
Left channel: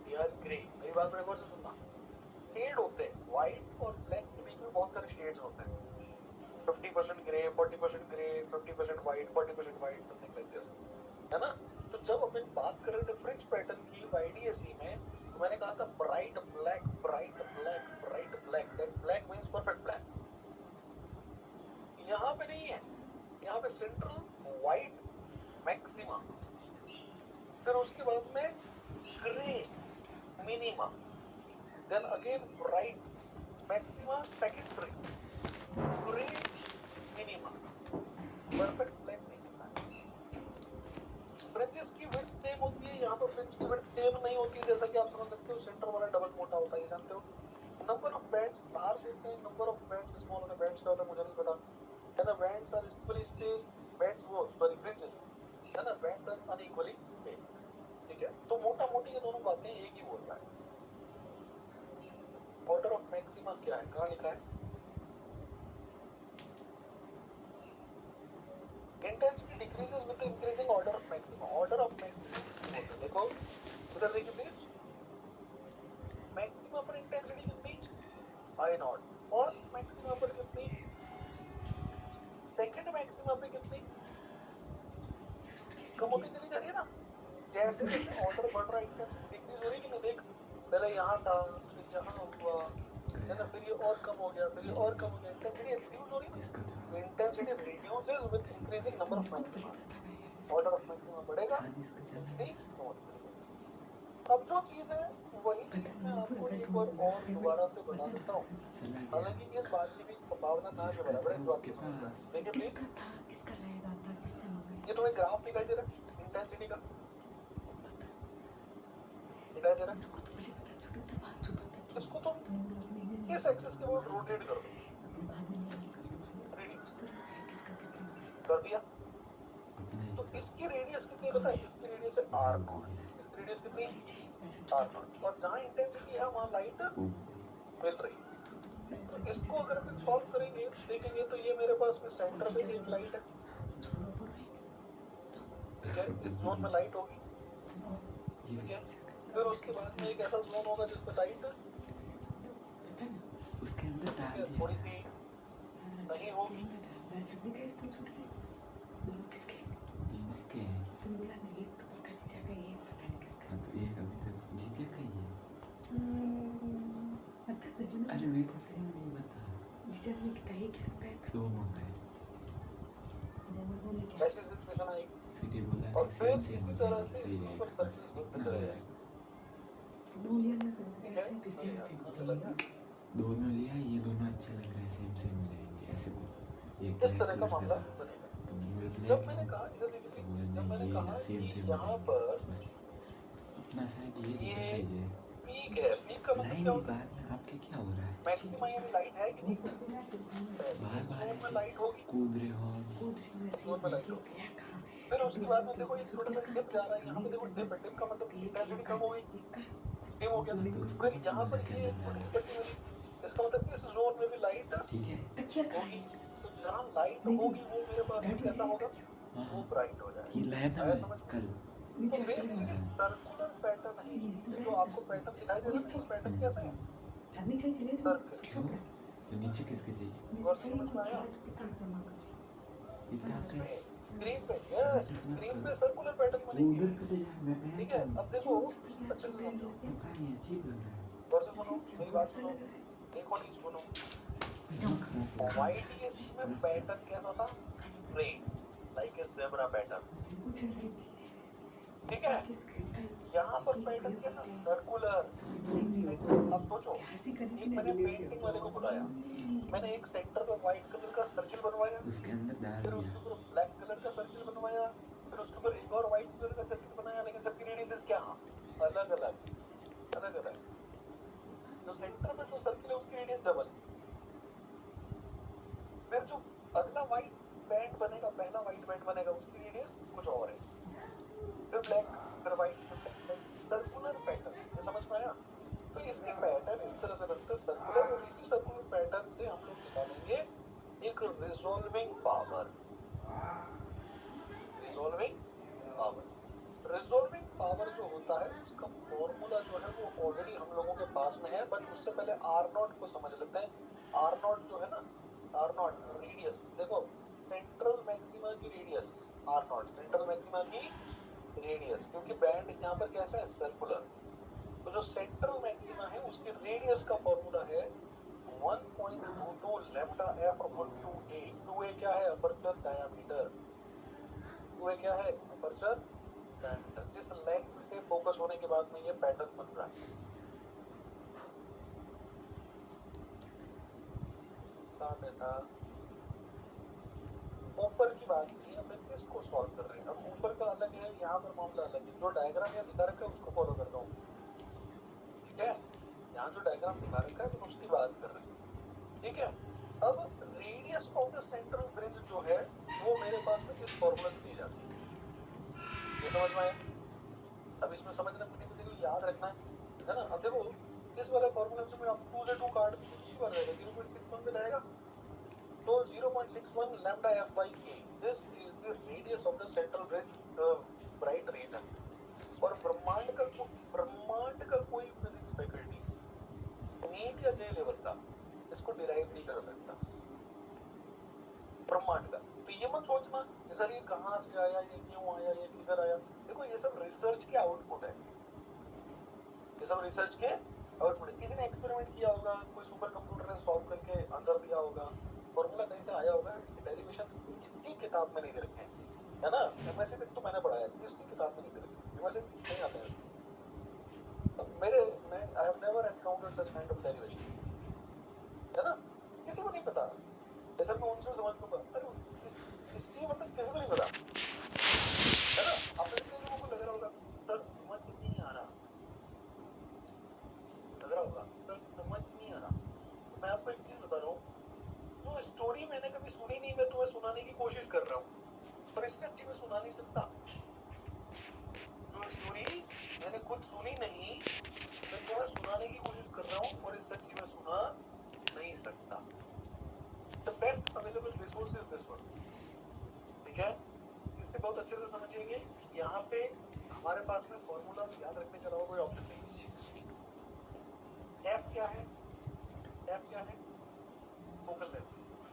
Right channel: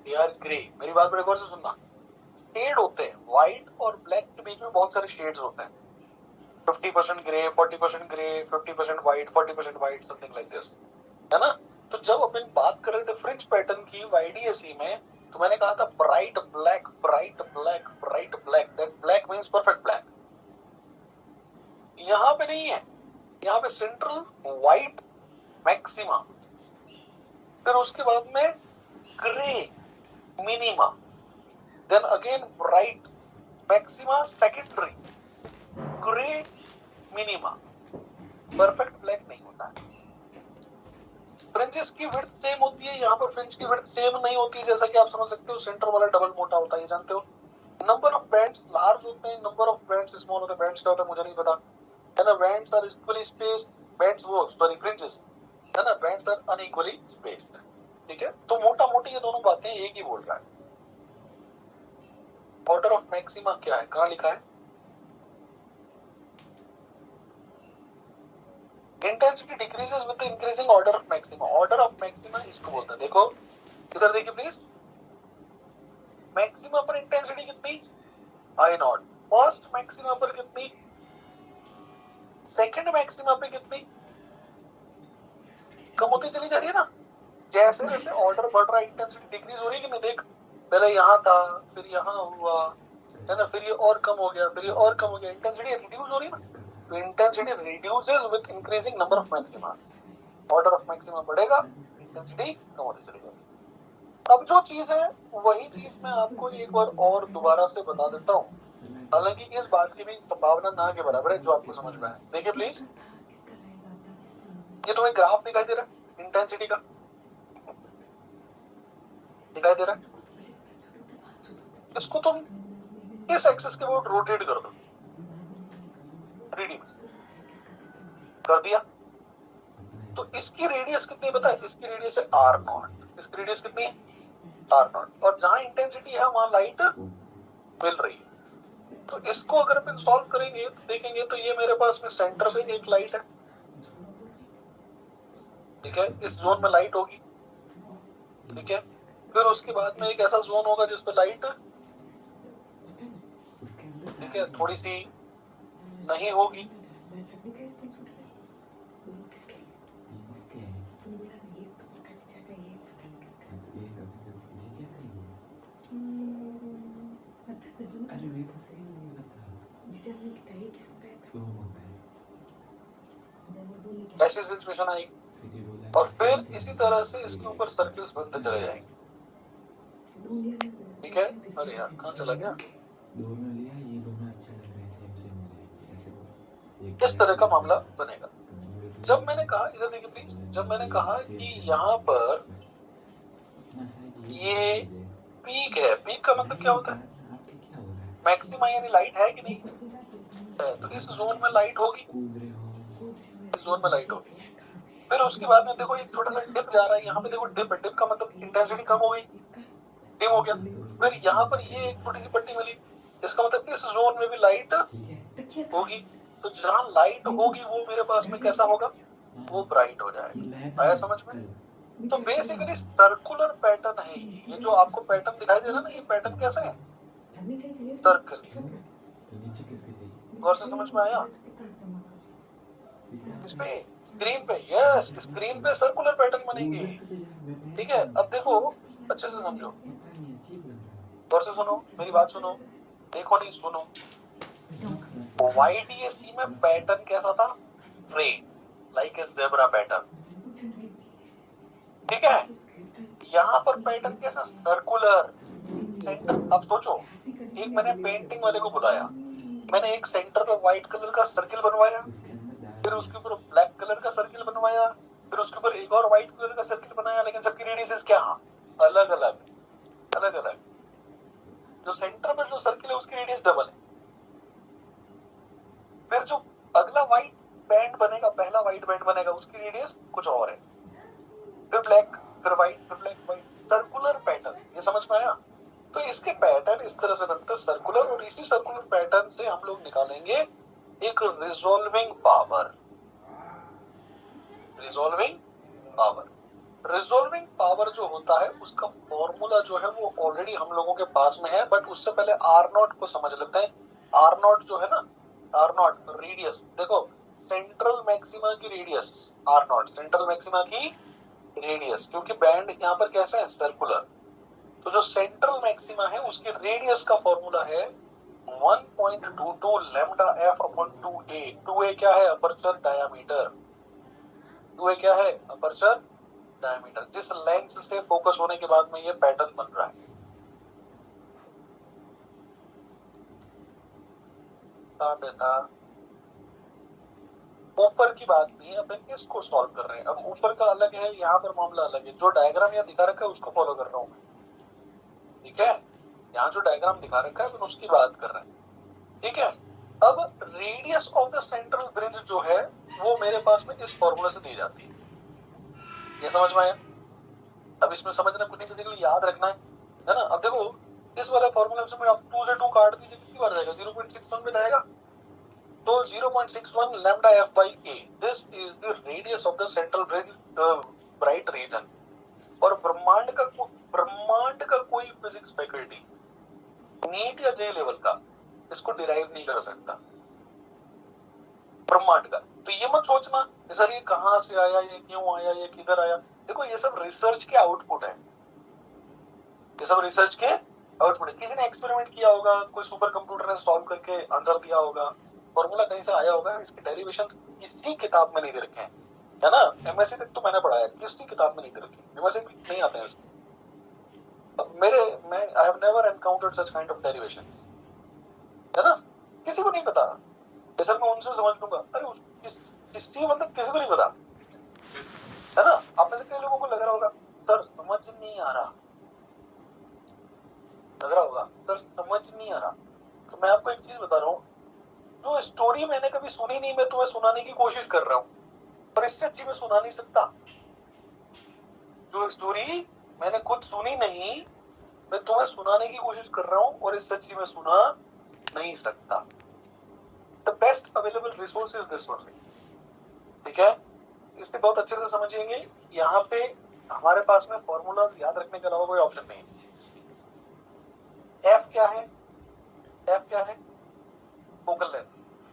They are grey. मेरी बात बड़े गौर से सुनना। शेड होते हैं, व्हाइट और ब्लैक के बीच में बहुत सारे शेड्स होते हैं, 50% grey, 40% grey, 50% white, 40% white, something like this, है ना? तो जब अपन बात कर रहे थे फ्रिंज पैटर्न की वाईडीएसई में, तो मैंने कहा था bright black, bright black, bright black, that black means perfect black. यहाँ पे नहीं है, यहाँ पे सेंट्रल व्हाइट मैक्सिमा, फिर उसके बाद में grey minima, then again bright maxima, secondary grey minima. Perfect black नहीं होता है। फ्रिंजेस की विड्थ सेम होती है, यहाँ पर फ्रिंज की विड्थ सेम नहीं होती है, जैसा कि आप समझ सकते हो सेंटर वाला डबल मोटा होता है, ये जानते हो। नंबर ऑफ बैंड्स लार्ज होते हैं, नंबर ऑफ बैंड्स स्मॉल होते हैं। बैंड्स क्या होता है मुझे नहीं पता, है ना। Bands are equally spaced, bands वो सॉरी फ्रिंजेस, है ना, बैंड्स आर अनइक्वली स्पेस्ड, ठीक है। तो मोटा मोटी ये दोनों बातें एक ही बोल रहा है। ऑर्डर ऑफ मैक्सिमा क्या है, कहाँ लिखा है? Intensity decreases with the increasing order of maxima. Order of maxima इसको बोलते हैं, देखो इधर देखिए प्लीज। मैक्सिमा पर इंटेंसिटी कितनी? आई नॉट। फर्स्ट मैक्सिमा पर कितनी? सेकंड मैक्सिमा पे कितनी? कम होती चली जा रही है ना। जैसे जैसे ऑर्डर बढ़ रहा है इंटेंसिटी डिक्रीज हो रही है कि नहीं। देख पहले यहाँ था, फिर यहाँ हुआ, है ना, फिर ये और कम हो गया, फिर ये और कम हो गया, इंटेंसिटी रिड्यूस हो रही है ना। तो intensity reduces with increasing number of maxima. Order of maxima बढ़ेगा, इंटेंसिटी कम होती चली जाएगी। अब जो चीज है वही चीज मैं आपको एक बार और दोबारा से बता देता हूँ, हालांकि इस बात की भी संभावना ना के बराबर है जो आपको समझ में आए। देखिए प्लीज, ये तुम्हें ग्राफ दिखाई दे रहा है इंटेंसिटी का, दिखाई दे रहा है। इसको तुम इस एक्सिस के ऊपर रोटेट कर दो, 3D कर दिया, तो इसकी रेडियस कितनी है पता है? इसकी रेडियस है r0। इसकी रेडियस कितनी है? r0। और जहां इंटेंसिटी है वहां लाइट मिल रही है। तो इसको अगर अपन सॉल्व करेंगे तो देखेंगे, तो ये मेरे पास में सेंटर पे एक लाइट है, ठीक है, इस जोन में लाइट होगी, ठीक है। फिर उसके बाद में एक ऐसा जोन होगा जिस पे लाइट, ठीक है, थोड़ी सी नहीं होगी, ऐसी सिचुएशन आएगी। और फिर इसी तरह से इसके ऊपर सर्कल्स बनते चले जाएंगे, ठीक है। अरे यार कहाँ चला गया? दोनों लिया, ये दोनों अच्छे लग रहे हैं, सेम सेम रहेंगे ऐसे बोल। इस तरह का मामला बनेगा। जब मैंने कहा, इधर देखिए प्लीज, जब मैंने कहा कि यहाँ पर ये पीक है, पीक का मतलब क्या होता है? आपके क्या हो रहा है? मैक्सिमा यानी लाइट है कि नहीं है, तो इस जोन में लाइट होगी, कूद रहे हो? इस जोन में लाइट होगी। फिर उसके बाद में देखो एक छोटा सा डिप जा रहा है, यहाँ पे देखो डिप है, डिप का मतलब इंटेंसिटी कम हो गई, डिम हो गया। फिर यहाँ पर ये एक छोटी सी पट्टी मिली, इसका मतलब इस जोन में भी लाइट होगी। तो जहाँ लाइट होगी वो मेरे पास में कैसा होगा? वो ब्राइट हो जाएगा। आया समझ में? तो बेसिकली सर्कुलर पैटर्न है ये जो आपको पैटर्न दिखाई दे रहा है ना, ये पैटर्न कैसा है? सर्कल। तो नीचे किसके चाहिए? गौर से समझ में आया? इस पे स्क्रीन पे, यस, स्क्रीन पे सर्कुलर पैटर्न बनेंगे, ठीक है। अब देखो अच्छे से समझो, गौर से सुनो, मेरी बात सुनो, देखो नहीं सुनो। YDSE में पैटर्न कैसा था? Straight, like a zebra pattern, ठीक है। यहाँ पर पैटर्न कैसा? Circular, centre. अब सोचो, एक मैंने पेंटिंग वाले को बुलाया, मैंने एक सेंटर पे व्हाइट कलर का सर्किल बनवाया, फिर उसके ऊपर ब्लैक कलर का सर्किल बनवाया, फिर उसके ऊपर एक और व्हाइट कलर का सर्किल बनाया, लेकिन सबकी रेडियस क्या? अलग अलग, अलग अलग। जो सेंटर पर जो सर्किल है उसकी रेडियस डबल है। फिर जो अगला व्हाइट बैंड बनेगा, पहला व्हाइट बैंड बनेगा, उसकी रेडियस कुछ और है। फिर ब्लैक, फिर व्हाइट, फिर ब्लैक, व्हाइट, सर्कुलर पैटर्न। ये समझ में आया? तो इसके पैटर्न इस तरह से बनते हैं सर्कुलर, और इसी सर्कुलर पैटर्न से हम लोग निकालेंगे एक resolving power. Resolving power, resolving power जो होता है उसका फॉर्मूला जो है वो ऑलरेडी हम लोगों के पास में है, बट उससे पहले R0 को समझ लेते हैं। R0 जो है ना, R0 रेडियस, देखो सेंट्रल मैक्सिमा की रेडियस R0, सेंट्रल मैक्सिमा की रेडियस, क्योंकि बैंड यहाँ पर कैसे है? सर्कुलर। तो जो सेंट्रल मैक्सिमा है उसकी रेडियस का फॉर्मूला है 1.22 lambda f upon 2a। 2a क्या है? Aperture diameter. 2a क्या है? अपर्चर डायमीटर, जिस लेंस से फोकस होने के बाद में ये पैटर्न बन रहा है। बेटा ऊपर की बात नहीं है, अपन इसको सॉल्व कर रहे हैं। अब ऊपर का अलग है, यहाँ पर मामला अलग है। जो डायग्राम यहाँ दिखा रखा है उसको फॉलो कर रहा हूँ, ठीक है। यहाँ जो डायग्राम दिखा रखा है अपन उसकी बात कर रहे हैं, ठीक है। अब radius of the central bridge जो है वो मेरे पास में इस फॉर्मूला से दी जाती है, ये समझ में आया। अब इसमें समझना कुछ नहीं, तो याद रखना है ना। अब देखो इस वाले फॉर्मूला से आप 2 से 2 काट दीजिए, कितनी बार जाएगा, 0.61 पे जाएगा। तो 0.61 lambda f by a, this is the radius of the central bright region। और ब्रह्मांड का कोई फिजिक्स फैकल्टी नीट या जे लेवल का इसको डिराइव नहीं कर सकता, ब्रह्मांड का। तो ये मत सोचना सर ये कहां से आया, ये क्यों आया, ये किधर आया। देखो ये सब रिसर्च के आउटपुट है, ये सब रिसर्च के आउटपुट है। किसी ने एक्सपेरिमेंट किया होगा, कोई सुपर कंप्यूटर ने सॉल्व करके आंसर दिया होगा, फॉर्मूला कहीं से आया होगा, इसके डेरिवेशन किसी किताब में नहीं दे रखे हैं, है ना। एमएससी तक तो मैंने पढ़ा है, किसी किताब में नहीं दे रखे, एमएससी नहीं आते हैं इसमें। अब मैं I have never encountered such kind of derivation, है ना। किसी को नहीं पता, सर मैं उनसे समझ लूंगा, अरे इसकी मतलब किसी को नहीं पता, है ना। आप में से कई लोगों को लग रहा होगा सर समझ नहीं आ रहा, लग रहा होगा सर समझ नहीं आ रहा। तो मैं आपको एक चीज बता रहा हूँ, जो स्टोरी मैंने कभी सुनी नहीं, मैं तुम्हें सुनाने की कोशिश कर रहा हूँ, पर इससे अच्छी मैं सुना नहीं सकता। जो स्टोरी मैंने खुद सुनी नहीं, मैं तुम्हें सुनाने की कोशिश कर रहा हूँ, और इससे अच्छी मैं सुना नहीं सकता। The best available resource is this only, ठीक है। इससे बहुत अच्छे से समझिएंगे। यहाँ पे हमारे पास में फॉर्मूलाज याद रखने के अलावा कोई ऑप्शन नहीं है। F क्या है, F क्या है, फोकल लेंथ,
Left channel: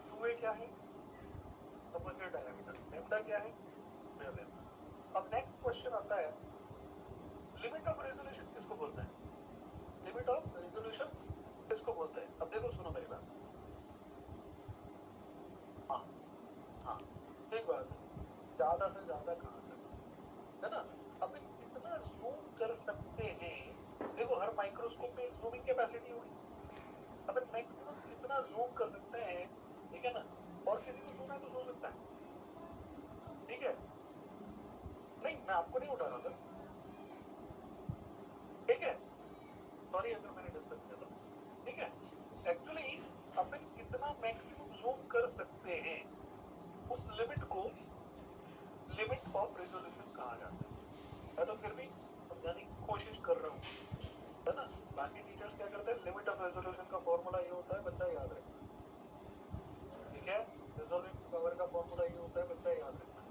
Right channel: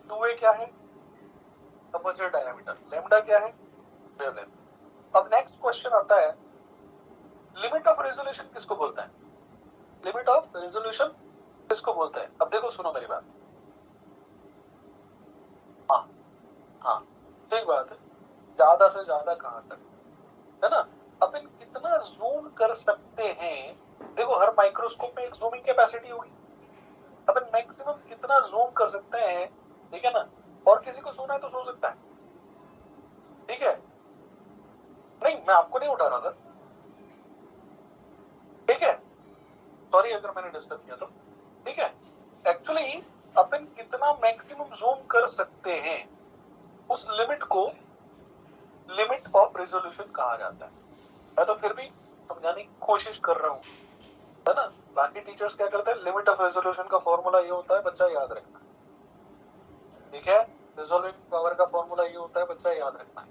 2a क्या है, अपर्चर डायमीटर, लैम्डा क्या है, वेवलेंथ। अब नेक्स्ट क्वेश्चन आता है, लिमिट ऑफ रेजोल्यूशन किसको बोलते हैं, लिमिट ऑफ रेजोल्यूशन किसको बोलते हैं। अब देखो सुनो मेरी बात, हाँ हाँ ठीक बात है, ज्यादा से ज्यादा कहां तक, है ना। अपन कितना जूम कर सकते हैं, देखो हर माइक्रोस्कोप में एक जूमिंग कैपेसिटी होगी, अपन मैक्सिमम कितना जूम कर सकते हैं, ठीक है ना। और किसी को सुना है तो सो सकता है, ठीक है। नहीं मैं आपको नहीं उठा रहा था, ठीक है, सॉरी अगर मैंने डिस्टर्ब किया तो, ठीक है। एक्चुअली अपन कितना मैक्सिमम जूम कर सकते हैं, उस लिमिट को लिमिट ऑफ रेजोल्यूशन कहा जाता है। मैं तो फिर भी समझाने की कोशिश कर रहा हूँ, है ना। बाकी टीचर्स क्या करते हैं, लिमिट ऑफ रेजोल्यूशन का फॉर्मूला ये होता है, बच्चा याद रखना, ठीक है। रिजोल्विंग पावर का फॉर्मूला ये होता है, बच्चा याद रखना,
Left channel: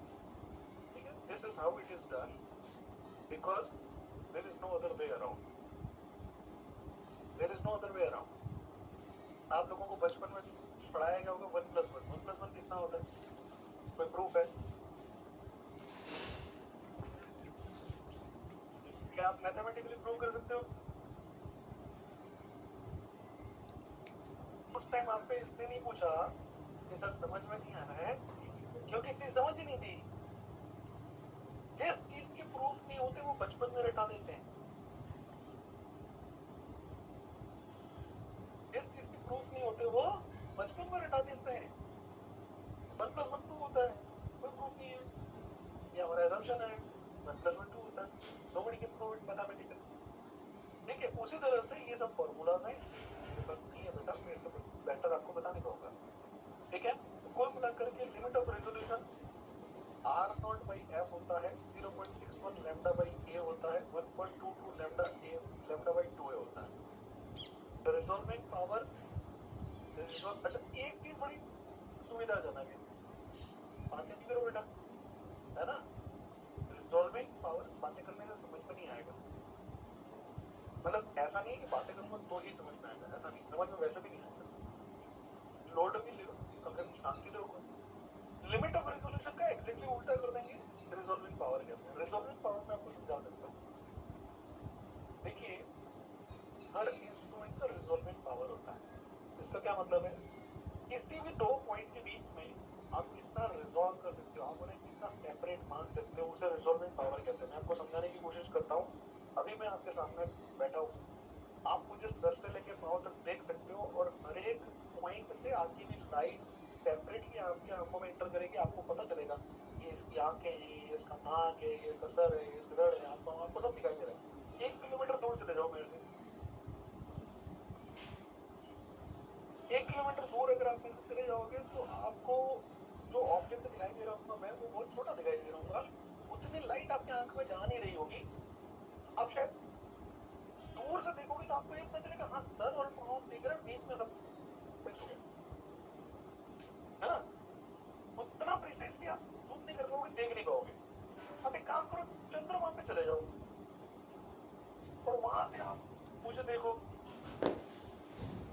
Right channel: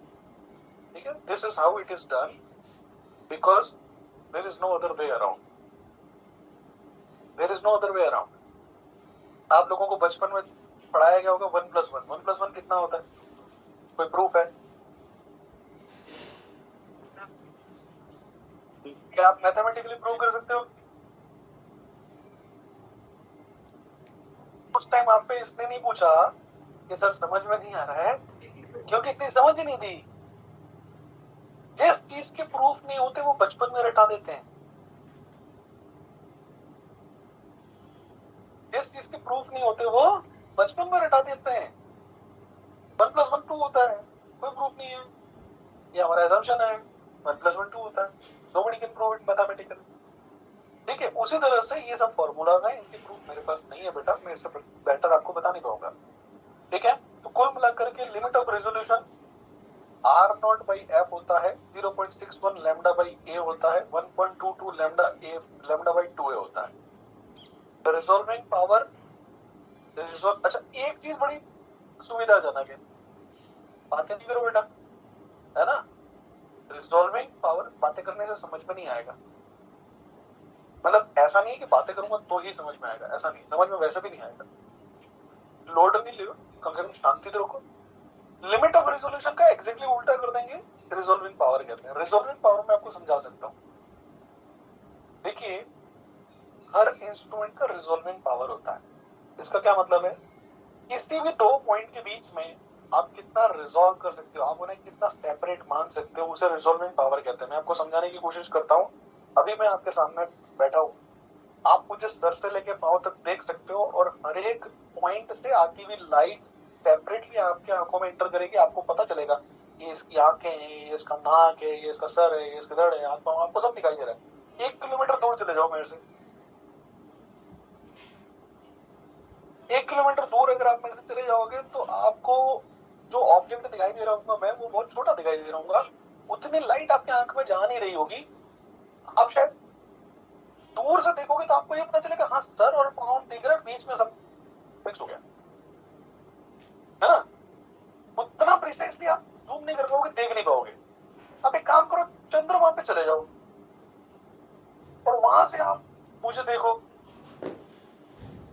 ठीक है। This is how it is done, because there is no other way around, there is no other way around. आप लोगों को बचपन में पढ़ाया गया होगा 1 + 1, 1 + 1 कितना होता है, कोई प्रूफ है, क्या आप मैथमेटिकली प्रूव कर सकते हो। उस टाइम आप पे इसने नहीं पूछा कि सर समझ में नहीं आ रहा है, क्योंकि इतनी समझ नहीं थी। जिस चीज के प्रूफ नहीं होते वो बचपन में रटा देते हैं, जिस चीज के प्रूफ नहीं होते वो बचपन में रटा देते हैं। 1 + 1 2 होता है, कोई प्रूफ नहीं है, ये हमारा असम्पशन है, 1 + 1 2 होता है, nobody can prove it mathematically, ठीक है। उसी तरह से ये सब फॉर्मूला है, इनके प्रूफ मेरे पास नहीं है बेटा, मैं इससे बेटर आपको बता नहीं पाऊंगा, ठीक है। तो कुल मिलाकर के लिमिट ऑफ रेजोल्यूशन R0/f होता है, 0.61 लैम्डा बाई a होता है, 1.22 लैम्डा बाई 2a होता है। रिजॉल्विंग पावर, अच्छा एक चीज बड़ी सुविधाजनक है, बातें नहीं करो बेटा, है ना। रिजॉल्विंग पावर बातें करने से समझ में नहीं आएगा, मतलब ऐसा नहीं है कि बातें करूंगा तो ही समझ में आएगा, ऐसा नहीं, समझ में वैसे भी नहीं आएगा। लोड नहीं लो, कम से कम शांति तो रखो। लिमिट ऑफ रेजोल्यूशन का एग्जैक्टली उल्टा कर देंगे, रिजॉल्विंग पावर कहते हैं। रिजॉल्विंग पावर में आपको समझा सकता हूँ, देखिए हर इंस्ट्रूमेंट का रिजॉल्विंग पावर होता है। इसका क्या मतलब है, किसी भी दो पॉइंट के बीच में आप कितना रिजॉल्व कर सकते हो, आप उन्हें कितना सेपरेट मान सकते हो, उसे रिजॉल्विंग पावर कहते हैं। मैं आपको समझाने की कोशिश करता हूँ, अभी मैं आपके सामने बैठा हूँ, आप मुझे सर से लेके पांव तक देख सकते हो, और हर एक पॉइंट से आती हुई लाइट सेपरेटली आपके आंखों में इंटर करेगी, आपको पता चलेगा ये इसकी आंखें हैं, ये इसका नाक है, ये इसका सर है, ये इसका धड़ है, आपको सब दिखाई दे रहा है। 1 किलोमीटर दूर चले जाओ मेरे से, 1 किलोमीटर दूर अगर आप मेरे से चले जाओगे तो आपको जो ऑब्जेक्ट दिखाई दे रहा होगा मैं, वो बहुत छोटा दिखाई दे रहा होगा, उतनी लाइट आपके आंख में जा नहीं रही होगी। आप शायद दूर से देखोगे तो आपको ये पता चलेगा हाँ सर और पाँव दिख रहा है, बीच में सब फिक्स हो गया है ना। उतना प्रिसाइसली आप जूम नहीं कर पाओगे, देख नहीं पाओगे। आप एक काम करो, चंद्रमा पे चले जाओ और वहां से आप मुझे देखो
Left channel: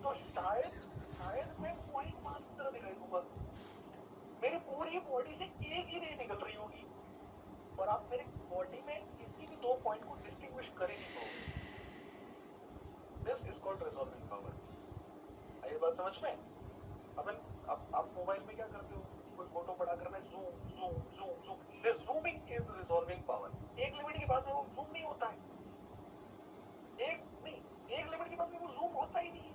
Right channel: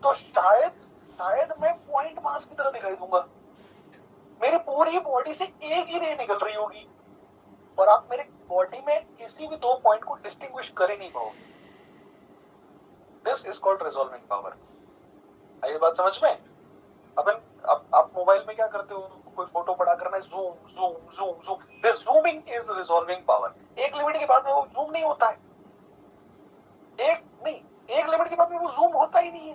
तो शायद मैं पॉइंट मास की तरह दिखाई दूंगा। मेरी पूरी बॉडी से एक ही रे निकल रही होगी और आप मेरे बॉडी में किसी भी 2 पॉइंट को डिस्टिंग्विश कर ही नहीं पाओगे। This is called resolving power. ये बात समझ में? अपन आप मोबाइल में क्या करते हो, कोई फोटो बड़ा करना है, zoom zoom zoom zoom, this zooming is resolving power. एक लिमिट के बाद में वो जूम नहीं होता है, एक लिमिट के बाद में वो जूम होता ही नहीं है।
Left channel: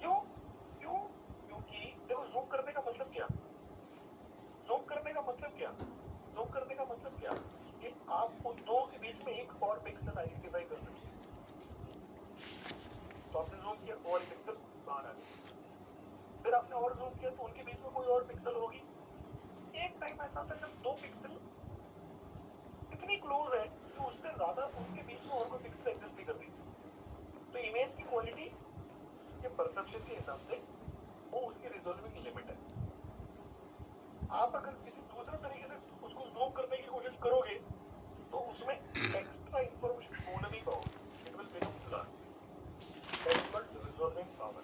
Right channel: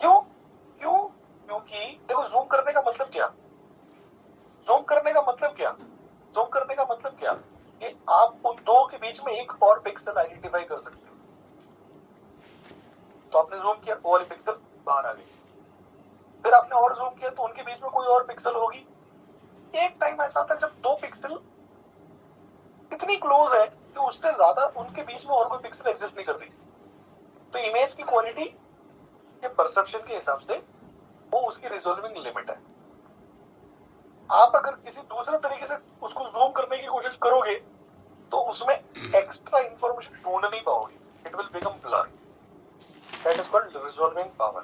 क्यों? क्योंकि देखो, जूम करने का मतलब क्या, जूम करने का मतलब क्या कि आप उन दो के बीच में एक और पिक्सल आइडेंटिफाई कर सकते हो। तो आपने जूम किया, वो वाली पिक्सल बाहर आ गई, फिर आपने और जूम किया तो उनके बीच में कोई और पिक्सल होगी। एक टाइम ऐसा था जब 2 पिक्सल इतनी क्लोज है कि उससे ज्यादा उनके बीच में और कोई पिक्सल एग्जिस्ट नहीं कर रही। तो इमेज की क्वालिटी के परसेप्शन के हिसाब से वो उसकी रिजॉल्विंग लिमिट है। आप अगर किसी दूसरे तरीके से उसको जूम करने की कोशिश करोगे तो उसमें एक्स्ट्रा इंफॉर्मेशन ढूंढ नहीं पाओगे, it will become blur. That is called resolving power.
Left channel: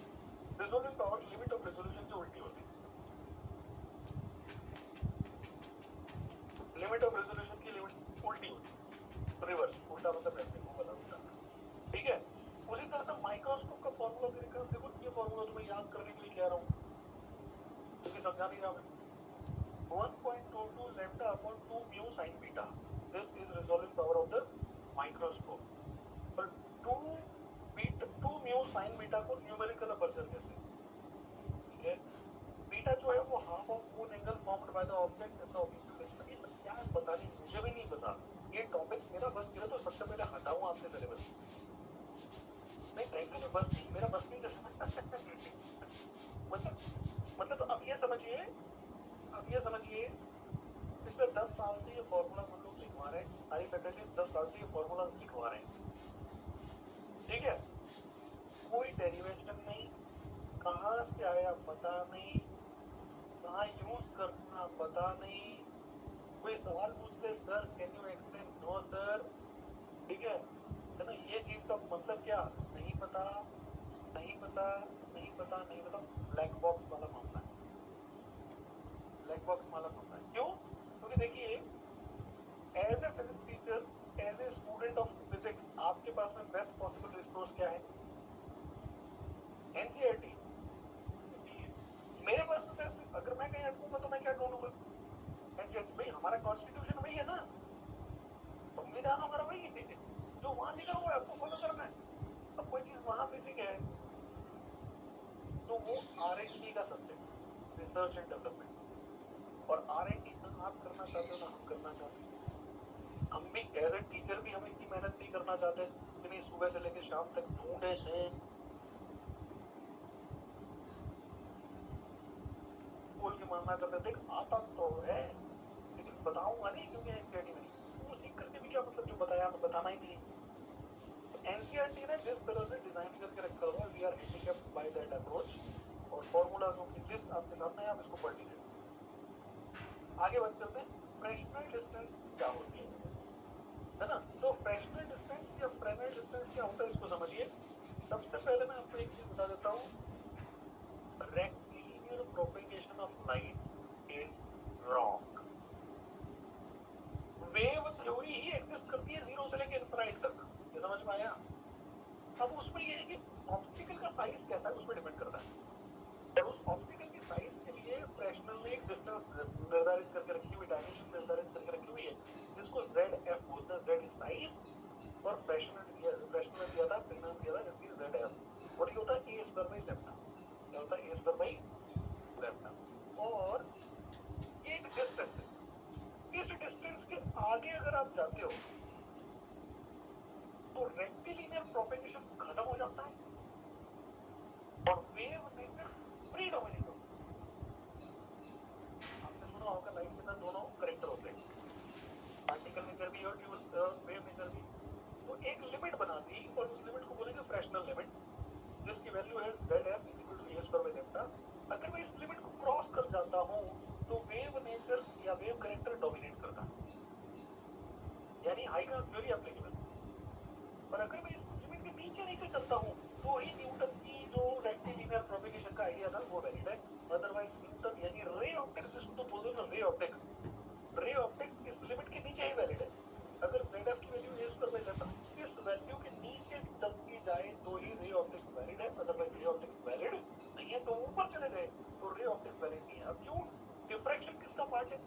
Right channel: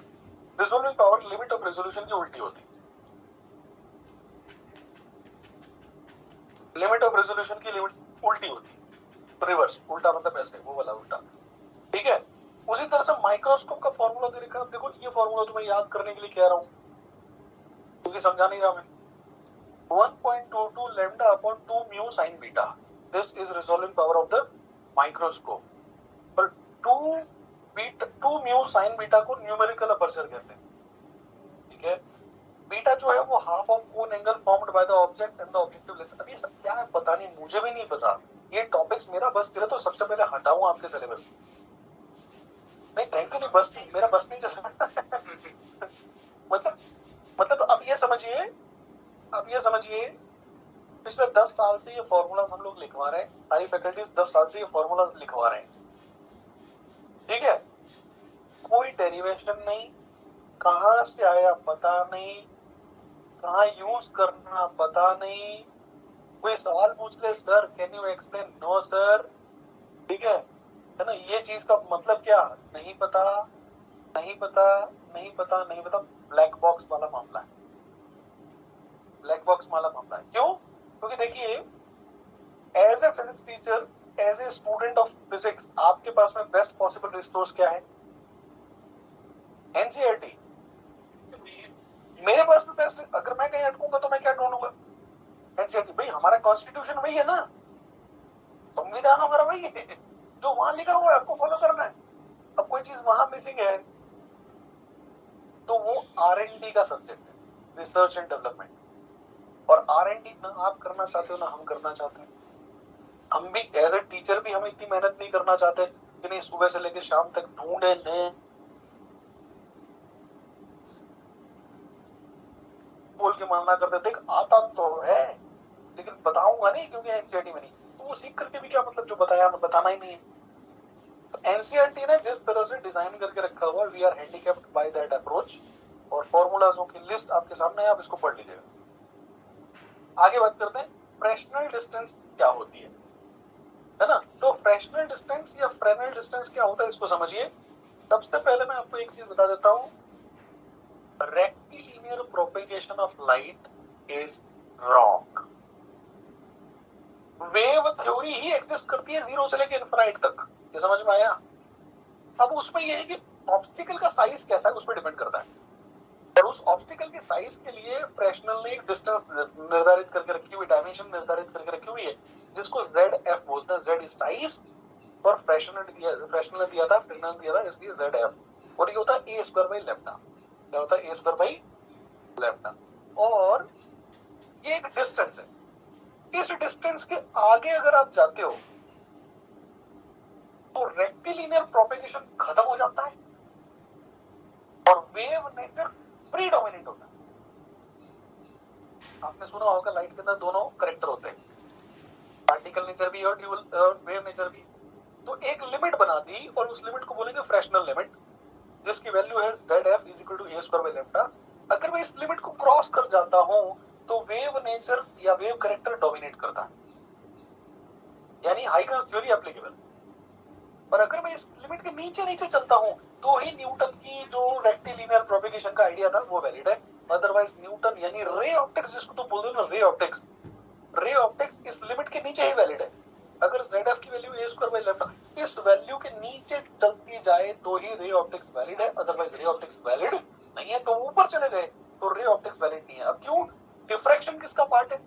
Resolving power limit of resolution की उल्टी होती है। लिमिट ऑफ रेजोल्यूशन की लिमिट उल्टी होती है, रिवर्स, उल्टा मतलब ऐसे, वो वाला उल्टा, ठीक है। उसी तरह से माइक्रोस्कोप का फॉर्मूला दे रखा है। देखो, ये फॉर्मूला तुम्हें याद करने के लिए कह रहा हूं क्योंकि समझा नहीं रहा मैं। 1.22 lambda upon 2 mu sin beta. This is resolving power of the microscope. पर 2 mu sin beta को न्यूमेरिकल अपर्चर कहते हैं, ठीक है। बीटा जो है वो half of cone angle formed by the object and the objective lens. अब ये सब क्या है पता नहीं, मुझे भी नहीं पता। ये टॉपिक्स मेरा बस चले तो सबसे पहले हटाऊं आपके सिलेबस। नहीं, थैंक यू, नहीं बस नहीं, मेरा बस नहीं चल रहा। मतलब अब ये समझिए पिछले 10 साल से ये फॉर्मूलाज हम लोग लिखवा रहे हैं, सारी फैकल्टीज 10 साल से ये फॉर्मूलाज लिखवा रहे हैं, ठीक है। कोई डेरिवेशन नहीं, कहां से आया पता नहीं, कहां यूज करना पता नहीं। कोई सवाल पूछ ले, sir can you explain, no sir, ठीक है ना। ये चीज का मतलब क्या, नहीं पता, नहीं पता, नहीं पता, नहीं पता। ब्लैक बॉक्स वाला मामला है, ब्लैक बॉक्स वाला मामला है। क्यों? क्योंकि देखिए, as a physics teacher, as a student of physics, आपके पास में बेस्ट पॉसिबल रिसोर्स क्या है? एनसीईआरटी। मेरे पास में बेस्ट, अगर मैं कहीं अटकूंगा तो मैं क्या ढूंढूंगा? एनसीईआरटी। भाई हमारा कॉन्स्टिट्यूशन वही है ना, संविधान हमारा वही है, जो वहां लिखा हुआ है आपको फॉलो करना है। अब कोई चीज वहां मिसिंग है तो वो R&D का सब्जेक्ट है, रिसर्च एंड डेवलपमेंट। और R&D ना आप करना चाहते हो ना हम करना चाहते हैं। हम भी एज ए टीचर भी हम इतनी मेहनत नहीं करना चाहते कि नहीं सुबह से लेकर शाम तक ढूंढे ले बोल के मानना करते। देख, आता तो है लेकिन बताऊंगा नहीं क्योंकि एनसीईआरटी में नहीं, तो वो सीख करके भी क्या मतलब, जो बताया हमें बताना ही नहीं है। एनसीईआरटी ने जिस तरह से डिजाइन करके रखा हुआ, we are handicapped by that approach. और फॉर्मूलाजों की लिस्ट आपके सामने है, आप इसको पढ़ लीजिएगा। आगे बात करते हैं, फ्रैक्शनल डिस्टेंस क्या होती है ना। तो फ्रैक्शनल डिस्टेंस या फ्रेनेल डिस्टेंस क्या होता है, इसको समझिए। सबसे पहले मैं आपको एक चीज बता देता हूं, rectilinear propagation of light is wrong. Wave theory he exist करती है 0 से लेकर इनफिनिट तक, ये समझ में आया? अब उसमें यह है कि ऑब्स्टिकल का साइज कैसा है उस पर डिपेंड करता है, और उस ऑब्स्टिकल के साइज के लिए फ्रैक्शनल ने एक डिस्टेंस निर्धारित करके रखी हुई, डायमेंशन निर्धारित करके रखी हुई है, जिसको ZF बोलते हैं। Z इज साइज, और फ्रैक्शनल ने दिया था, फ्रैक्शनल दिया था, इसलिए ZF। और ये होता है a² by लैम्डा। क्या होता है? a² by lambda. और ये एक डिस्टेंस है। इस डिस्टेंस के आगे अगर आप जाते हो तो रेक्टिलिनियर प्रोपेगेशन खत्म हो जाता है और वेव नेचर प्रीडोमिनेट होता है। आपने सुना होगा लाइट के अंदर दोनों करेक्टर होते हैं, पार्टिकल नेचर भी और वेव नेचर भी। तो एक लिमिट बना दी और उस लिमिट को बोलेंगे फ्रेशनल लिमिट, जिसकी वैल्यू है ZF = a²/λ। अगर मैं इस लिमिट को क्रॉस कर जाता हूं तो वेव नेचर या वेव करेक्टर डोमिनेट करता है, यानी हाइगन्स थ्योरी एप्लीकेबल। और अगर मैं इस लिमिट के नीचे नीचे चलता हूं तो ही न्यूटन की जो रेक्टिलिनियर प्रोपेगेशन का आइडिया था वो वैलिड है। अदरवाइज न्यूटन यानी रे ऑप्टिक्स जिसको तुम बोलते हो ना, रे ऑप्टिक्स इस लिमिट के नीचे ही वैलिड है। अगर ZF की वैल्यू a²/λ इस वैल्यू के नीचे चलती जाए तो ही रे ऑप्टिक्स वैलिड है, अदरवाइज रे ऑप्टिक्स वैलिड नहीं है। तो ऊपर चले गए तो रे ऑप्टिक्स वैलिड नहीं है। अब क्यों? डिफ्रैक्शन किसका पार्ट है?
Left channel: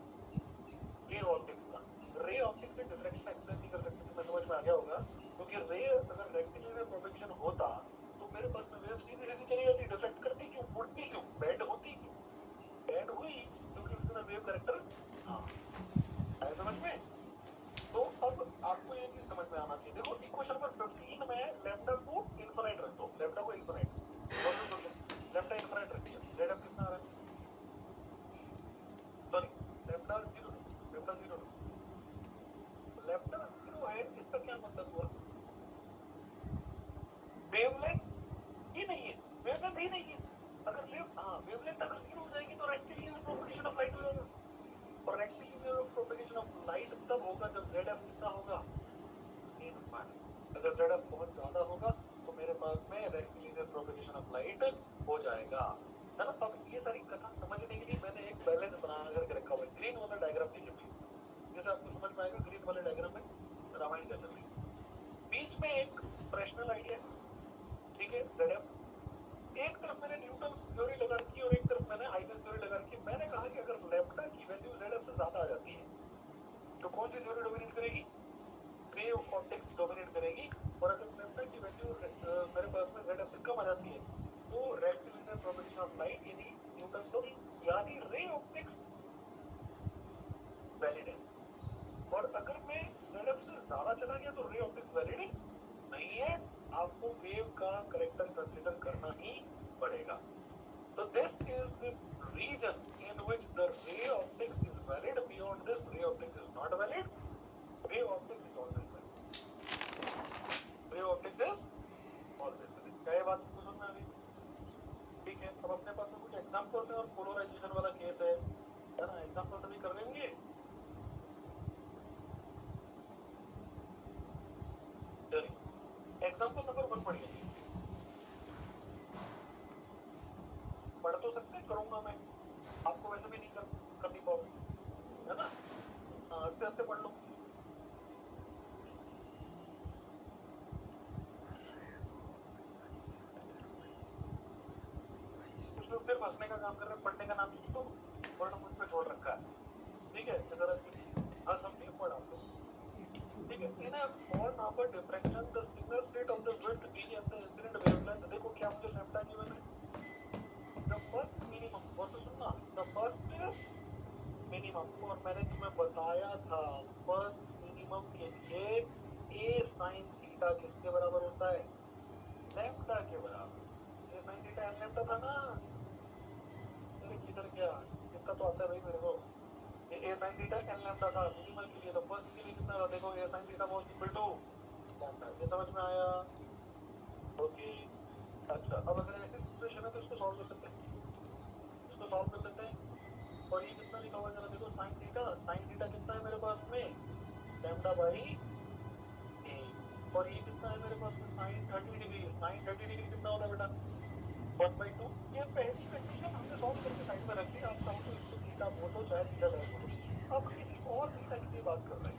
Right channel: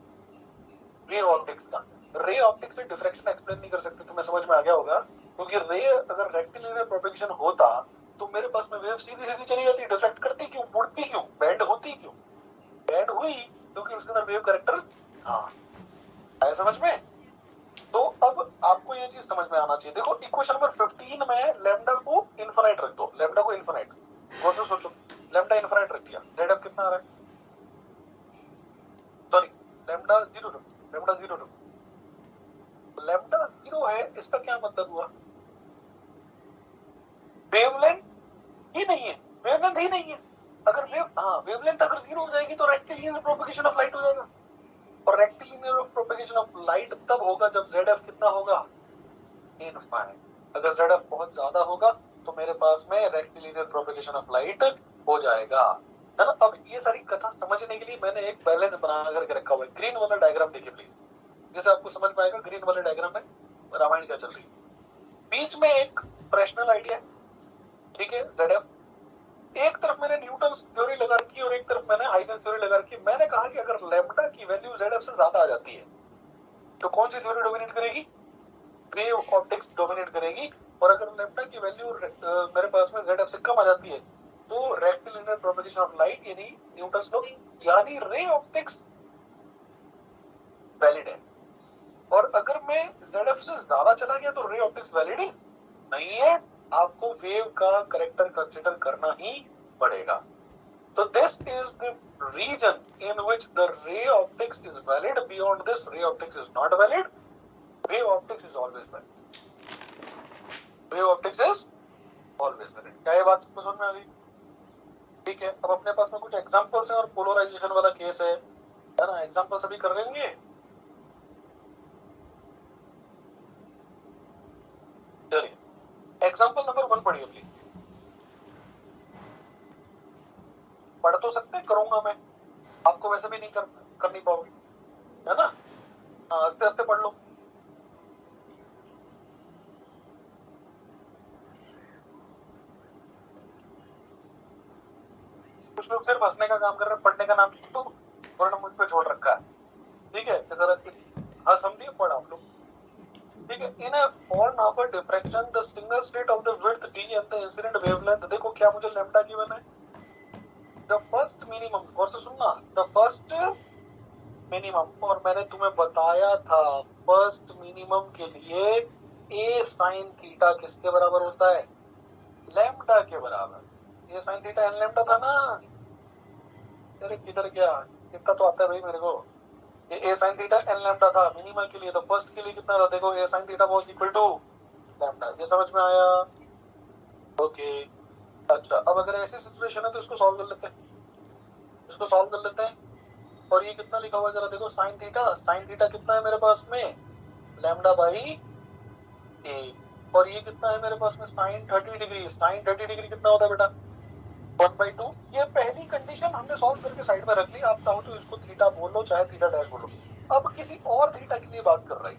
रे ऑप्टिक्स का। रे ऑप्टिक्स से डिफ्रैक्शन एक्सप्लेन नहीं कर सकते, तुम्हें समझ में आ गया होगा। क्योंकि रे अगर रेक्टिलिनियर प्रोपेगेशन होता तो मेरे पास में वेव सीधी सीधी चली जाती, डिफ्रैक्ट करती क्यों, मुड़ती क्यों, बेंड होती क्यों? बेंड हुई क्योंकि उसके अंदर वेव करेक्टर था। आया समझ में? तो अब आपको ये चीज समझ में आना चाहिए। देखो इक्वेशन नंबर 15 में लैम्डा को इनफिनाइट रख दो, लैम्डा को इनफिनाइट। वो तो सोचो, लैम्डा इनफिनाइट रख दिया, ZF कितना आ रहा है? सॉरी, लैम्डा 0 लैम्डा 0 है। इसका क्या मतलब हुआ? वेवलेंथ ही नहीं है, वेवलेंथ ही नहीं है। अगर वेवलेंथ अगर 0 हो जाएगी तो रेक्टिलिनियर प्रोपेगेशन ऑफ लाइट हो जाएगा। और रेक्टिलिनियर प्रोपेगेशन ऑफ लाइट तब होगा जब ZF कितना होगा? इनफाइनाइट। अगर ZF बहुत ज्यादा होगा तो मेरे पास में रेक्टिलिनियर प्रोपेगेशन ऑफ लाइट हो जाएगा, है ना। अब ये सारी कथा समझने के लिए मैंने एक बैलेंस बना करके रखा हुआ है। ग्रीन वाला डायग्राम देखिए प्लीज, जिससे आपको समझ में आएगा ग्रीन वाले डायग्राम में रामायण क्या चल रही है। बीच में एक फ्रेशनल आइडिया, ठीक है, ZF। एक तरफ मैंने न्यूटन थ्योरी लगा रखी और एक तरफ मैंने हाइगन्स थ्योरी लगा रखी। मैंने कहा कि अगर लैम्डा की वैल्यू ZF से ज्यादा आ जाती है तो कौन सी थ्योरी डोमिनेट करेगी? वेव ऑप्टिक्स डोमिनेट करेगी। और अगर लैम्डा की वैल्यू मेरे पास में ZF से कम आ जाती है तो रेक्टिलिनियर प्रोपेगेशन ऑफ लाइट यानी न्यूटन्स लॉ यानी रे ऑप्टिक्स वैलिड है। और अगर मैं ZF से ज्यादा चला गया तो रे ऑप्टिक्स वैलिड नहीं है, आपको वेव का करेक्टर कंसीडर करना ही पड़ेगा। तो this is the reason in which the ray optics is valid, beyond this ray optics is not valid. Wave optics is always valid, wave optics is always valid. क्या ये बात समझ में आ गई? ठीक है, अब अपने पास में कुछ एग्जांपल्स हैं और पोलराइजेशन वाला केस है ना। एग्जांपल सभी कर लेंगे। चलिए एग्जांपल नंबर 1 पढ़िए प्लीज। पढ़ तो सकते, करूंगा मैं, आपको वैसे भी नहीं कर नहीं पाओगे, है ना। आस्ते आस्ते पढ़ लो। कुछ लोग सिर्फ हंसने का काम कर रहे हैं, पढ़ने का नाम तो वर्ण मुझ पे छोड़ रखा है। ठीक है, जरा हंस हम दिए, पढ़ आप लोग। ठीक है, in a form of a diffraction the single state of the width d and the incident wavelength. देखो क्या मुझे लैम्डा गिवन है। द फर्स्ट मिनिमम, और से सुनना, द फर्स्ट मिनिमम, और मैंने तुम्हें बताया था फर्स्ट मिनिमम के लिए a sin थीटा किसके बराबर होता है? लैम्डा के बराबर। a sin theta n lambda था ना। अरे किधर गया, कितना तो आता है भाई मेरे को। ये a sin theta n lambda था मिनिमम के लिए। तो फर्स्ट के लिए कितना था? देखो a sin theta was equal to lambda. ये समझ में आया? ओके। अच्छा, अब अगर ऐसी सिचुएशन है तो इसको सॉल्व कर लेते हैं, इसको सॉल्व कर लेते हैं। और ये कितना लिखा हुआ है जरा देखो, sin थीटा कितना है मेरे पास में? Lambda by a। और ये कितना है मेरे पास में? sin 30 degree. sin 30 डिग्री कितना होता है बेटा? 1/2। ये पहली कंडीशन हमने सॉल्व करके साइड में रख ली। आप चाहो तो इसको थीटा बोलो, चाहे थीटा डैश बोलो। अब किसी और थीटा के लिए बात कर रही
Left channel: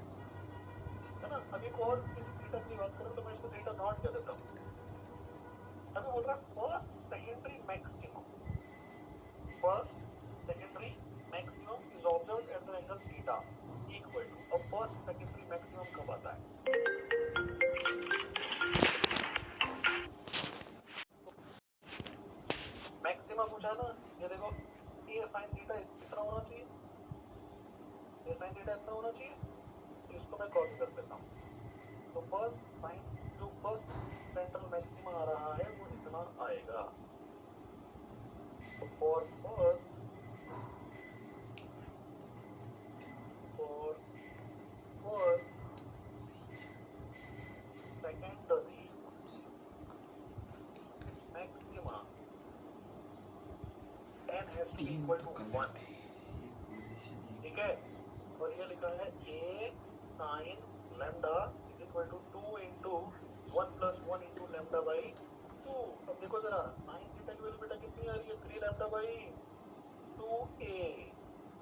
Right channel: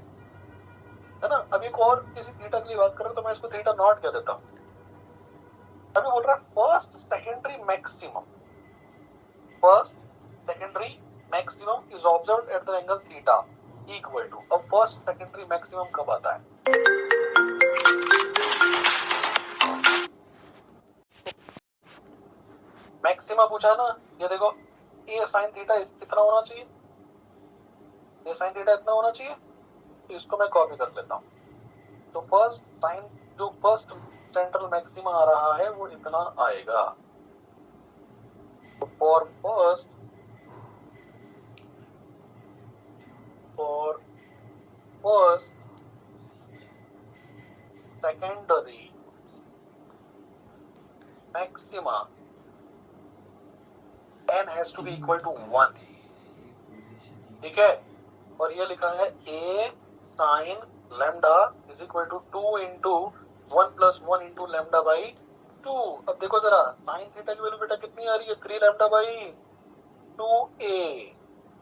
है ना। अब एक और किसी थीटा के लिए बात कर रहे हो तो मैं इसको थीटा नॉट कह देता हूँ। अभी बोल रहा है first secondary maximum is observed at the angle theta equal to. अब फर्स्ट सेकेंडरी मैक्सिमम कब आता है? मैक्सिमा पूछा ना, ये देखो ए साइन थीटा इतना होना चाहिए, ए साइन थीटा इतना होना चाहिए, तो इसको मैं कॉपी कर लेता हूँ। तो फर्स्ट साइन, जो फर्स्ट सेंट्रल मैक्सिमा आ रहा है वो इतना आएगा। तो for first secondary maxima n has to be equal to 1, ठीक है। और ये लिखा है a sine lambda is equal to 2 into 1 plus 1 into lambda by 2। अब देखो जरा साइन थीटा की वैल्यू बेटा कितनी आ रही है, 3 लैम्डा बाई 2a।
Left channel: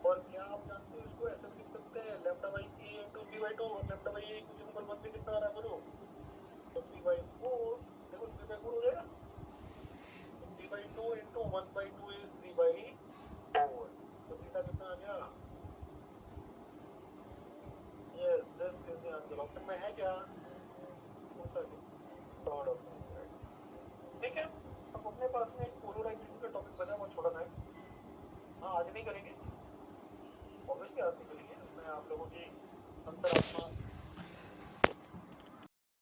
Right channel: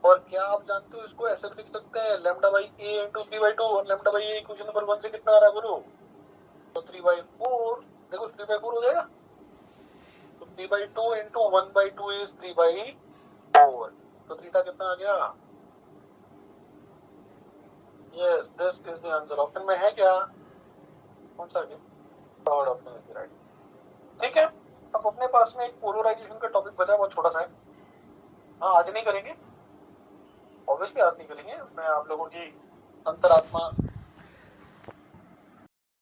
और क्या आप जानते हो इसको ऐसे भी लिख सकते हैं, lambda by a into 3 by 2, और lambda by a equation number 1 से कितना आ रहा है बोलो, तो 3 बाई 4। देखो 3 बाई 4 हो जाएगा, तो 3 by 2 into 1 by 2 is 3 by 4। तो थीटा कितना आ गया, yes this is the answer. Option में है क्या, कौन सा है, थर्ड ऑप्शन इज राइट, ठीक है। अब अपने पास में एक पोलराइजेशन का टॉपिक बचा, बहुत छोटा सा है। हाँ आज नहीं करेंगे, ऑब्वियसली आज नहीं करेंगे, मैं आप लोगों की अंतरात्मा